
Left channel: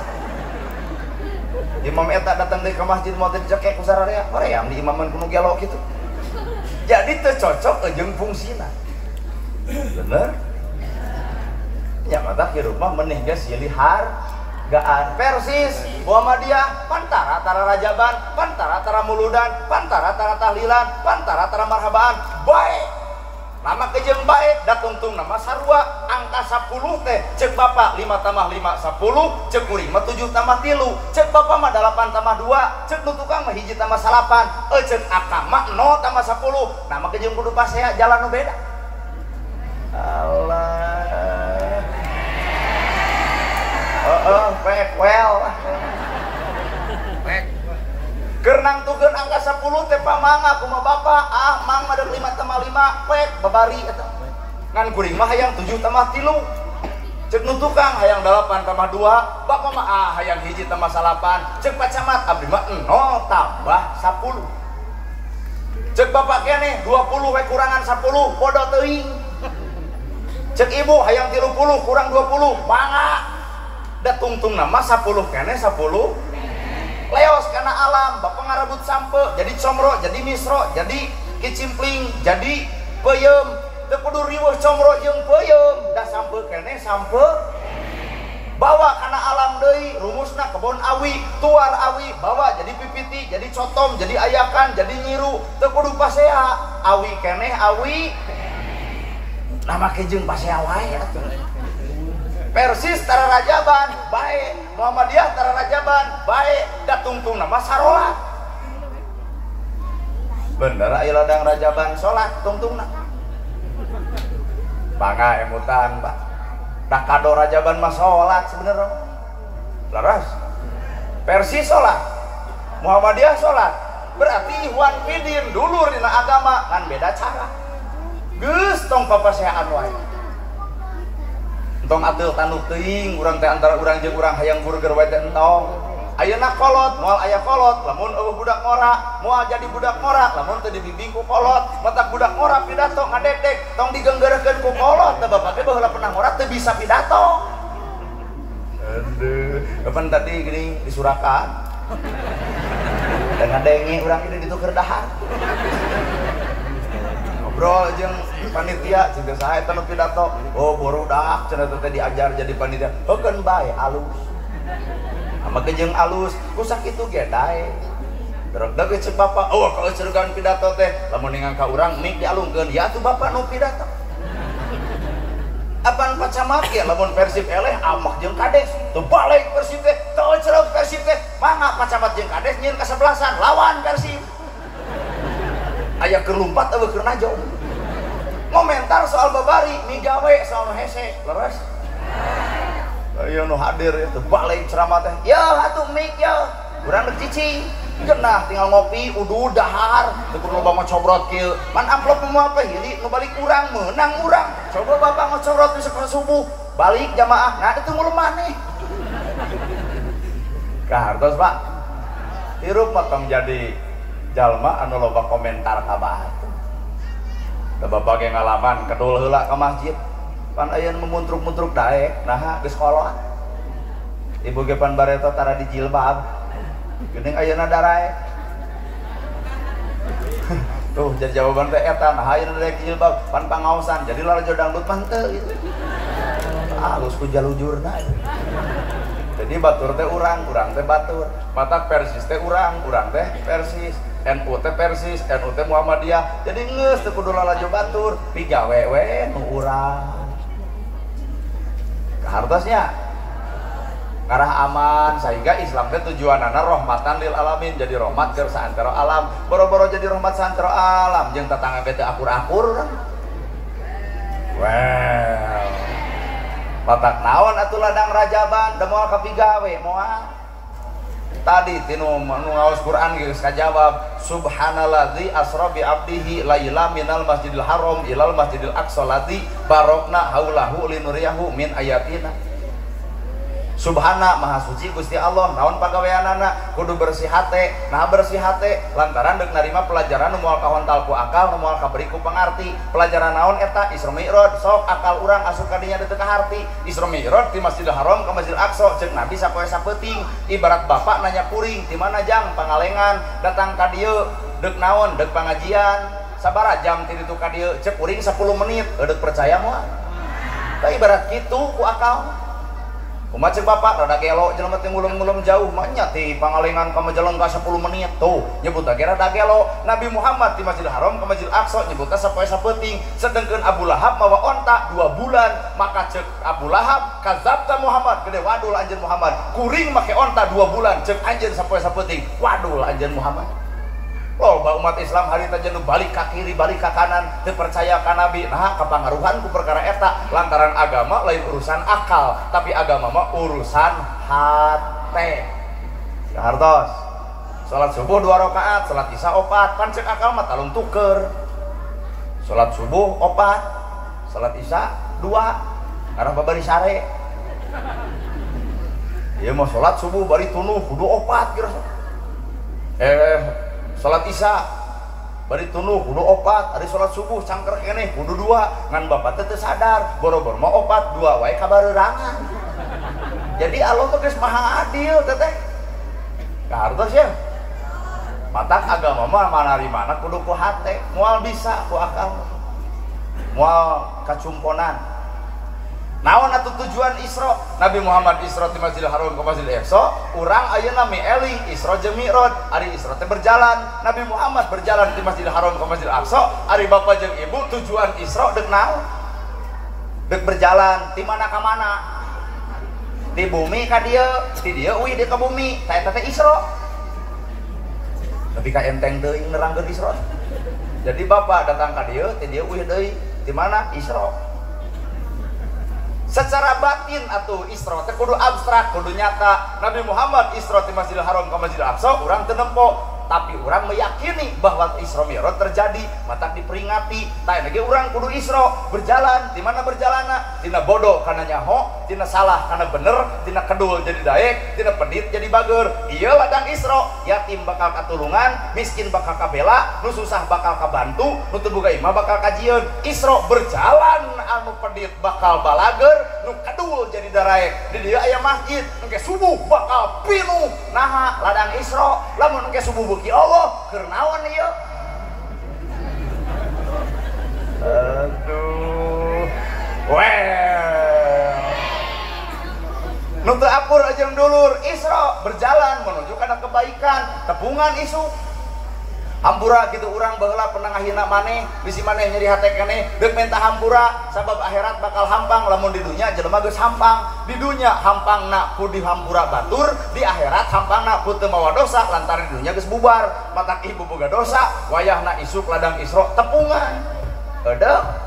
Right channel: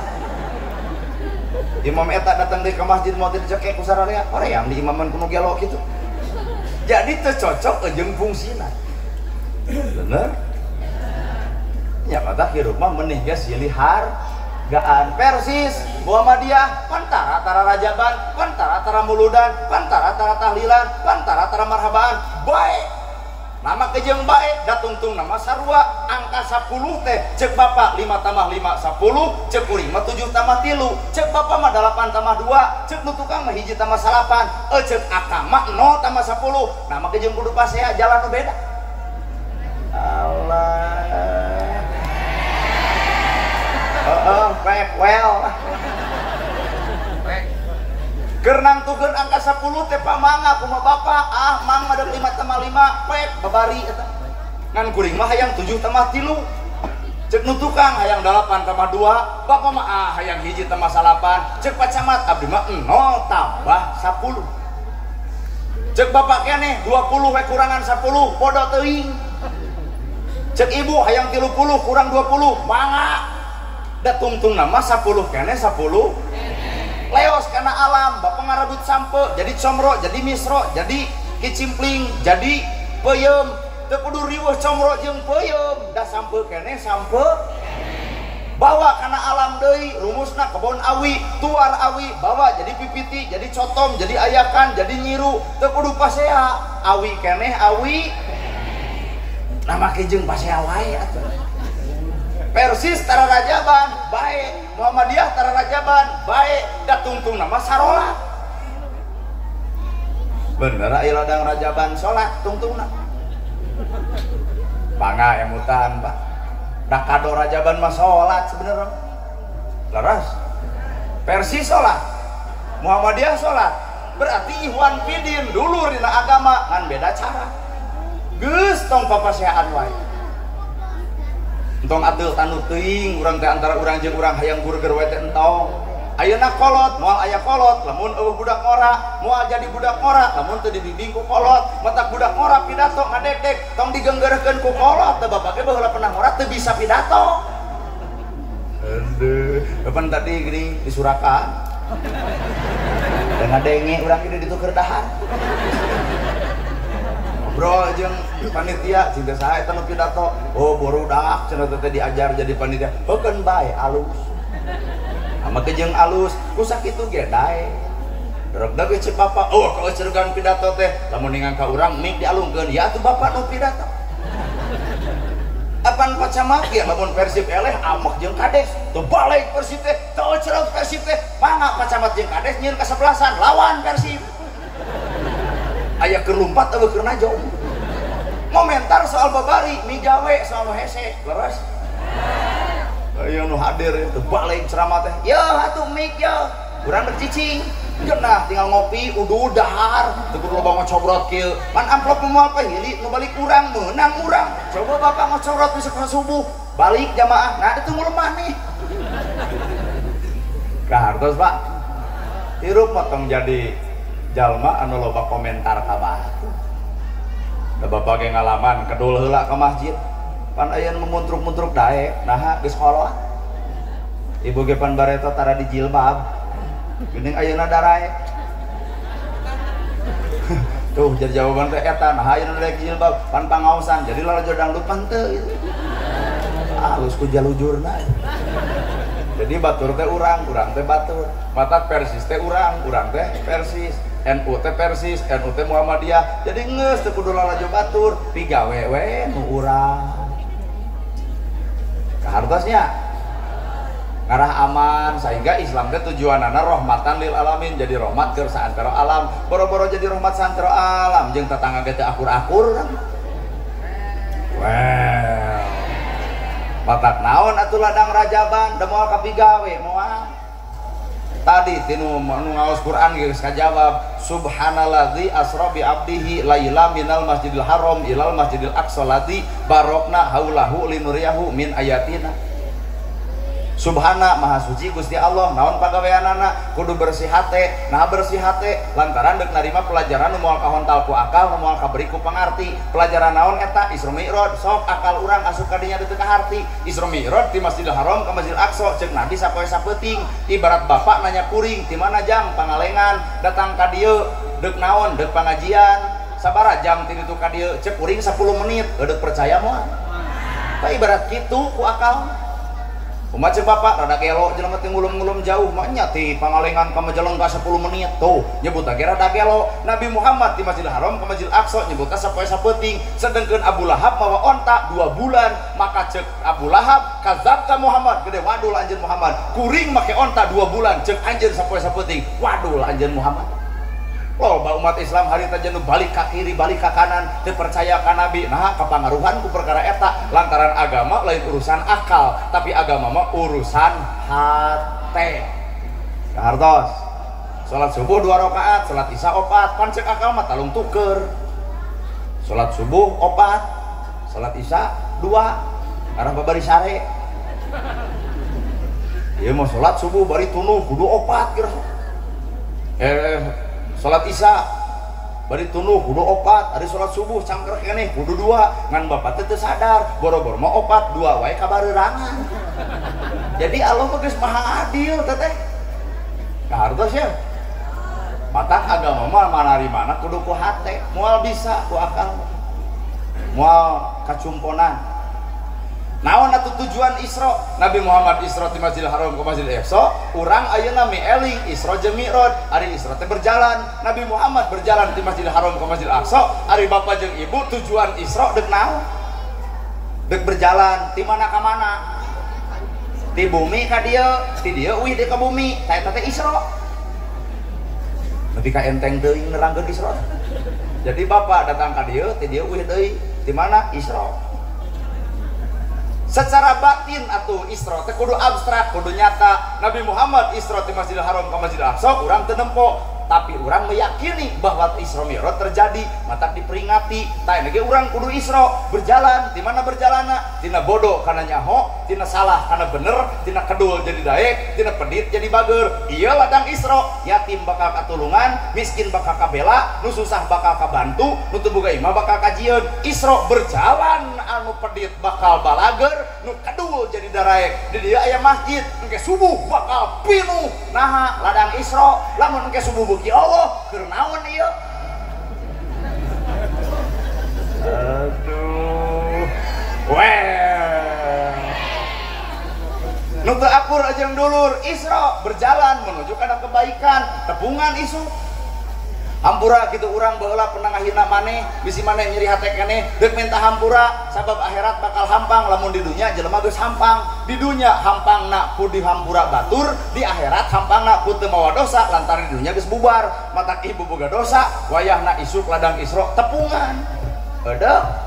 Imam eta datang deui ka masjid mau dicekek ku sararea, hoream di imaman kuno gelo kitu. Jadi teu cocok jeung fungsina. Bener? Ya mata hirup mah meneh geus silihar gaan persis Muhammadiyah pantara-tara rajaban, pantara-tara muludan, pantara-tara tahlilan, pantara-tara marhabaan bae. Nama jeung bae da tungtung nama sarua angka 10 teh cek bapak 5 tambah 5 10 cek kuring mah 7 tambah 3 cek bapak mah 8 tambah 2 cek nu tukang mah 1 tambah 8 cek akang mah 0 tambah 10 nama ke jeung kudu pasea jalan nu beda Allah baik well Gernang tugen angka 10 teh pamanga kumaha bapak mang ada 5 tambah 5 pek babari eta ngan kuring mah hayang 7 tambah 3 cek nu tukang hayang 8 tambah 2 bapak mah hayang 1 tambah 8 cek pacamat abdi mah 0 tambah 10 cek bapak keneh 20 we kurangan 10 podo teuing cek ibu hayang 30 kurang 20 mangga da tungtung nama 10 keneh 10 leos karena alam bapak ngarabut sampe jadi comro jadi misro jadi kicimpling jadi peuyeum teu kudu riweuh comro jeung peuyeum da sampe keneh sampe bawa karena alam deui rumusna kebon awi tuar awi bawa jadi pipiti jadi cotom jadi ayakan jadi nyiru teu kudu pasea awi keneh awi nama jeung pasea wae Persis tara rajaban baik Muhammadiyah tara rajaban baik da tungtung nama sarolat bener aya ladang rajaban salat tungtungna bangga emutan Pak da kado rajaban mah salat sebenarnya laras Persis salat Muhammadiyah salat berarti ihwan fidin dulur dina agama kan beda cara geus tong papaseaan wae entong atul tanu teuing urang teh antara urang jeung urang hayang burger wae teh entong ayeuna kolot moal aya kolot lamun eueuh budak ngora moal jadi budak ngora lamun teu dibimbing ku kolot matak budak ngora pidato ngadek tong digeunggeurkeun ku kolot teh bapak ge baheula pernah ngora teu bisa pidato aduh kapan tadi gini disurakan dan ngadenge urang ini dituker dahan bro jeung panitia cinta saha eta nu pidato oh barudak cenah teh diajar jadi panitia heukeun bae alus ama teh jeung alus ku sakitu ge dae rek da ge cek bapak oh kalau ceureugan pidato teh lamun ningang ka urang mik dialungkeun ya atuh bapak nu pidato apan pacamat ya lamun Persib eleh amak jeung kades teu balik Persib teh teu cereuh Persib teh mangga pacamat jeung kades nyieun kasebelasan lawan Persib aya keur lumpat eueuh keur najong komentar soal babari mi gawe soal hese leres aya nu hadir teu balik ceramah teh ya atuh mik ya urang deuk cicing geunah tinggal ngopi uduh dahar teu kudu loba ngocobrot kieu pan amplop moal teh hili nu balik urang meunang urang coba bapak ngocorot di sekolah subuh balik jamaah nah itu mulu maneh kahartos Pak hirup potong jadi jalma anu loba komentar ka batu da bapak ge ngalaman kedul heula ka masjid pan aya nu muntruk-muntruk dae naha geus kolot ibu ge pan bareto tara di jilbab geuning ayeuna darae tuh jadi jawaban teh eta nah ayeuna daek jilbab pan pangaosan jadi lalajo dangdut pan teu halus ku jalujurna jadi batur teh urang teh batur matak Persis teh urang teh Persis NU teh Persis NU teh Muhammadiyah jadi geus teu kudu lalajo batur pigawe we nu urang kahartosnya ngarah aman sehingga Islam teh tujuanana rahmatan lil alamin jadi rahmat keur saantara alam boro-boro jadi rahmat saantara alam jeung tatangga teh akur-akur kan well batak naon atuh ladang rajaban da moal kapigawe moal tadi tinu ngaos Quran geus kajawab subhanalladzi asra bi abdihi laila minal masjidil haram ilal masjidil aqsa ladzi barokna haulahu linuriyahu min ayatina Subhana maha suci Gusti Allah naon pagaweanana kudu bersih hate nah bersih hate lantaran deuk narima pelajaran nu moal kahontal ku akal nu moal kaberi ku pangarti pelajaran naon eta Isra Mi'raj sok akal urang asup ka dinya teu kaharti Isra Mi'raj di Masjidil Haram ka Masjidil Aqsa ceuk Nabi sapoe sapeuting ibarat bapak nanya kuring di mana jam pangalengan datang ka dieu deuk naon deuk pangajian sabaraha jam ti ditu ka dieu ceuk kuring 10 menit deuk percaya moal tah ibarat kitu ku akal Kumaha cek bapak rada gelo jelema teh ngulung-ngulung jauh mah nya ti pangalengan ka Majalengka 10 menit tuh nyebut lagi rada gelo. Nabi Muhammad di Masjidil Haram ka Masjidil Aqsa nyebutna sapoe sapeuting. Sedengkeun Abu Lahab mawa onta 2 bulan maka cek Abu Lahab kadzabta Muhammad gede wadul anjeun Muhammad kuring make onta 2 bulan cek anjeun sapoe sapeuting wadul anjeun Muhammad. Loba umat Islam hari teh nu balik ka kiri balik ka kanan teu percaya ka nabi nah kapangaruhan ku perkara eta lantaran agama lain urusan akal tapi agama mah urusan hate. Hartos salat subuh 2 rakaat salat isya 4 kan cek akal mah talung tuker salat subuh 4 salat isya 2 karena babari sare ieu mah salat subuh bari tunuh kudu 4 kira salat isya bari tunuh kudu 4 hari salat subuh cangker keneh kudu 2 ngan bapak teh sadar boro-boro mah 4 2 wae kabarerangan. Jadi Allah mah geus maha adil teh hartos ya matak agama mah manarimana kudu ku hate moal bisa ku akal moal kacumponan. Naon atuh tujuan Isra? Nabi Muhammad Isra ti Masjidil Haram ke Masjidil Aqsa, urang ayeuna mieling Isra jeung Mi'raj. Ari Isra teh berjalan, Nabi Muhammad berjalan ti Masjidil Haram ke Masjidil Aqsa, ari bapak jeung ibu tujuan Isra deuk naon? Deuk berjalan ti mana ka mana? Ti bumi ka dieu, ti dieu uih deuk ka bumi. Saeta teh Isra. Tapi ka enteng teuing nerangkeun Isra. Jadi bapak datang ka dieu, ti dieu uih deui. Ti mana? Isra. Secara batin atuh Isra teh kudu abstrak, kudu nyata. Nabi Muhammad Isra ti Masjidil Haram ka Masjidil Aqsa urang teu nempo, tapi urang meyakini bahwa Isra Mi'raj terjadi, matak diperingati. Tah ge urang kudu Isra berjalan, di mana berjalanna? Tina bodoh kana nyaho, tina salah kana bener, tina kedul jadi daek, tina pedit jadi bager. Ieu ladang Isra, yatim bakal katulungan, miskin bakal kabela, nu susah bakal kabantu, nu teu boga imah bakal kajieun. Isra berjalan, anu pedit bakal balager, nu kedul jadi daraek. Di dieu aya masjid, engke subuh bakal pinuh. Naha ladang Isra, lamun engke subuh beuki Allah keur naon ieu? Aduh. Weh. Nu teu akur jeung dulur Isra berjalan menuju kana kebaikan, tepungan isu. Hampura gitu urang baheula pernah ngahina maneh bisi maneh nyeri hate keneh deuk minta hampura sabab akhirat bakal hampang lamun di dunya jelema geus hampang di dunya hampangna ku di hampura batur di akhirat hampangna ku teu mawa dosa lantaran di dunya geus bubar matak ibu boga dosa wayahna isuk ladang Isra tepungan ada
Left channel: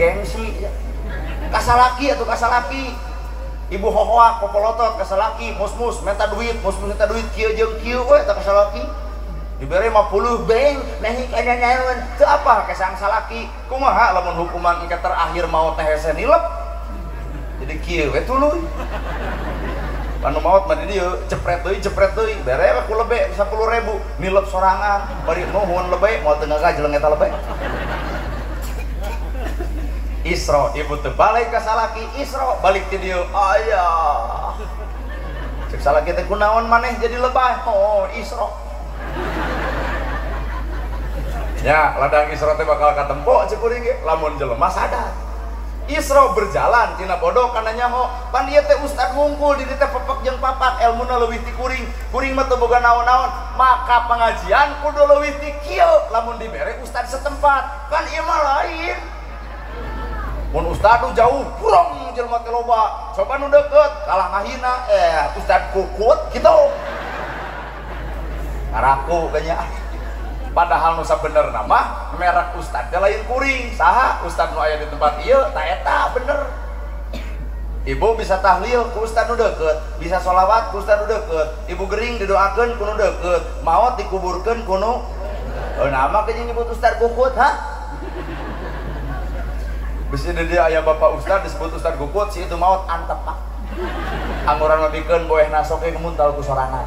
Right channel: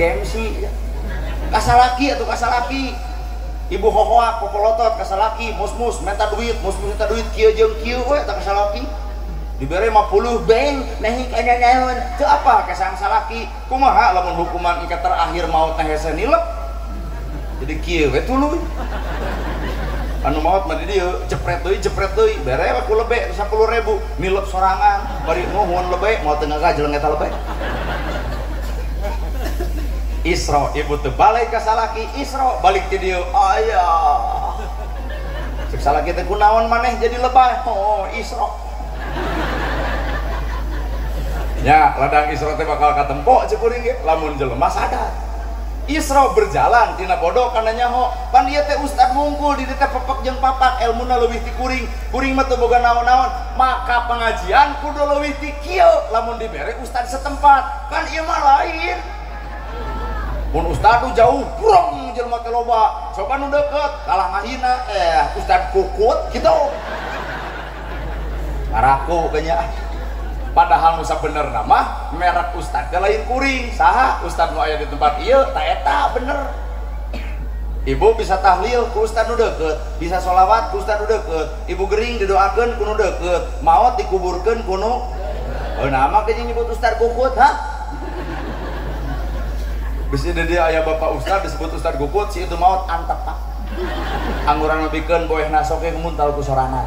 gengsi kasalaki atuh kasalaki ibu hohoak popolotot kasalaki mus-mus minta duit kieu jeung kieu we tak kasalaki dibere 50 beng nehing kana naon teu apa kesang salaki kumaha lamun hukuman engke terakhir maut teh hese nilep jadi kieu we tuluy anu maut mah di dieu jepret deui bere ku lebe 10.000 nilep sorangan bari nuhun lebe moal teu ngagajeleng eta lebe. Isra ibu teu balik ka salaki Isra balik ti dieu aya cek salaki teh kunaon maneh jadi lebay oh Isra ya ladang Isra teh bakal katempo cek kuring ge lamun jelema sadar Isra berjalan tina bodoh kana nyaho pan ieu teh ustad ngungkul di teh pepek jeung papak elmuna leuwih ti kuring mah teu boga naon-naon maka pengajian kudu leuwih ti kieu lamun dibere ustad setempat kan ieu mah lain. Mun ustad tuh jauh kurang jelema teh loba coba nu deukeut kalah mahina ustad kukut kitu ngaraku kanya padahal nu sabenerna mah merek ustad teh lain kuring saha ustad nu aya di tempat ieu ta eta bener ibu bisa tahlil ku ustad nu deukeut bisa sholawat ku ustad nu deukeut ibu gering didoakeun ku nu deukeut maot dikuburkeun ku nu nama ke nyebut ustad kukut ha. Bisa dia ayah bapak ustad disebut ustad gukut si itu maut antep pak angguran lebihkan boeh nasoke kemuntal ku sorangan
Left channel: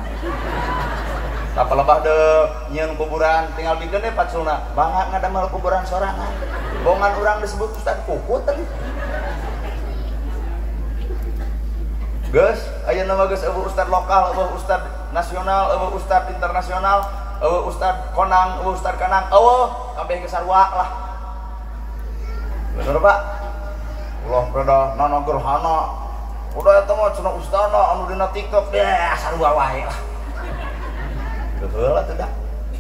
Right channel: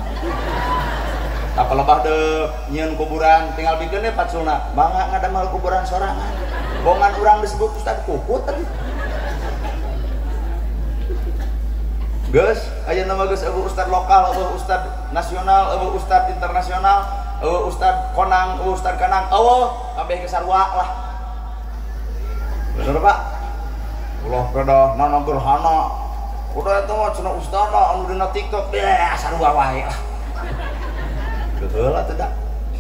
apa lebah deh nyen kuburan tinggal bikin deh pacuna bangga ngadamel kuburan sorangan bongan orang disebut ustad gukut guys ayah nama guys abu ustad lokal abu ustad nasional abu ustad internasional abu ustad konang abu ustad kanang abu sampai ke sarwa lah bener pak ulah pada nana gerhana udah itu mah cenah ustana anu dina TikTok deh sarua wae betul atuh dah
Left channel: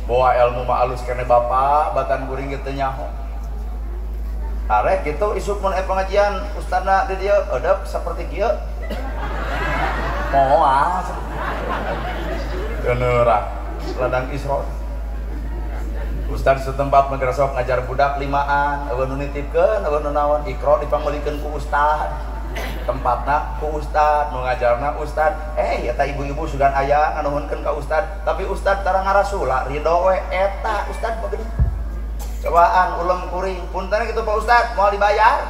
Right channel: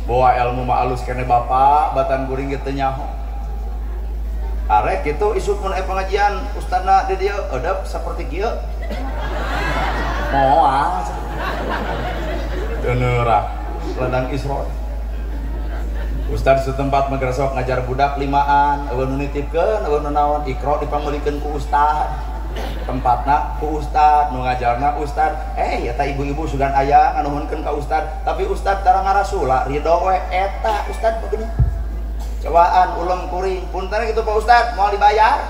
bawa ilmu mah alus kene bapak batan guring ge teu nyaho arek kitu isuk mun aya pengajian ustana di dieu edep saperti kieu moal geuneurak ladang Isra Ustad setempat madrasah ngajar budak limaan, eueun nitipkeun, eueun naon ikro dipanggulikeun ku ustad. Tempatna ku ustad, nu ngajarna ustad. Eta ibu-ibu sugan aya nganuhunkeun ka ustad, tapi ustad tara ngarasula, ridho we eta ustad bener. Cobaan ulem kuring, punten kitu Pak Ustad, moal dibayar.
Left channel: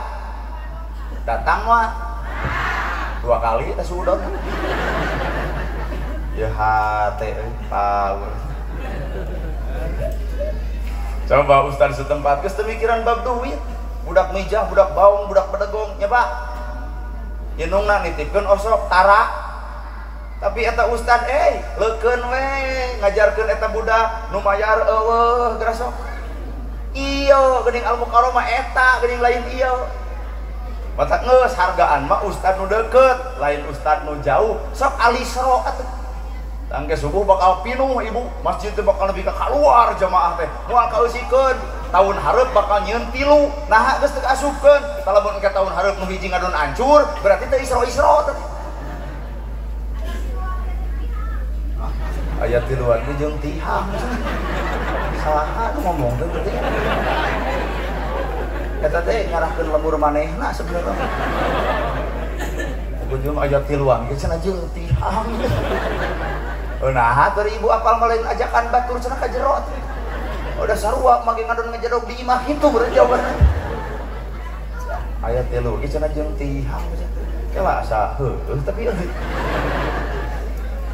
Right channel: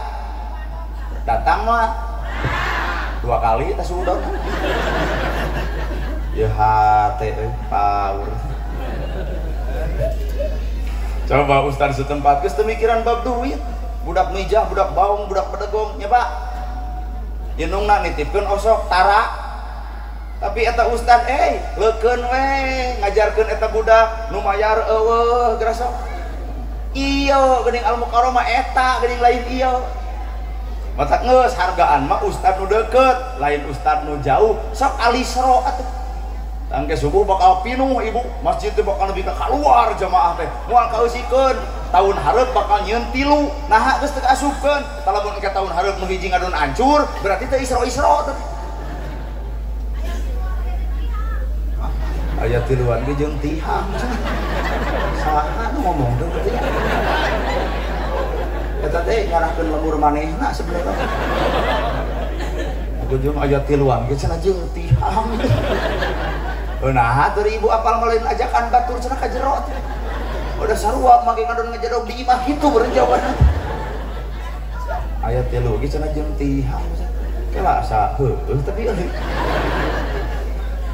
Datang mah 2 kali teh sudon. Ya hate power. Coba ustaz setempat geus teu mikiran bab duit, budak mijah, budak baung, budak pedegong nya Pak. Indungna nitipkeun osok tara. Tapi eta ustaz leukeun we ngajarkeun eta budak nu mayar eueuh geura sok. Ieu geuning al-mukarramah eta geuning lain ieu. Matak geus hargaan mah ustaz nu deukeut, lain ustaz nu jauh, sok alisro atuh. Tangke subuh bakal pinuh ibu, masjid teh bakal lebih ke keluar jamaah teh. Moal kaeusikeun, tahun hareup bakal nyieun 3. Nah geus teu kaasupkeun. Kita lamun engke tahun hareup nu hiji ngadon hancur, berarti teh isro-isro teh. Aya tiluan ge jeung tihang. Saha ngomong teh berarti. Eta teh ngarahkeun lembur manehna sebenarnya. Ujung aya tiluan ge cenah jeung tihang. Nah, dari ibu apal ngalain ajakan batur cenah ka jero. Udah sarua mage ngadon ngajadog di imah kitu beureun jawabanna. Aya 3 ge cenah jeung tihang. Teu asa heueuh tapi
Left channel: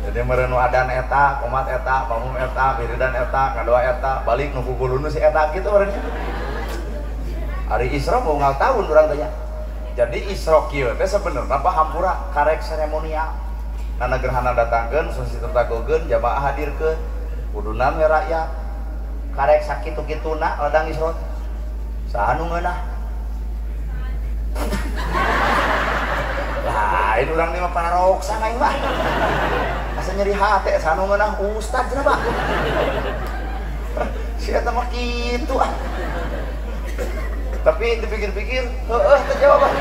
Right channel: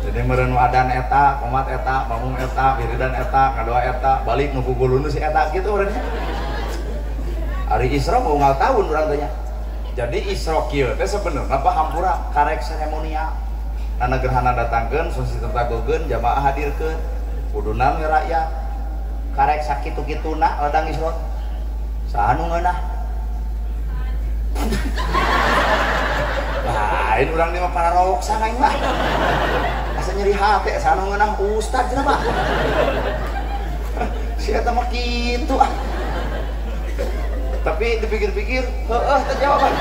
jadi meureun nu adan eta, qomat eta, pamung eta, wiridan eta, ngadoa eta, balik nu kuguluna si eta kitu meureun. Ari Isra mau ngal tahun urang teh nya. Jadi Isra kieu teh sabenerna pahampura karek seremonial. Karena gerhana datangkeun susi tentagogeun jamaah hadirkeun kuduna me rakyat karek sakitu-kituna ladang Isra saha nu ngeunah lain urang di mah pararoksa main mah asa nyeri hate saha nu ngeunah ustad cenah Pak si eta mah kitu tapi dipikir-pikir heueuh teh jawaban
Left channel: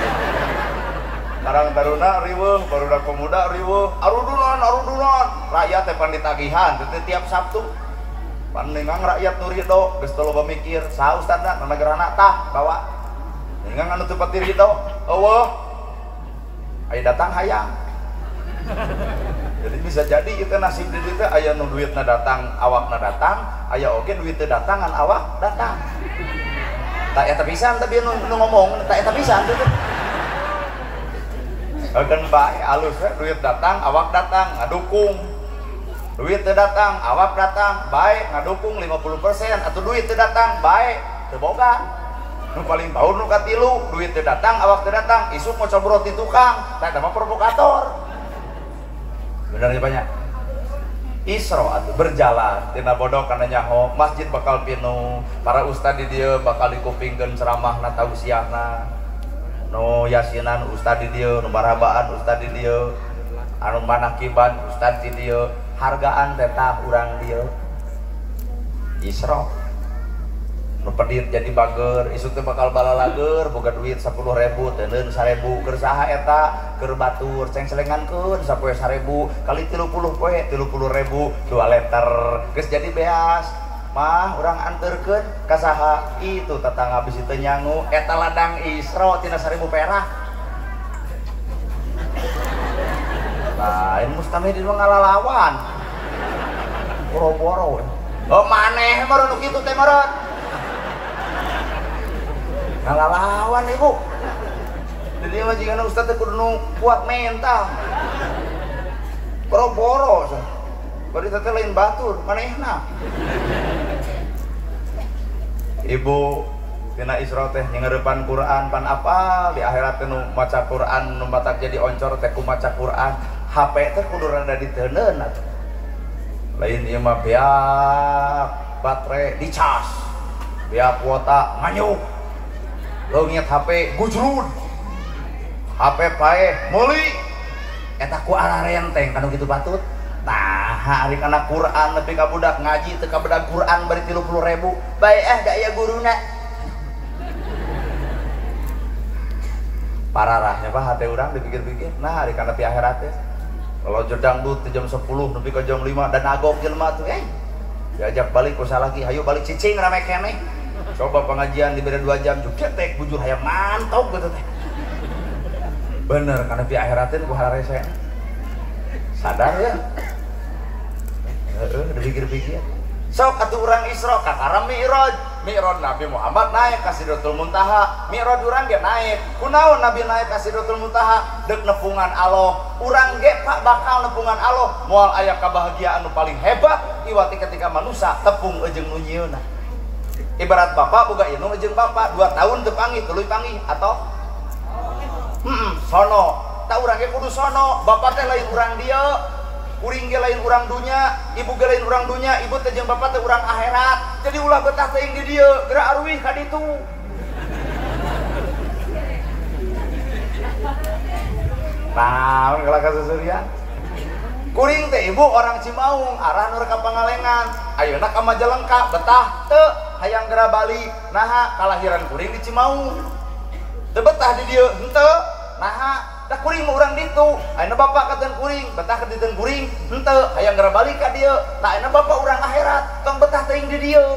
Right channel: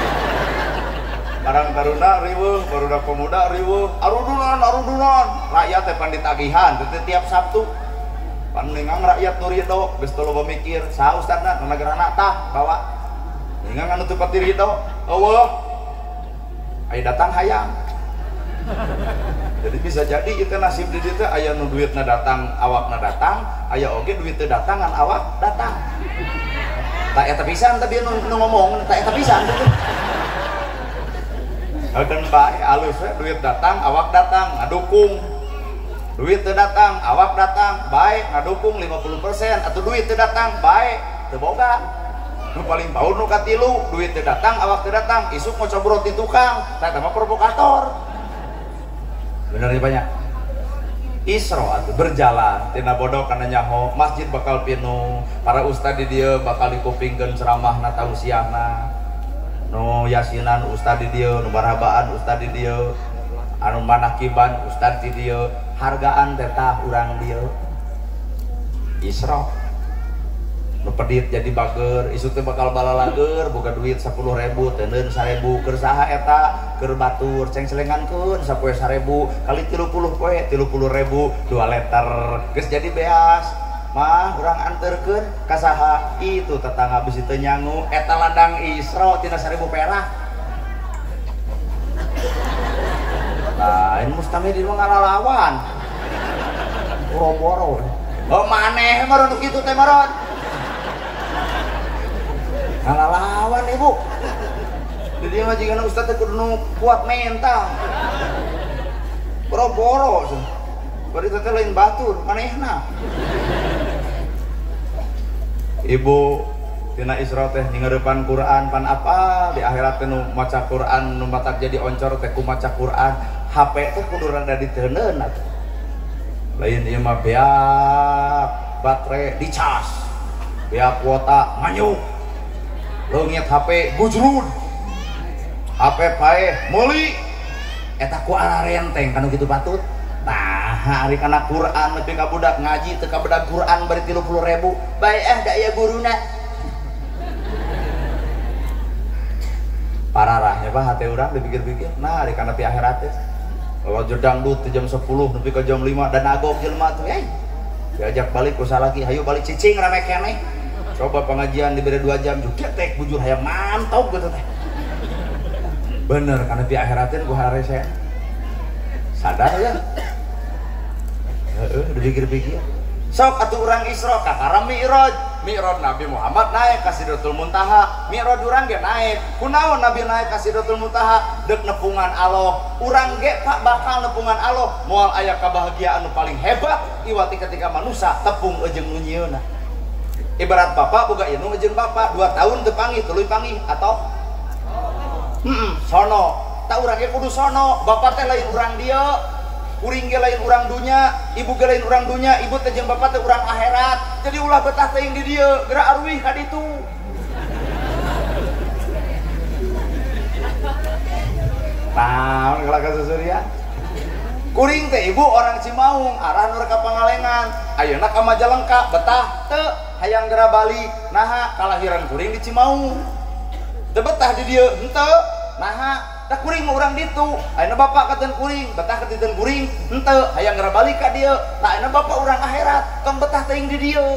Karang taruna riweuh, barudak pemuda riweuh, arudunan, rakyat teh pan ditagihan, teh tiap Sabtu. Pan nengang rakyat nu ridho, geus teu loba mikir, saha ustadna, na negarana tah bawa. Nengang anu teu pati ridho, eueuh. Aya datang hayang. Jadi bisa jadi itu nasib di dieu teh aya nu duitna datang, awakna datang, aya oge duit teu datang ngan awak datang. Tak eta pisan tapi nu ngomong, tak eta pisan teh. Akan baik alus ya, duit datang, awak datang, ngadukung. Duit teu datang, awak datang, baik ngadukung 50%. Atau duit teu datang, baik teu boga. Nu paling bau nu katilu, duit teu datang, awak teu datang, isuk mau cobrot di tukang, tah mah provokator. Bener nih banyak. Isra atuh berjalan tina bodog kana nyaho, masjid bakal pinuh, para ustad di dieu bakal dikupingkeun ceramahna tausiahna. Nu yasinan ustad di dieu, nu marhabaan ustad di dieu, anu manakiban ustad di dieu, hargaan teh tah urang dieu. Isra. Nu pedit jadi bager, isuk teh bakal balalager, boga duit 10.000, teuneun 1.000, keur saha eta? Keur batur, ceng selengankeun sapoe 1.000 kali 30 poe, 30.000, 2 liter. Geus jadi beas. Mah urang anterkeun ka saha itu tetangga bisi teu nyangu eta ladang Isra tina 1.000 perak. Lain mustami di mah ngalalawan. Boro-boro. Oh maneh meureun nu kitu teh meureun. Ngalalawan ibu. Jadi mah jigana ustaz teh kudu kuat mental. Boro-boro. Bari teh lain batur, manehna. Ibu tina Isra teh nyengeurepan Quran pan apa di akhirat teh nu maca Quran nu matak jadi oncor teh ku maca Quran HP teh kudu rada diteuneun atuh. Lain ieu mah beak baterai dicas. Beak kuota nganyuk. Leungit HP gujrud. HP pae meuli eta ku ararenteng kanu kitu patut. Tah hari kana Quran nepi ka budak ngaji teu ka budak Quran bari 30.000 bae da aya guruna. Pararahnya Pak hati urang dipikir-pikir nah hari kana ti akhirat teh bawa jedang dut jam 10 nepi ka jam 5 dan agok jelema tuh diajak balik usaha lagi hayu balik cicing rame keneh coba pengajian diberi 2 jam juga teh bujur hayang mantau gitu teh bener karena di akhirat teh gua harare saya sadar ya dipikir-pikir sok atuh urang Isra ka karena Mi'raj Nabi Muhammad naik ka Sidratul Muntaha Mi'raj urang ge naik kunaon Nabi naik ka Sidratul Muntaha deuk nepungan Allah urang ge bakal nepungan Allah moal aya kabahagiaan nu paling hebat iwati ketika manusia tepung jeung nu nyieunna ibarat bapak boga indung jeung bapak 2 tahun teu panggih tuluy panggih atau sono tak urang ge kudu sono bapak teh lain urang dia uring ge lain urang dunya ibu ge lain urang dunya ibu teh jeung bapak teh urang akhirat jadi ulah betah teuing di dieu geura arwih ka ditu tahu kalau kasusurya kuring teh ibu orang Cimaung arah nur ka Pangalengan ayeuna ka Majalengka betah teu hayang geura balik naha kalahiran kuring di Cimaung teu betah di dieu henteu naha tak kuring mau urang ditu ayeuna bapak katen kuring betah katen kuring henteu hayang geura balik ka dieu tah ayeuna bapak urang akhirat tong betah teuing di dieu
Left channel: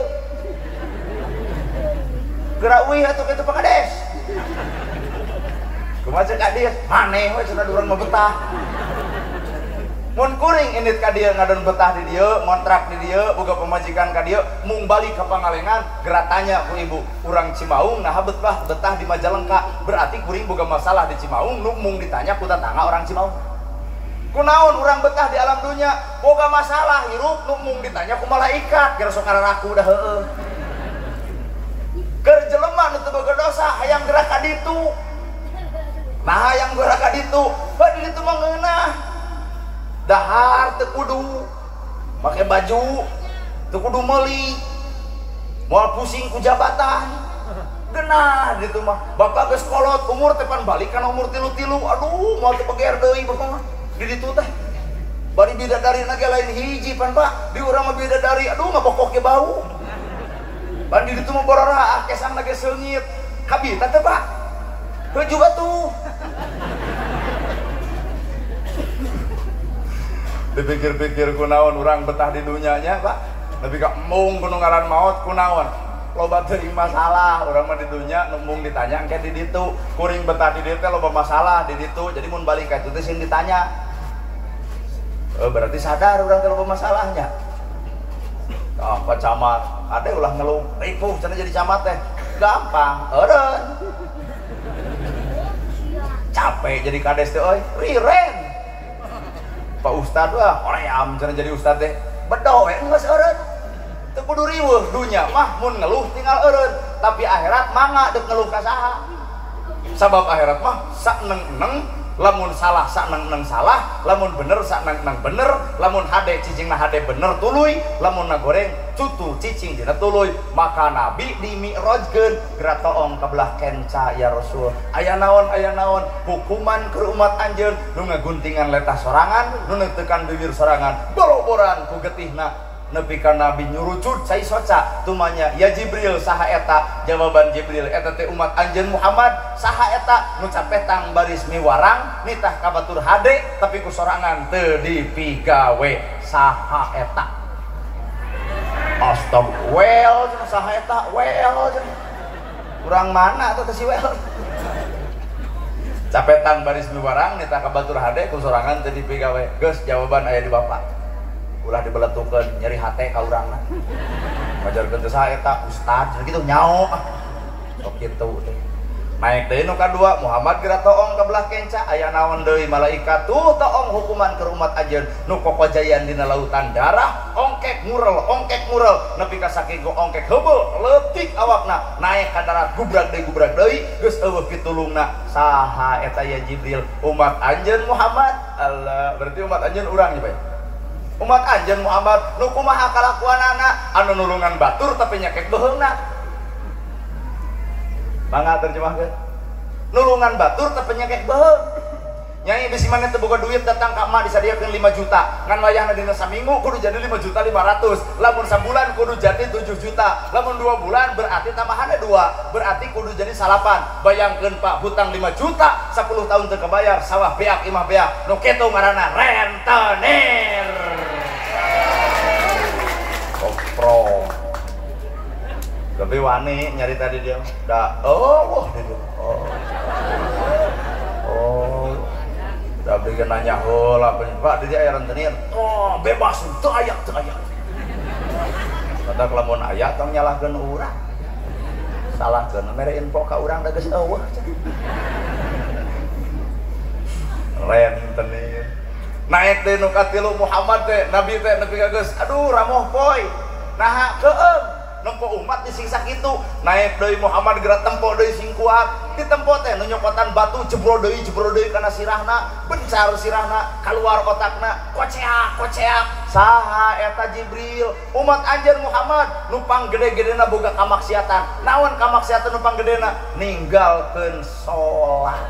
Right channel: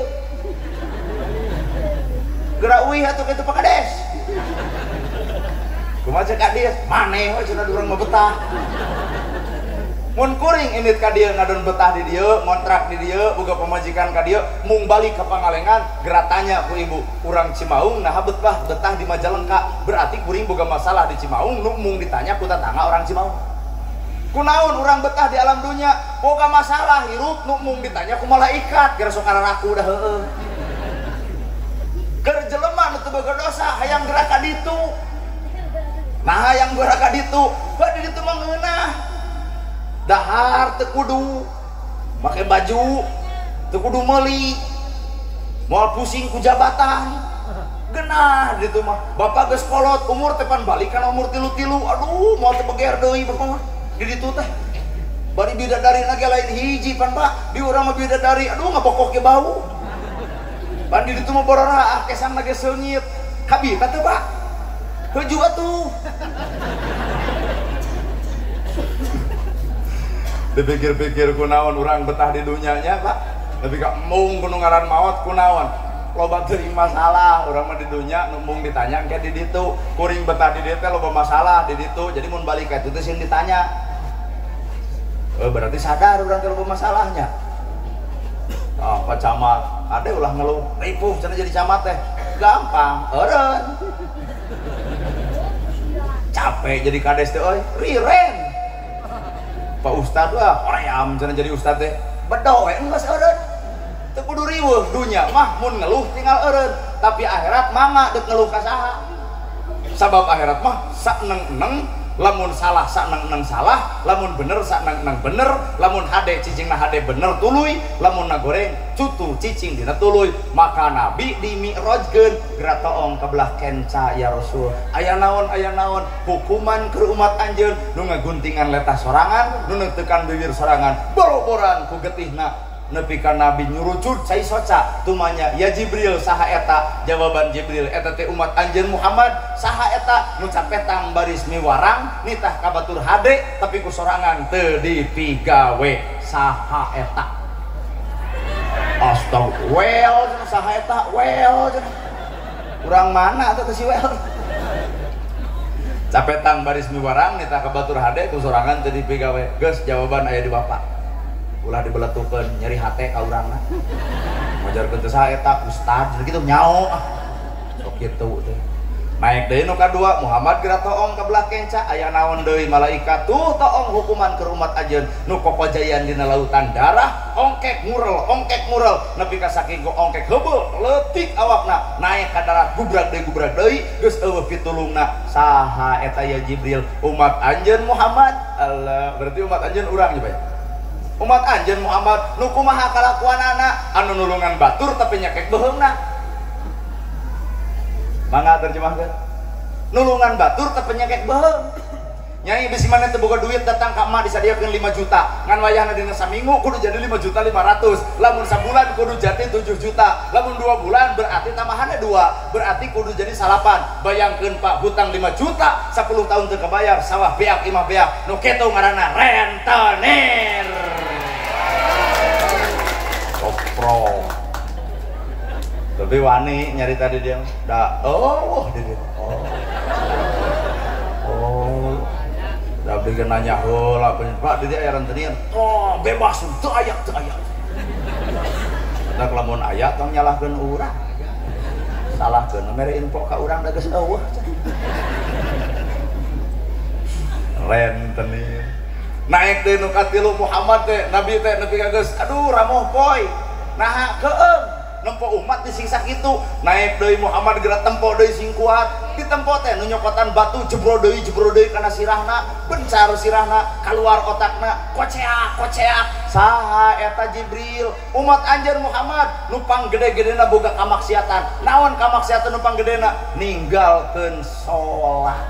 geura euy atuh kitu pakades kumaha cek adieu maneh we cenah urang mah betah mun kuring indit ka dieu ngadon betah di dieu ngontrak di dieu boga pamajikan ka dieu mung balik ke Pangalengan geura tanya ku ibu urang Cimaung nah betah di Majalengka berarti kuring boga masalah di Cimaung nu mung ditanya ku tatangga orang Cimaung kunaon urang betah di alam dunya boga masalah hirup nu mung ditanya ku malaikat kira sok kararaku dah heueuh keur jelema nu teu boga dosa hayang geura ka ditu nah hayang geura ka ditu di ditu mah ngeunah dahar teu kudu make baju teu kudu meuli moal pusing ku jabatan genah ditu mah bapak geus kolot umur teh pan balik kana umur 33 aduh moal teu beger deui bapak mah di ditu teh bari bidadari ge lain hiji pan Pak di urang mah bidadari aduh ngabokok ge bau pan di ditu mah borora kesang ge seungit habibna teh Pak heuh juga tuh dipikir-pikir kunaon urang betah di dunyanya Pak tapi gak mung gunung ngaran maot kunaon loba teuing masalah urang mah di dunya nu mung ditanya engke di ditu kuring betah di dieu teh loba masalah di ditu jadi mun balik ka ditu teh sing ditanya berarti sadar urang teh loba masalahnya apa camat ada ulah ngeluh ripuh cenah jadi camat teh gampang eureun capek jadi kades teh euy riren Pak Ustad hoream cenah jadi ustad teh bedo we geus eureun teu kudu riweuh dunya mah mun ngeluh tinggal eureun tapi akhirat mangga deuk ngeluh ka saha sabab akhirat mah sakneng-neng lamun salah sakneng-neng salah lamun bener sakneng-neng bener lamun hade cicingna hade bener tuluy lamun nagoreng cutu cicing dina tuluy maka nabi di mi'rajkeun geura toong ka belah kenca ya Rasul aya naon hukuman keur umat anjeun nu ngaguntingan letah sorangan nu neutekan bibir sorangan boroboran ku getihna nepi ka nabi nyurucut cai soca tumanya ya Jibril saha eta jawaban Jibril eta teh umat anjeun Muhammad saha eta nu capetang baris miwarang nitah ka batur hade tapi ku sorangan teu dipigawe saha eta astagfirullah saha eta well urang mana teh si well capetang baris miwarang nitah ka batur hade ku sorangan teu dipigawe geus jawaban aya di bapak ulah dibeletukeun nyeri hate ka urangna ngajarkeun teh saha eta ustad kitu nyao sok kitu teh naik deui nu kadua Muhammad geura toong ka belah kenca aya naon deui malaikat tuh toong hukuman ke umat anjeun nu kokojayan dina lautan darah ongkek ngurel nepi ka saking ongkek heubeul leutik awakna naik ka darat gubrak deui geus eueuh pitulungna saha eta ya Jibril umat anjeun Muhammad Allah berarti umat anjeun urang ieu bae umat anjeun Muhammad nu kumaha kalakuanana anu nulungan batur tapi nyakek beheungna mangga terjemahkeun nulungan batur teu penyakit beheung. Nyai bisi mana teu boga duit datang ka emak disadiakeun 5 juta. Ngan wayahna dina saminggu kudu jadi 5.500.000. Lamun sabulan kudu jadi 7 juta. Lamun 2 bulan berarti tambahannya 2. Berarti kudu jadi 8. Bayangkeun Pak, hutang 5 juta, 10 tahun teu kebayar, sawah beak imah beak. Nu kitu ngaranna rentenir. Kopro. Tapi wani nyari tadi dia. Da wah dia. Oh. Tapi dia nanya, Pak, dia aya rentenir. Oh, bebas, teu aya. Kata lamun aya tong nyalahkeun urang. Salahkeun mere info ka urang da geus eueuh. Rentenir. Naik deui nu katilu Muhammad teh, Nabi teh nepi ka geus, aduh ramoh poe. Naha keung. Nempo umat disiksa gitu. Naik deui Muhammad geura tempo deui sing kuat. Di tempo teh nu nyokotan batu jebrol deui kana sirahna, bencar sirahna keluar otakna, koceak. Saha eta Jibril? Umat anjeun Muhammad nu panggede-gedena boga kamaksiatan. Naon kamaksiatan nu panggedena? Ninggalkeun salat.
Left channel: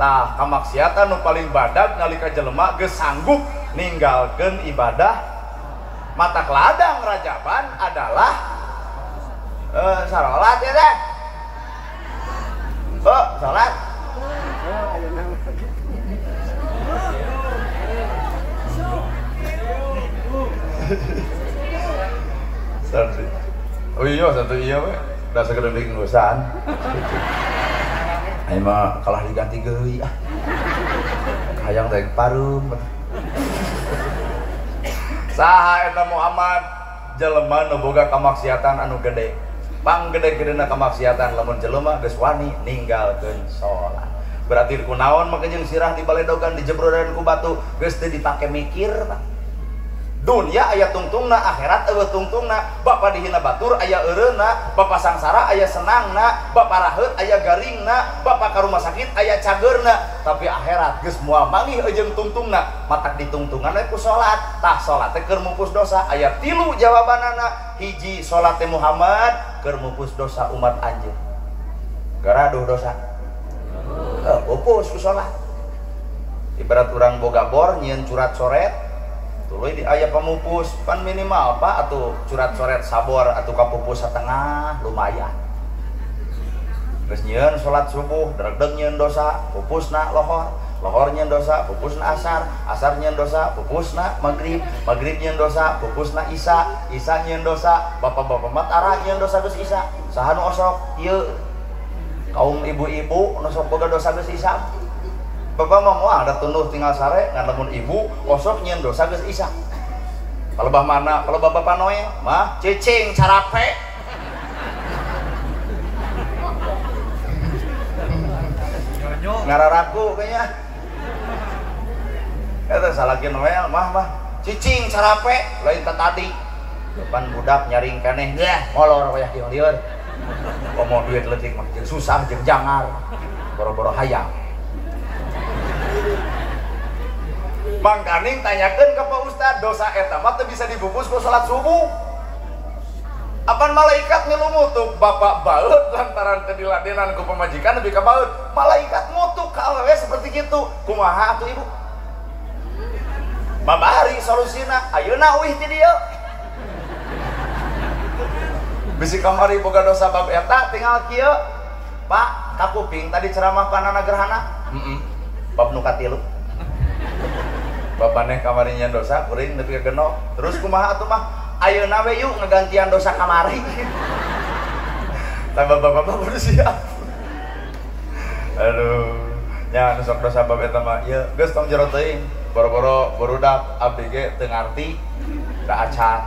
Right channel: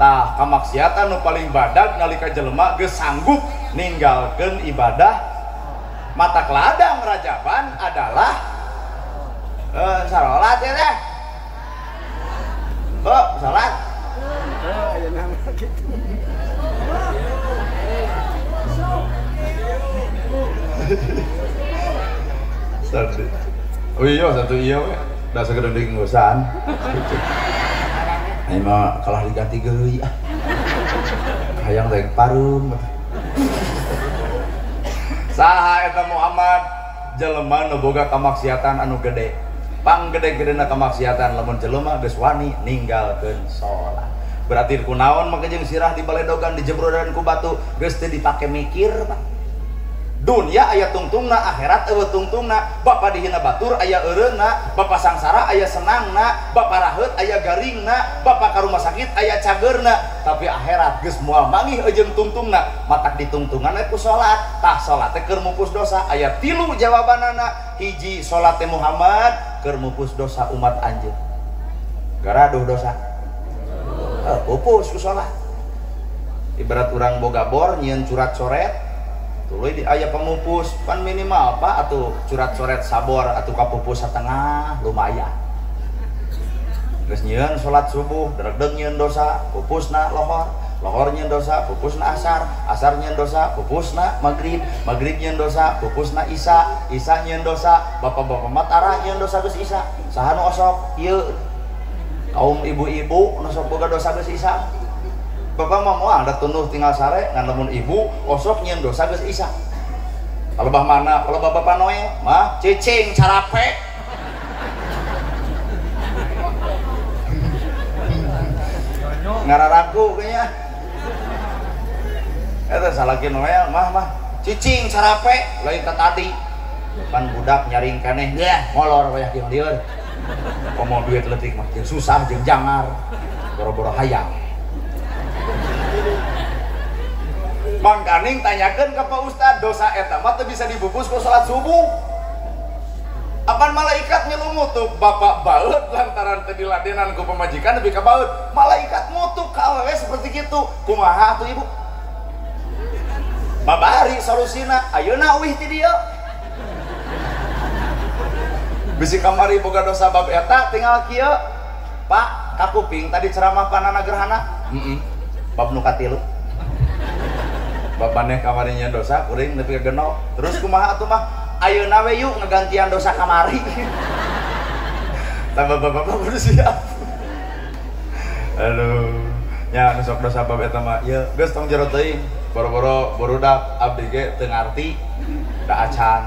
Tah kamaksiatan nu paling badag nalika jelema geus sanggup ninggalkeun ibadah. Mata keladang rajaban adalah salat ya teh. Salat. Oh iya satu iya we. Da sagede ngusan. Ini mah kalah diganti geui ah. Hayang daek parum. Saha eta Muhammad jelema nu boga kamaksiatan anu gede. Panggede-gedena kamaksiatan lamun jelema geus wani ninggalkeun salat. Berarti kunaon mangke jeung sirah dibaledogan dijebrodan ku batu geus teu dipake mikir, Pak. Dunia aya tungtungna, akhirat eueuh tungtungna. Bapa dihina batur aya eureuna, bapa sangsara aya senangna, bapa raheut aya garingna, bapa ka rumah sakit aya cageurna. Tapi akhirat geus moal mangih jeung tungtungna, matak ditungtungan ku salat. Tah salat teh keur mupus dosa. Aya 3 jawabanana. Hiji, salat teh Muhammad keur mupus dosa umat anjeun. Garaduh dosa. Pupus ku salat. Ibarat urang boga bor nyieun curat coret, tuluy di aya pamupus pan minimal Pak atuh curat coret sabor atuh kapupus satengah lumayan. Geus nyieun salat subuh dregdeg nyieun dosa, pupusna lohor, lohor nyieun dosa, pupusna asar, asar nyieun dosa, pupusna maghrib, maghrib nyieun dosa, pupusna isya, isya nyieun dosa, bapak-bapak matara nyieun dosa geus isya. Saha nu osok? Ieu kaum ibu-ibu nu sok boga dosa geus isya. Bapak mah moal da tunduh tinggal sare ngan lamun ibu osok nyieun dosa geus isya. Kalau bah mana? Kalau bapak noe mah cicing carape. Ngararaku kayaknya. Eta salakin noe mah cicing carape lain ka tadi. Depan budak nyaring keneh yah molor wayah di lieur. Komo dia geletik makin susah jeung jangar. Boro-boro hayang. Mangkaning tanyakeun ka Pak Ustad, dosa eta mah teu bisa dibungkus ku salat subuh. Apan malaikat nyelumutuk bapak baeut lantaran teu diladenan ku pamajikan nepi ka baeut. Malaikat mutuk ka awewe seperti kitu. Kumaha atuh Ibu? Mabari solusina, ayeuna euih ti dieu. Bisi kamari boga dosa bab eta tinggal kieu. Pak, kakuping tadi ceramah panana gerhana. Bab nu katilu. Bab maneh kamarinya dosa kuring nepi ka genok. Terus kumaha atuh mah? Ayeuna we yuk ngegantian dosa kamari. Tambah bapak-bapak kudu siap. Aduh, nya sok dosa bab eta mah ieu geus tong jero teuing. Boro-boro burudak abdi ge teu ngarti ka acan.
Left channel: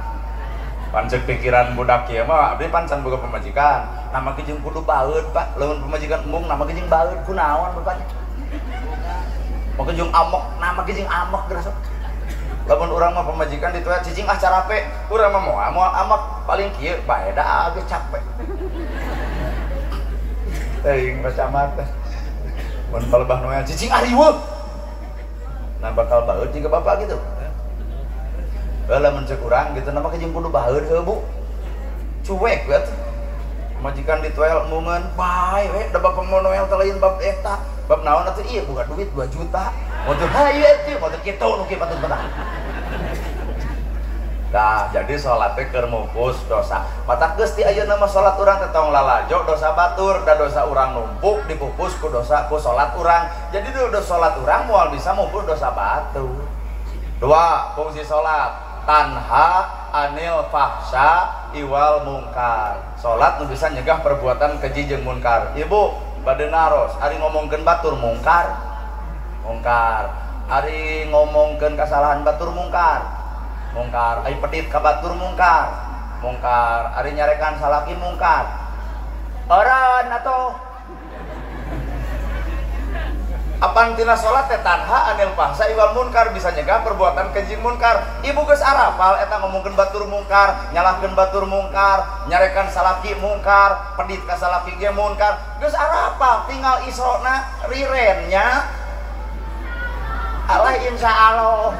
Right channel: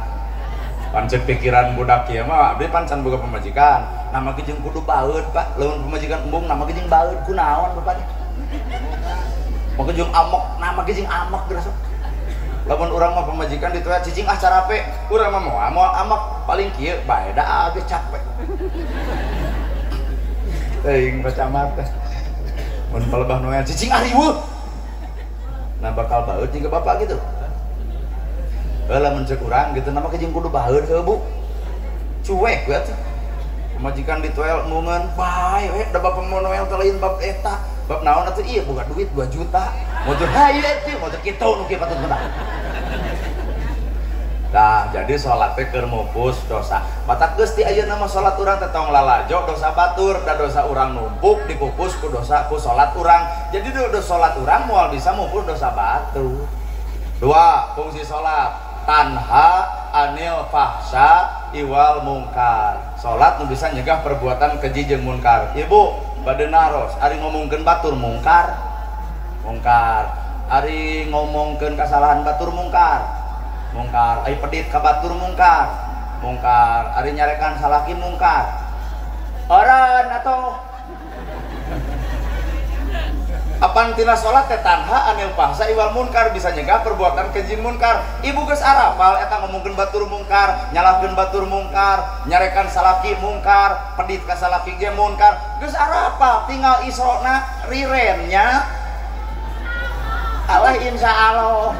Pancen pikiran budak kieu mah abdi pancan boga pamajikan. Nama ge jeung kudu baeut, Pak. Lamun pamajikan embung nama ge jeung baeut kunaon, Bapak? Maka jeung amok, nama ge jeung amok dirasa. Lamun urang mah pamajikan dituet cicing carape, urang mah moal amok paling kieu bae da ge capek. Teuing bacamat teh. Mun palebah noel cicing ariweuh. Nah bakal baeut jiga bapak gitu. Lamun ceuk urang gitu nama ge jeung kudu baeut heuh Bu. Cuek we atuh. majikan di toel mungan bae we da bapak monoel telain bab eta bab naon atuh ieu boga duit 2 juta motor haye teh motor kitu nu kieu patut menang. Nah, jadi sholatnya keur mupus dosa. Matak geus ti ayeuna mah sholat urang teh tong lalajo dosa batur da dosa urang numpuk dipupus ku dosa ku sholat urang. Jadi dosa sholat urang moal bisa mupus dosa batur. 2. Fungsi sholat tanha anil fahsya iwal mungkar. Sholat nu bisa nyegah perbuatan keji jeung munkar. Ibu bade naros ari ngomongkeun batur mungkar. Ari ngomongkeun kasalahan batur mungkar. Ari pedit ka batur mungkar. Ari nyarekan salaki mungkar. Oron atau apang tina salat teh tanha anil fahsya iwal munkar bisa nyegah perbuatan keji munkar. Ibu geus arapal eta ngomongkeun batur mungkar, nyalahkeun batur mungkar, nyarekan salaki mungkar, pedit ka salaki ge munkar. Geus arapal tinggal isrona rirennya. Allah insyaallah.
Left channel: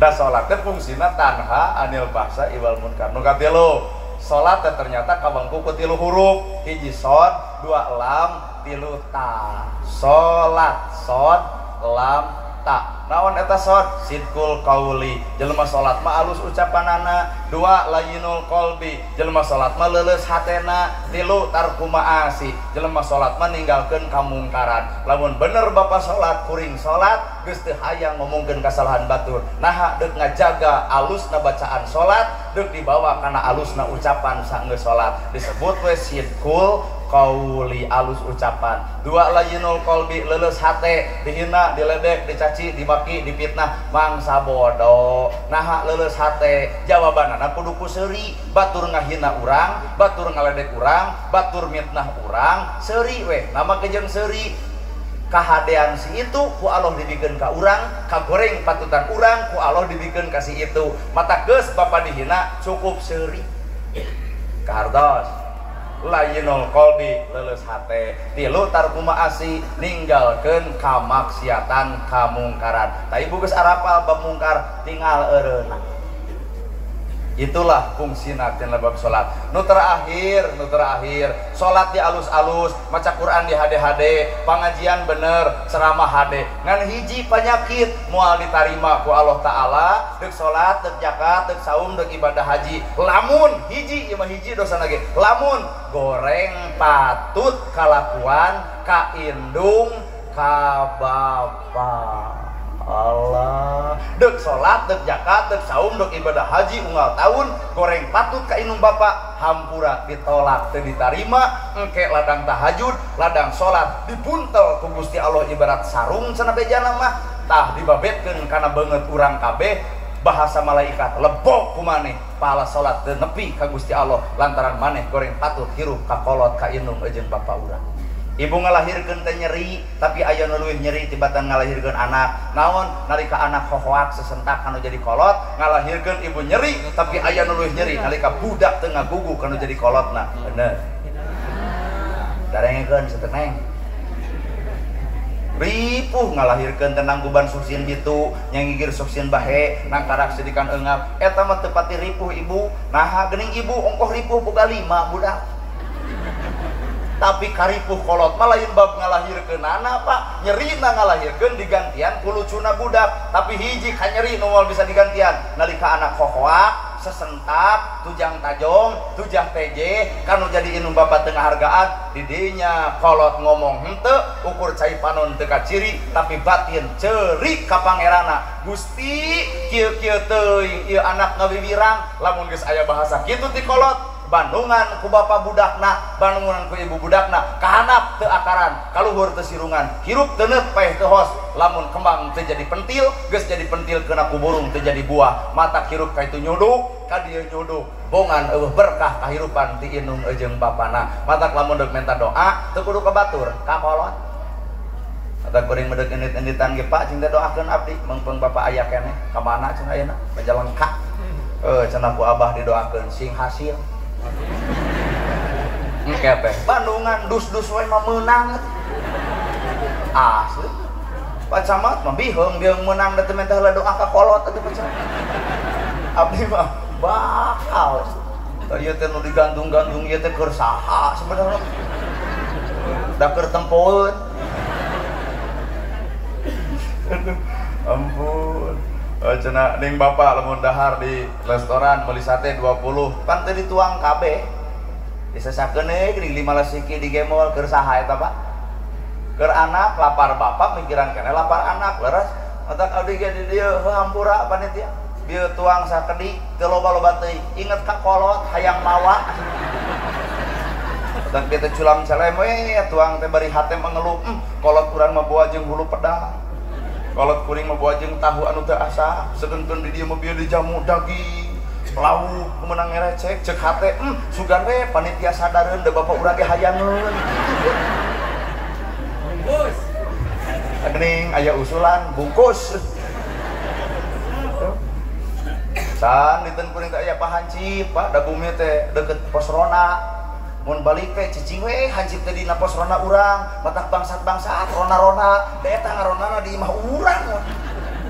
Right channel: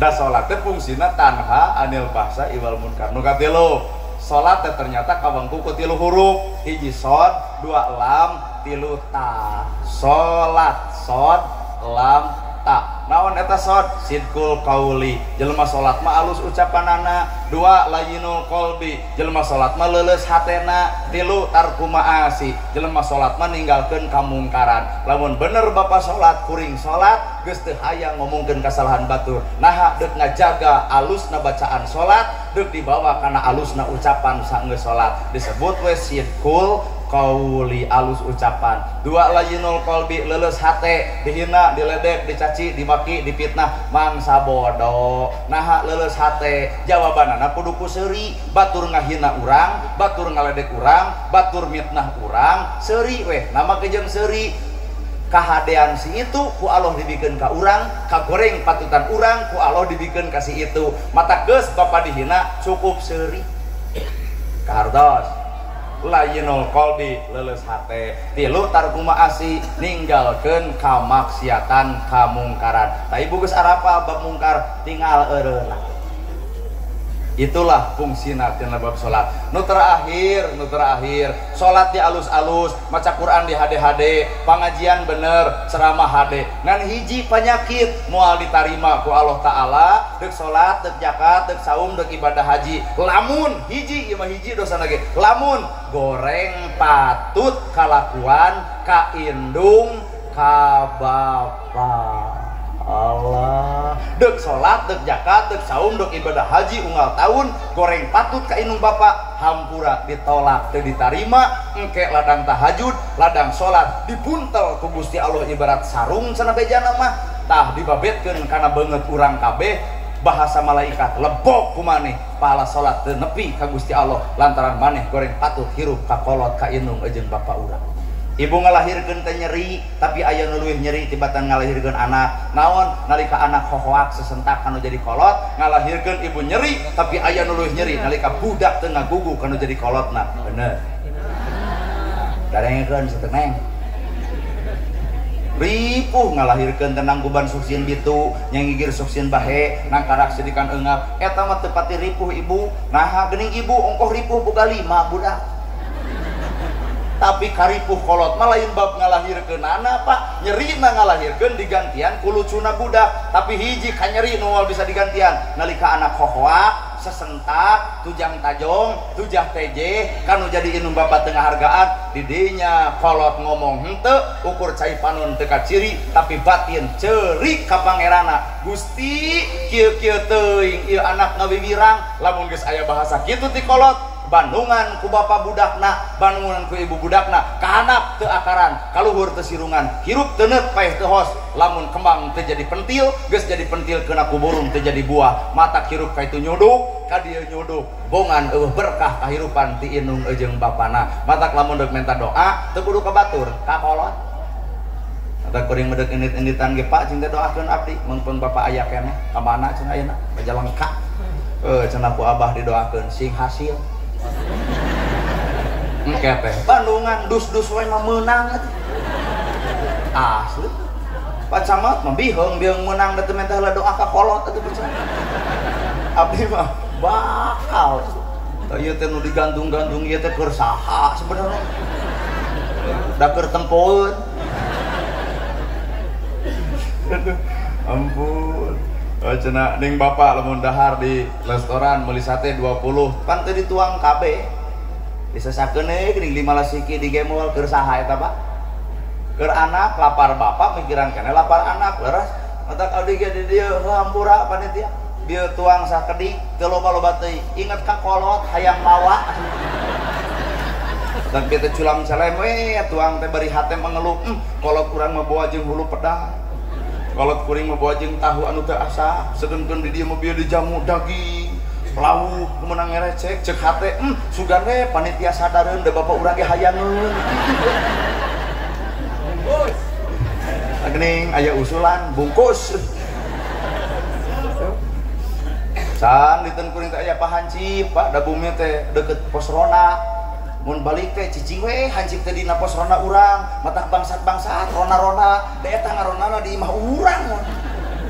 Da salat teh fungsina tanha anil fahsya iwal munkar. Nu katilu, salat teh ternyata kabengku ku 3 huruf. 1 shod, 2 lam, 3 ta. Salat shod, lam, ta. Naon eta shod? Sidqul qauli. Jelema salat mah alus ucapanana. 2 layyinul qalbi. Jelema salat mah leuleus hatena. 3 tarku ma'asi. Jelema salat mah ninggalkeun kamungkaran. Lamun bener Bapak salat kuring salat geus teu hayang ngomongkeun kasalahan batur. Naha deuk ngajaga alusna bacaan salat, deuk dibawa kana alusna ucapan saenggeus salat. Disebut we sidqul qauli, alus ucapan. 2 layyinul qalbi, leuleus hate, dihina, diledek, dicaci, dibaki, dipitnah, mangsa bodoh. Naha leuleus hate, jawabanana kudu ku seuri. Batur ngahina urang, batur ngaledek urang, batur mitnah urang, seuri weh. Nama kejeun seuri. Kahadean si itu ku Allah dibikeun ka urang, kagoreng patutan urang ku Allah dibikeun ka si itu. Mata geus bapa dihina cukup seuri. Kartos layyinul qalbi, leuleus hate. 3 tarku ma'asi, ninggalkeun kamaksiatan kamungkaran. Ta ibu geus arapal bab mungkar tinggal eureuna. Itulah fungsina tina bab salat. Nu terakhir salat di alus-alus, maca Quran di hade-hade, pangajian bener, ceramah hade. Ngan hiji penyakit moal ditarima ku Allah taala, deuk salat, deuk zakat, deuk saum, deuk ibadah haji. Lamun hiji ieu mah hiji dosana ge. Lamun goreng patut kalakuan ka indung ka bapa. Allah deuk salat, deuk zakat, deuk saum, deuk ibadah haji unggal tahun, goreng patut ka indung bapa, hampura ditolak teu ditarima, engke ladang tahajud, ladang salat dipuntel ku Gusti Allah ibarat sarung cenah bejana mah, tah dibabetkeun kana beungeut urang kabeh. Bahasa malaikat lebok ku maneh, pahala salat teu nepi ka Gusti Allah lantaran maneh goreng patut hirup ka kolot ka indung eujeun bapa urang. Ibu ngalahirkeun teh nyeri, tapi aya nu leuwih nyeri tibatan ngalahirkeun anak. Naon? Nalika anak hohoak sesentak kanu jadi kolot, ngalahirkeun ibu nyeri, tapi aya nu leuwih nyeri nalika budak teu ngagugu kanu jadi kolotna. Bener. Darengekeun setengah. Ripuh ngalahirkeun tenang guban suksin ditu, nyangigir suksin bahe, nangkarak sedikan eungap. Eta mah teu pati ripuh ibu. Naha geuning ibu ongkoh ripuh boga 5 budak. Tapi karipuh kolot mah lain bab ngalahirkeun anak Pak. Nyerina ngalahirkeun digantian ku lucuna budak, tapi hiji ka nyeri nu moal bisa digantian nalika anak hohoak, sesentak, tujang tajong, tujah teje, kanu jadi inung bapa tengah hargaan, didinya kolot ngomong henteu, ukur cai panon teu kaciri, tapi batin ceurik ka pangerana. Gusti, kieu-kieu teuing ieu anak ngawiwirang, lamun geus aya bahasa kitu ti kolot. Bandungan ku bapa budakna, bandungan ku ibu budakna, kahanap teu akaran, kaluhur teu sirungan, hirup teu neut paeh teu hos, lamun kembang teu jadi pentil, geus jadi pentil kena ku burung teu jadi buah, mata hirup ka itu nyuduk, ka dieu nyuduk, bongan eueuh berkah kahirupan ti indung eujeung bapana. Mata lamun deuk minta doa, teu kudu ka batur, ka kolot. Mata kuring meudeuh endit-enditan ge Pak, cinta doakeun abdi, mengpeung bapa aya keneh, ka mana cenah ayeuna? Ka Jalengka. Cenah ku Abah didoakeun sing hasil. Engke teh Bandungan dus-dus we mah meunang asli. Pak Camat mah biheung menang da teu mentah doa ka kolot atuh Pak Camat. Abdi mah bakal ieu teh nu digantung-gantung ieu teh keur saha sebenarnya da keur tempoeun ampun cenah ning bapak lamun dahar di restoran meuli sate 20 kan teh dituang kabeh disesakeun geuning 15 siki digemol keur saha eta Pak keur anak lapar bapak mikiran keneh lapar anak leres entak abdi ge di dieu hampura panitia dia tuang sakedik ke loba-loba teuing inget ka kolot hayang mawa dan kita culang calem we tuang teh bari hate mengeluh kolot urang mah bawa jeung hulu pedang kolot kuring mah bawa jeung tahu anu teu asa sedengkeun di dieu mah bieu dijamu daging lauk meunang ngerecek ceuk hate sugan we panitia sadareun da bapak urang ge hayangeun bos geuning aya usulan bungkus san diteun kuring teh aya Pak Hansip Pak da bumi teh deket pos rona mun balik teh cicing we Hansip teh dina pos rona urang matak bangsat-bangsat rona-rona da eta ngaronana di imah urang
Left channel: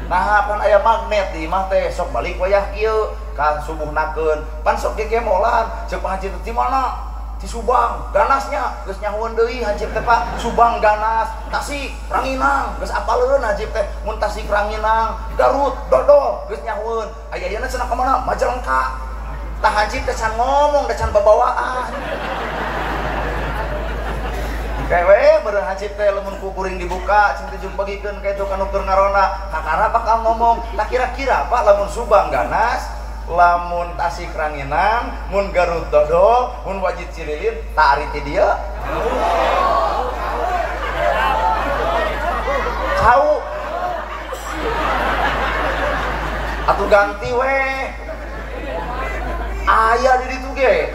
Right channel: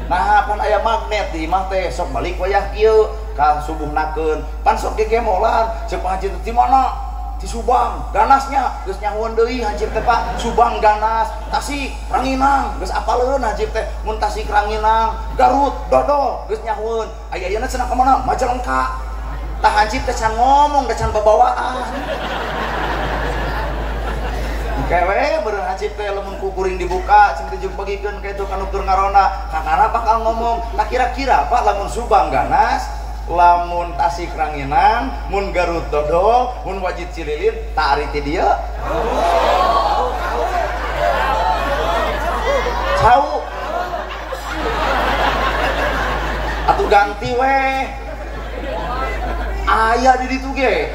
nah pun aya magnet di imah teh sok balik wayah kieu ka subuhnakeun pan sok gegemolan ceuk Pak Hansip di mana di Subang ganasnya geus nyahueun deui Hansip teh Pak Subang ganas Tasik Ranginang geus apaleun Hansip teh mun Tasik Ranginang Garut Dodol geus nyahueun aya ayeuna cenah ka mana Majalengka tah Hansip teh can ngomong da can babawaan kewe beureun Hansip teh lamun ku kuring dibuka cing teh jeung bagikeun ka itu kanu keur ngarona kakara bakal ngomong tak kira-kira Pak lamun Subang ganas lamun Tasik Ranginang mun Garut Dodol mun Wajid Cililin tak ari ti dieu cau atuh ganti we aya di ditu ge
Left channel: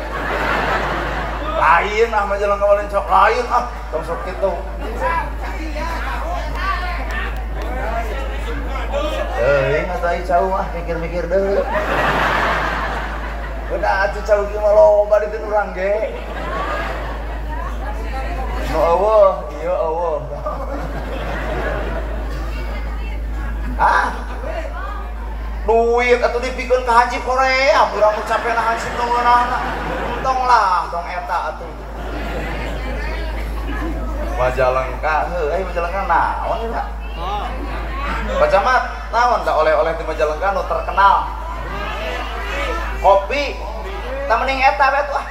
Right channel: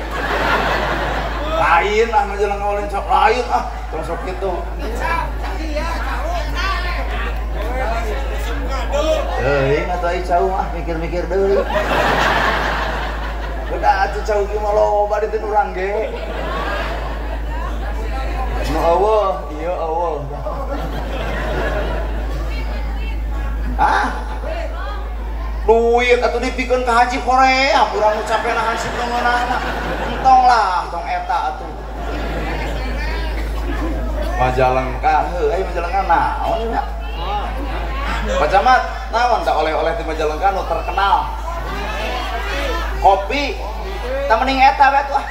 lain Majalengka walin sok lain tong sok kitu ingat aja cau mah mikir-mikir deui. Udah atuh cau ge mah loba di urang ge. Nu eueuh, ieu eueuh. Duit atuh dipikeun ka haji Korea, urang nu capena hansip ngeunahna. Entong lah, tong eta atuh. Majalengka heuh, Majalengka naon ya? Pak Camat, naon tak oleh-oleh di Majalengka nu terkenal? Kopi, tak mending eta we tuh.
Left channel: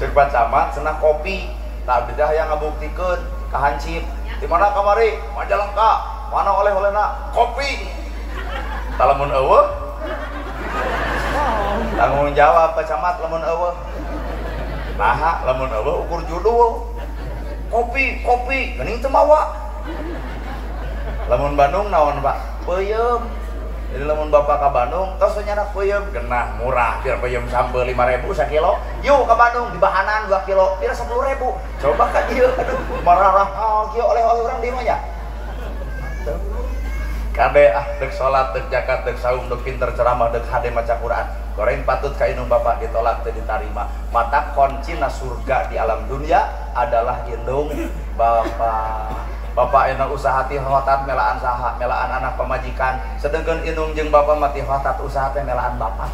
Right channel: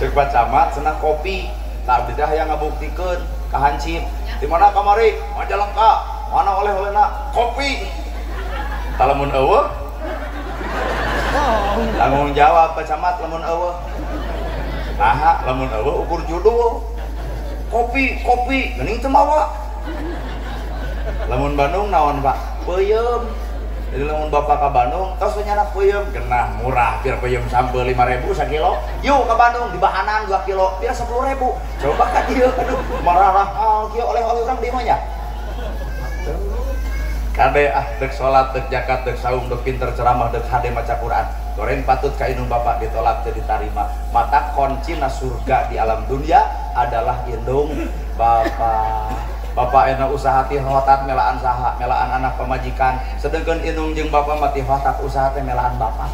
Cek Pak Camat cenah kopi, tak abdi dah yang ngabuktikeun ka Hansip. Di mana kamari? Majalengka. Mana oleh-olehna? Kopi. Lamun eueuh? Lamun jawab Pak Camat lamun eueuh. Nah, lamun eueuh ukur judul. Kopi, geuning teu mawa. Lamun Bandung naon Pak? Peuyeum. Jadi lamun Bapak ka Bandung tos nyana peuyeum genah murah pira peuyeum sampe 5.000 sakilo. Yuk ka Bandung di bahanan 2 kilo pira 10.000. Coba ka dieu marah kieu oleh-oleh urang di mah nya. Kade deuk salat, deuk zakat, deuk saum, deuk pinter ceramah, deuk hade maca Quran. Goreng patut ka indung Bapak ditolak teu ditarima. Mata kuncina surga di alam dunia adalah indung Bapak. Bapak enak usaha ti hotat melaan saha, melaan anak pemajikan. Sedengkeun indung jeung bapak mati hotat usaha teh melaan bapak.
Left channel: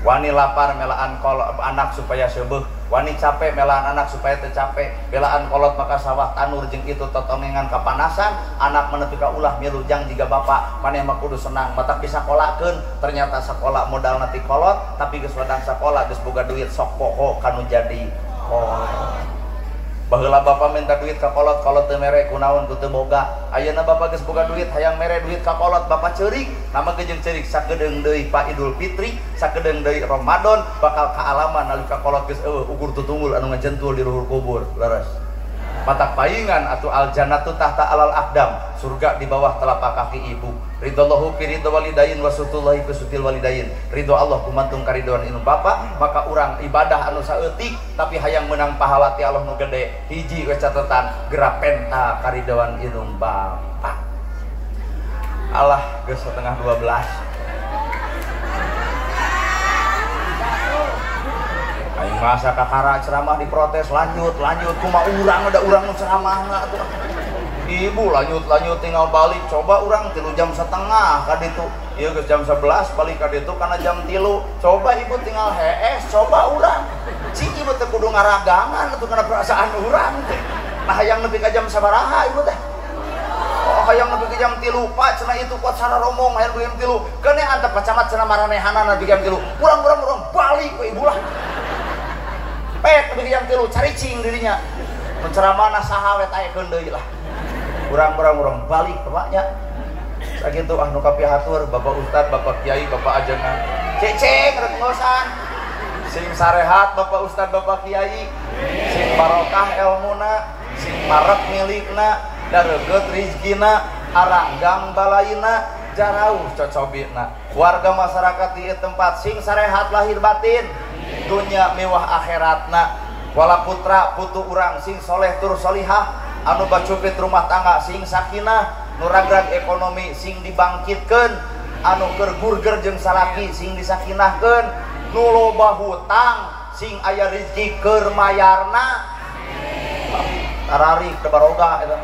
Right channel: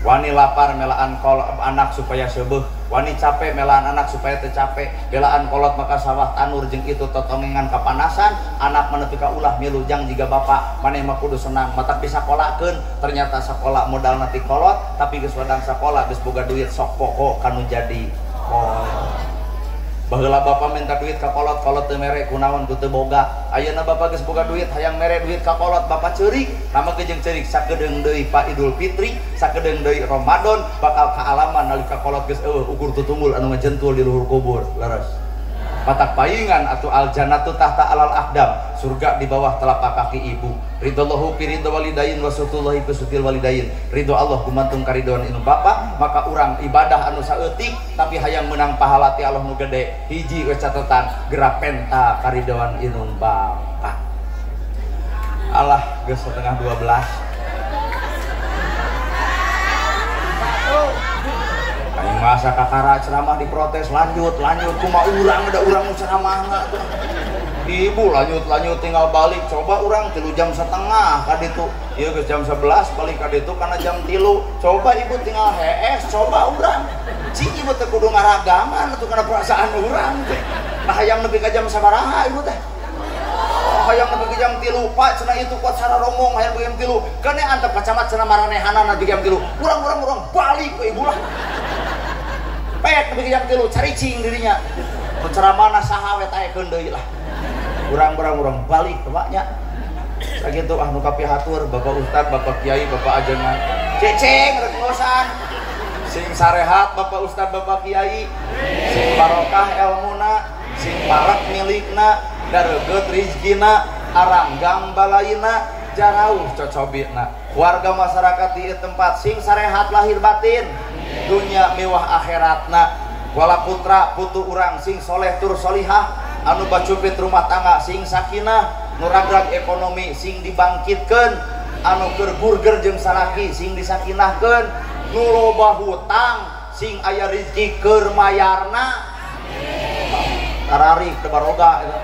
Wani lapar melaan anak supaya seubeuh, wani capek melaan anak supaya teu capek. Belaan kolot maka sawah tanur jeung itu totongengan kapanasan, anak menepi ka ulah milu jang jiga bapak, maneh mah kudu senang. Matak disakolakeun, ternyata sakola modal nanti kolot, tapi geus wadang sakola geus boga duit sok poho kanu jadi kolot. Baheula bapak minta duit ka kolot teu mere kunaon ku teu boga. Ayeuna bapak geus boga duit hayang mere duit ka kolot bapak ceurik. Nama jeung ceurik sakedeung deui Pak Idul Fitri, sakedeung deui Ramadan bakal kaalaman nalika kolot geus eueuh ukur tutunggul anu ngajentul di luhur kubur. Leres. Mata paingan atuh al jannatu tahta alal aqdam, surga di bawah telapak kaki ibu. Ridallahu fi ridho walidain wa sutullahi fi sutil walidain. Ridho Allah kumantung karidoan indung bapak, maka urang ibadah anu saeutik tapi hayang menang pahala ti Allah nu gede. Hiji we catetan gerak penta karidoan indung bapak. Allah geus setengah 12. masa kakara ceramah diprotes lanjut cuma urang ada urang nu ceramahna ibu lanjut tinggal balik coba urang 3 jam setengah ka ditu ieu geus jam 11 balik ka ditu kana jam 3 coba ibu tinggal hees coba urang cing ibu teh kudu ngaragangan atuh kana perasaan urang teh nah hayang nepi ka jam sabaraha ibu teh hayang nepi ka jam 3 Pak cenah itu kuat cara romong hayang jam 3 kene antep pacamat cenah maranehanana di jam 3 urang balik we ibu lah pek nepi ka jam 3 caricing dirinya ceramahna saha we taekeun deui lah urang balik bapaknya sakitu anu kapihatur Bapak Ustad Bapak Kiai Bapak ajengan ceceng rek ngosan sing sarehat Bapak Ustad Bapak Kiai sing barokah elmuna sing paret milikna dareget rizkina aranggang balaina jarauh cocobina warga masyarakat di tempat sing sarehat lahir batin dunia mewah akhiratna wala putra putu urang sing soleh tur solihah anu bacupit rumah tangga sing sakinah nuragrag ekonomi sing dibangkitkeun anu keur burger jeung salaki sing disakinahkeun nu loba hutang sing aya rezeki keur mayarna ararik teu baroga eta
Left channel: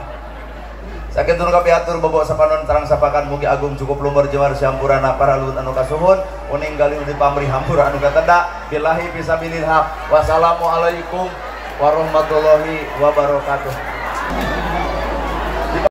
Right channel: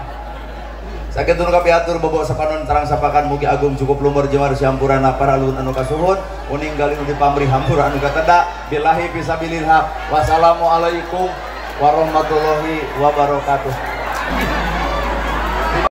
sakitu kapiatur bobo sapanon tarang sapakan mugi agung cukup lumur jemar sampurana para luhur anu kasuhun uning gali nu dipamrih hampura anu kateda billahi fisabilillah wassalamualaikum warahmatullahi wabarakatuh.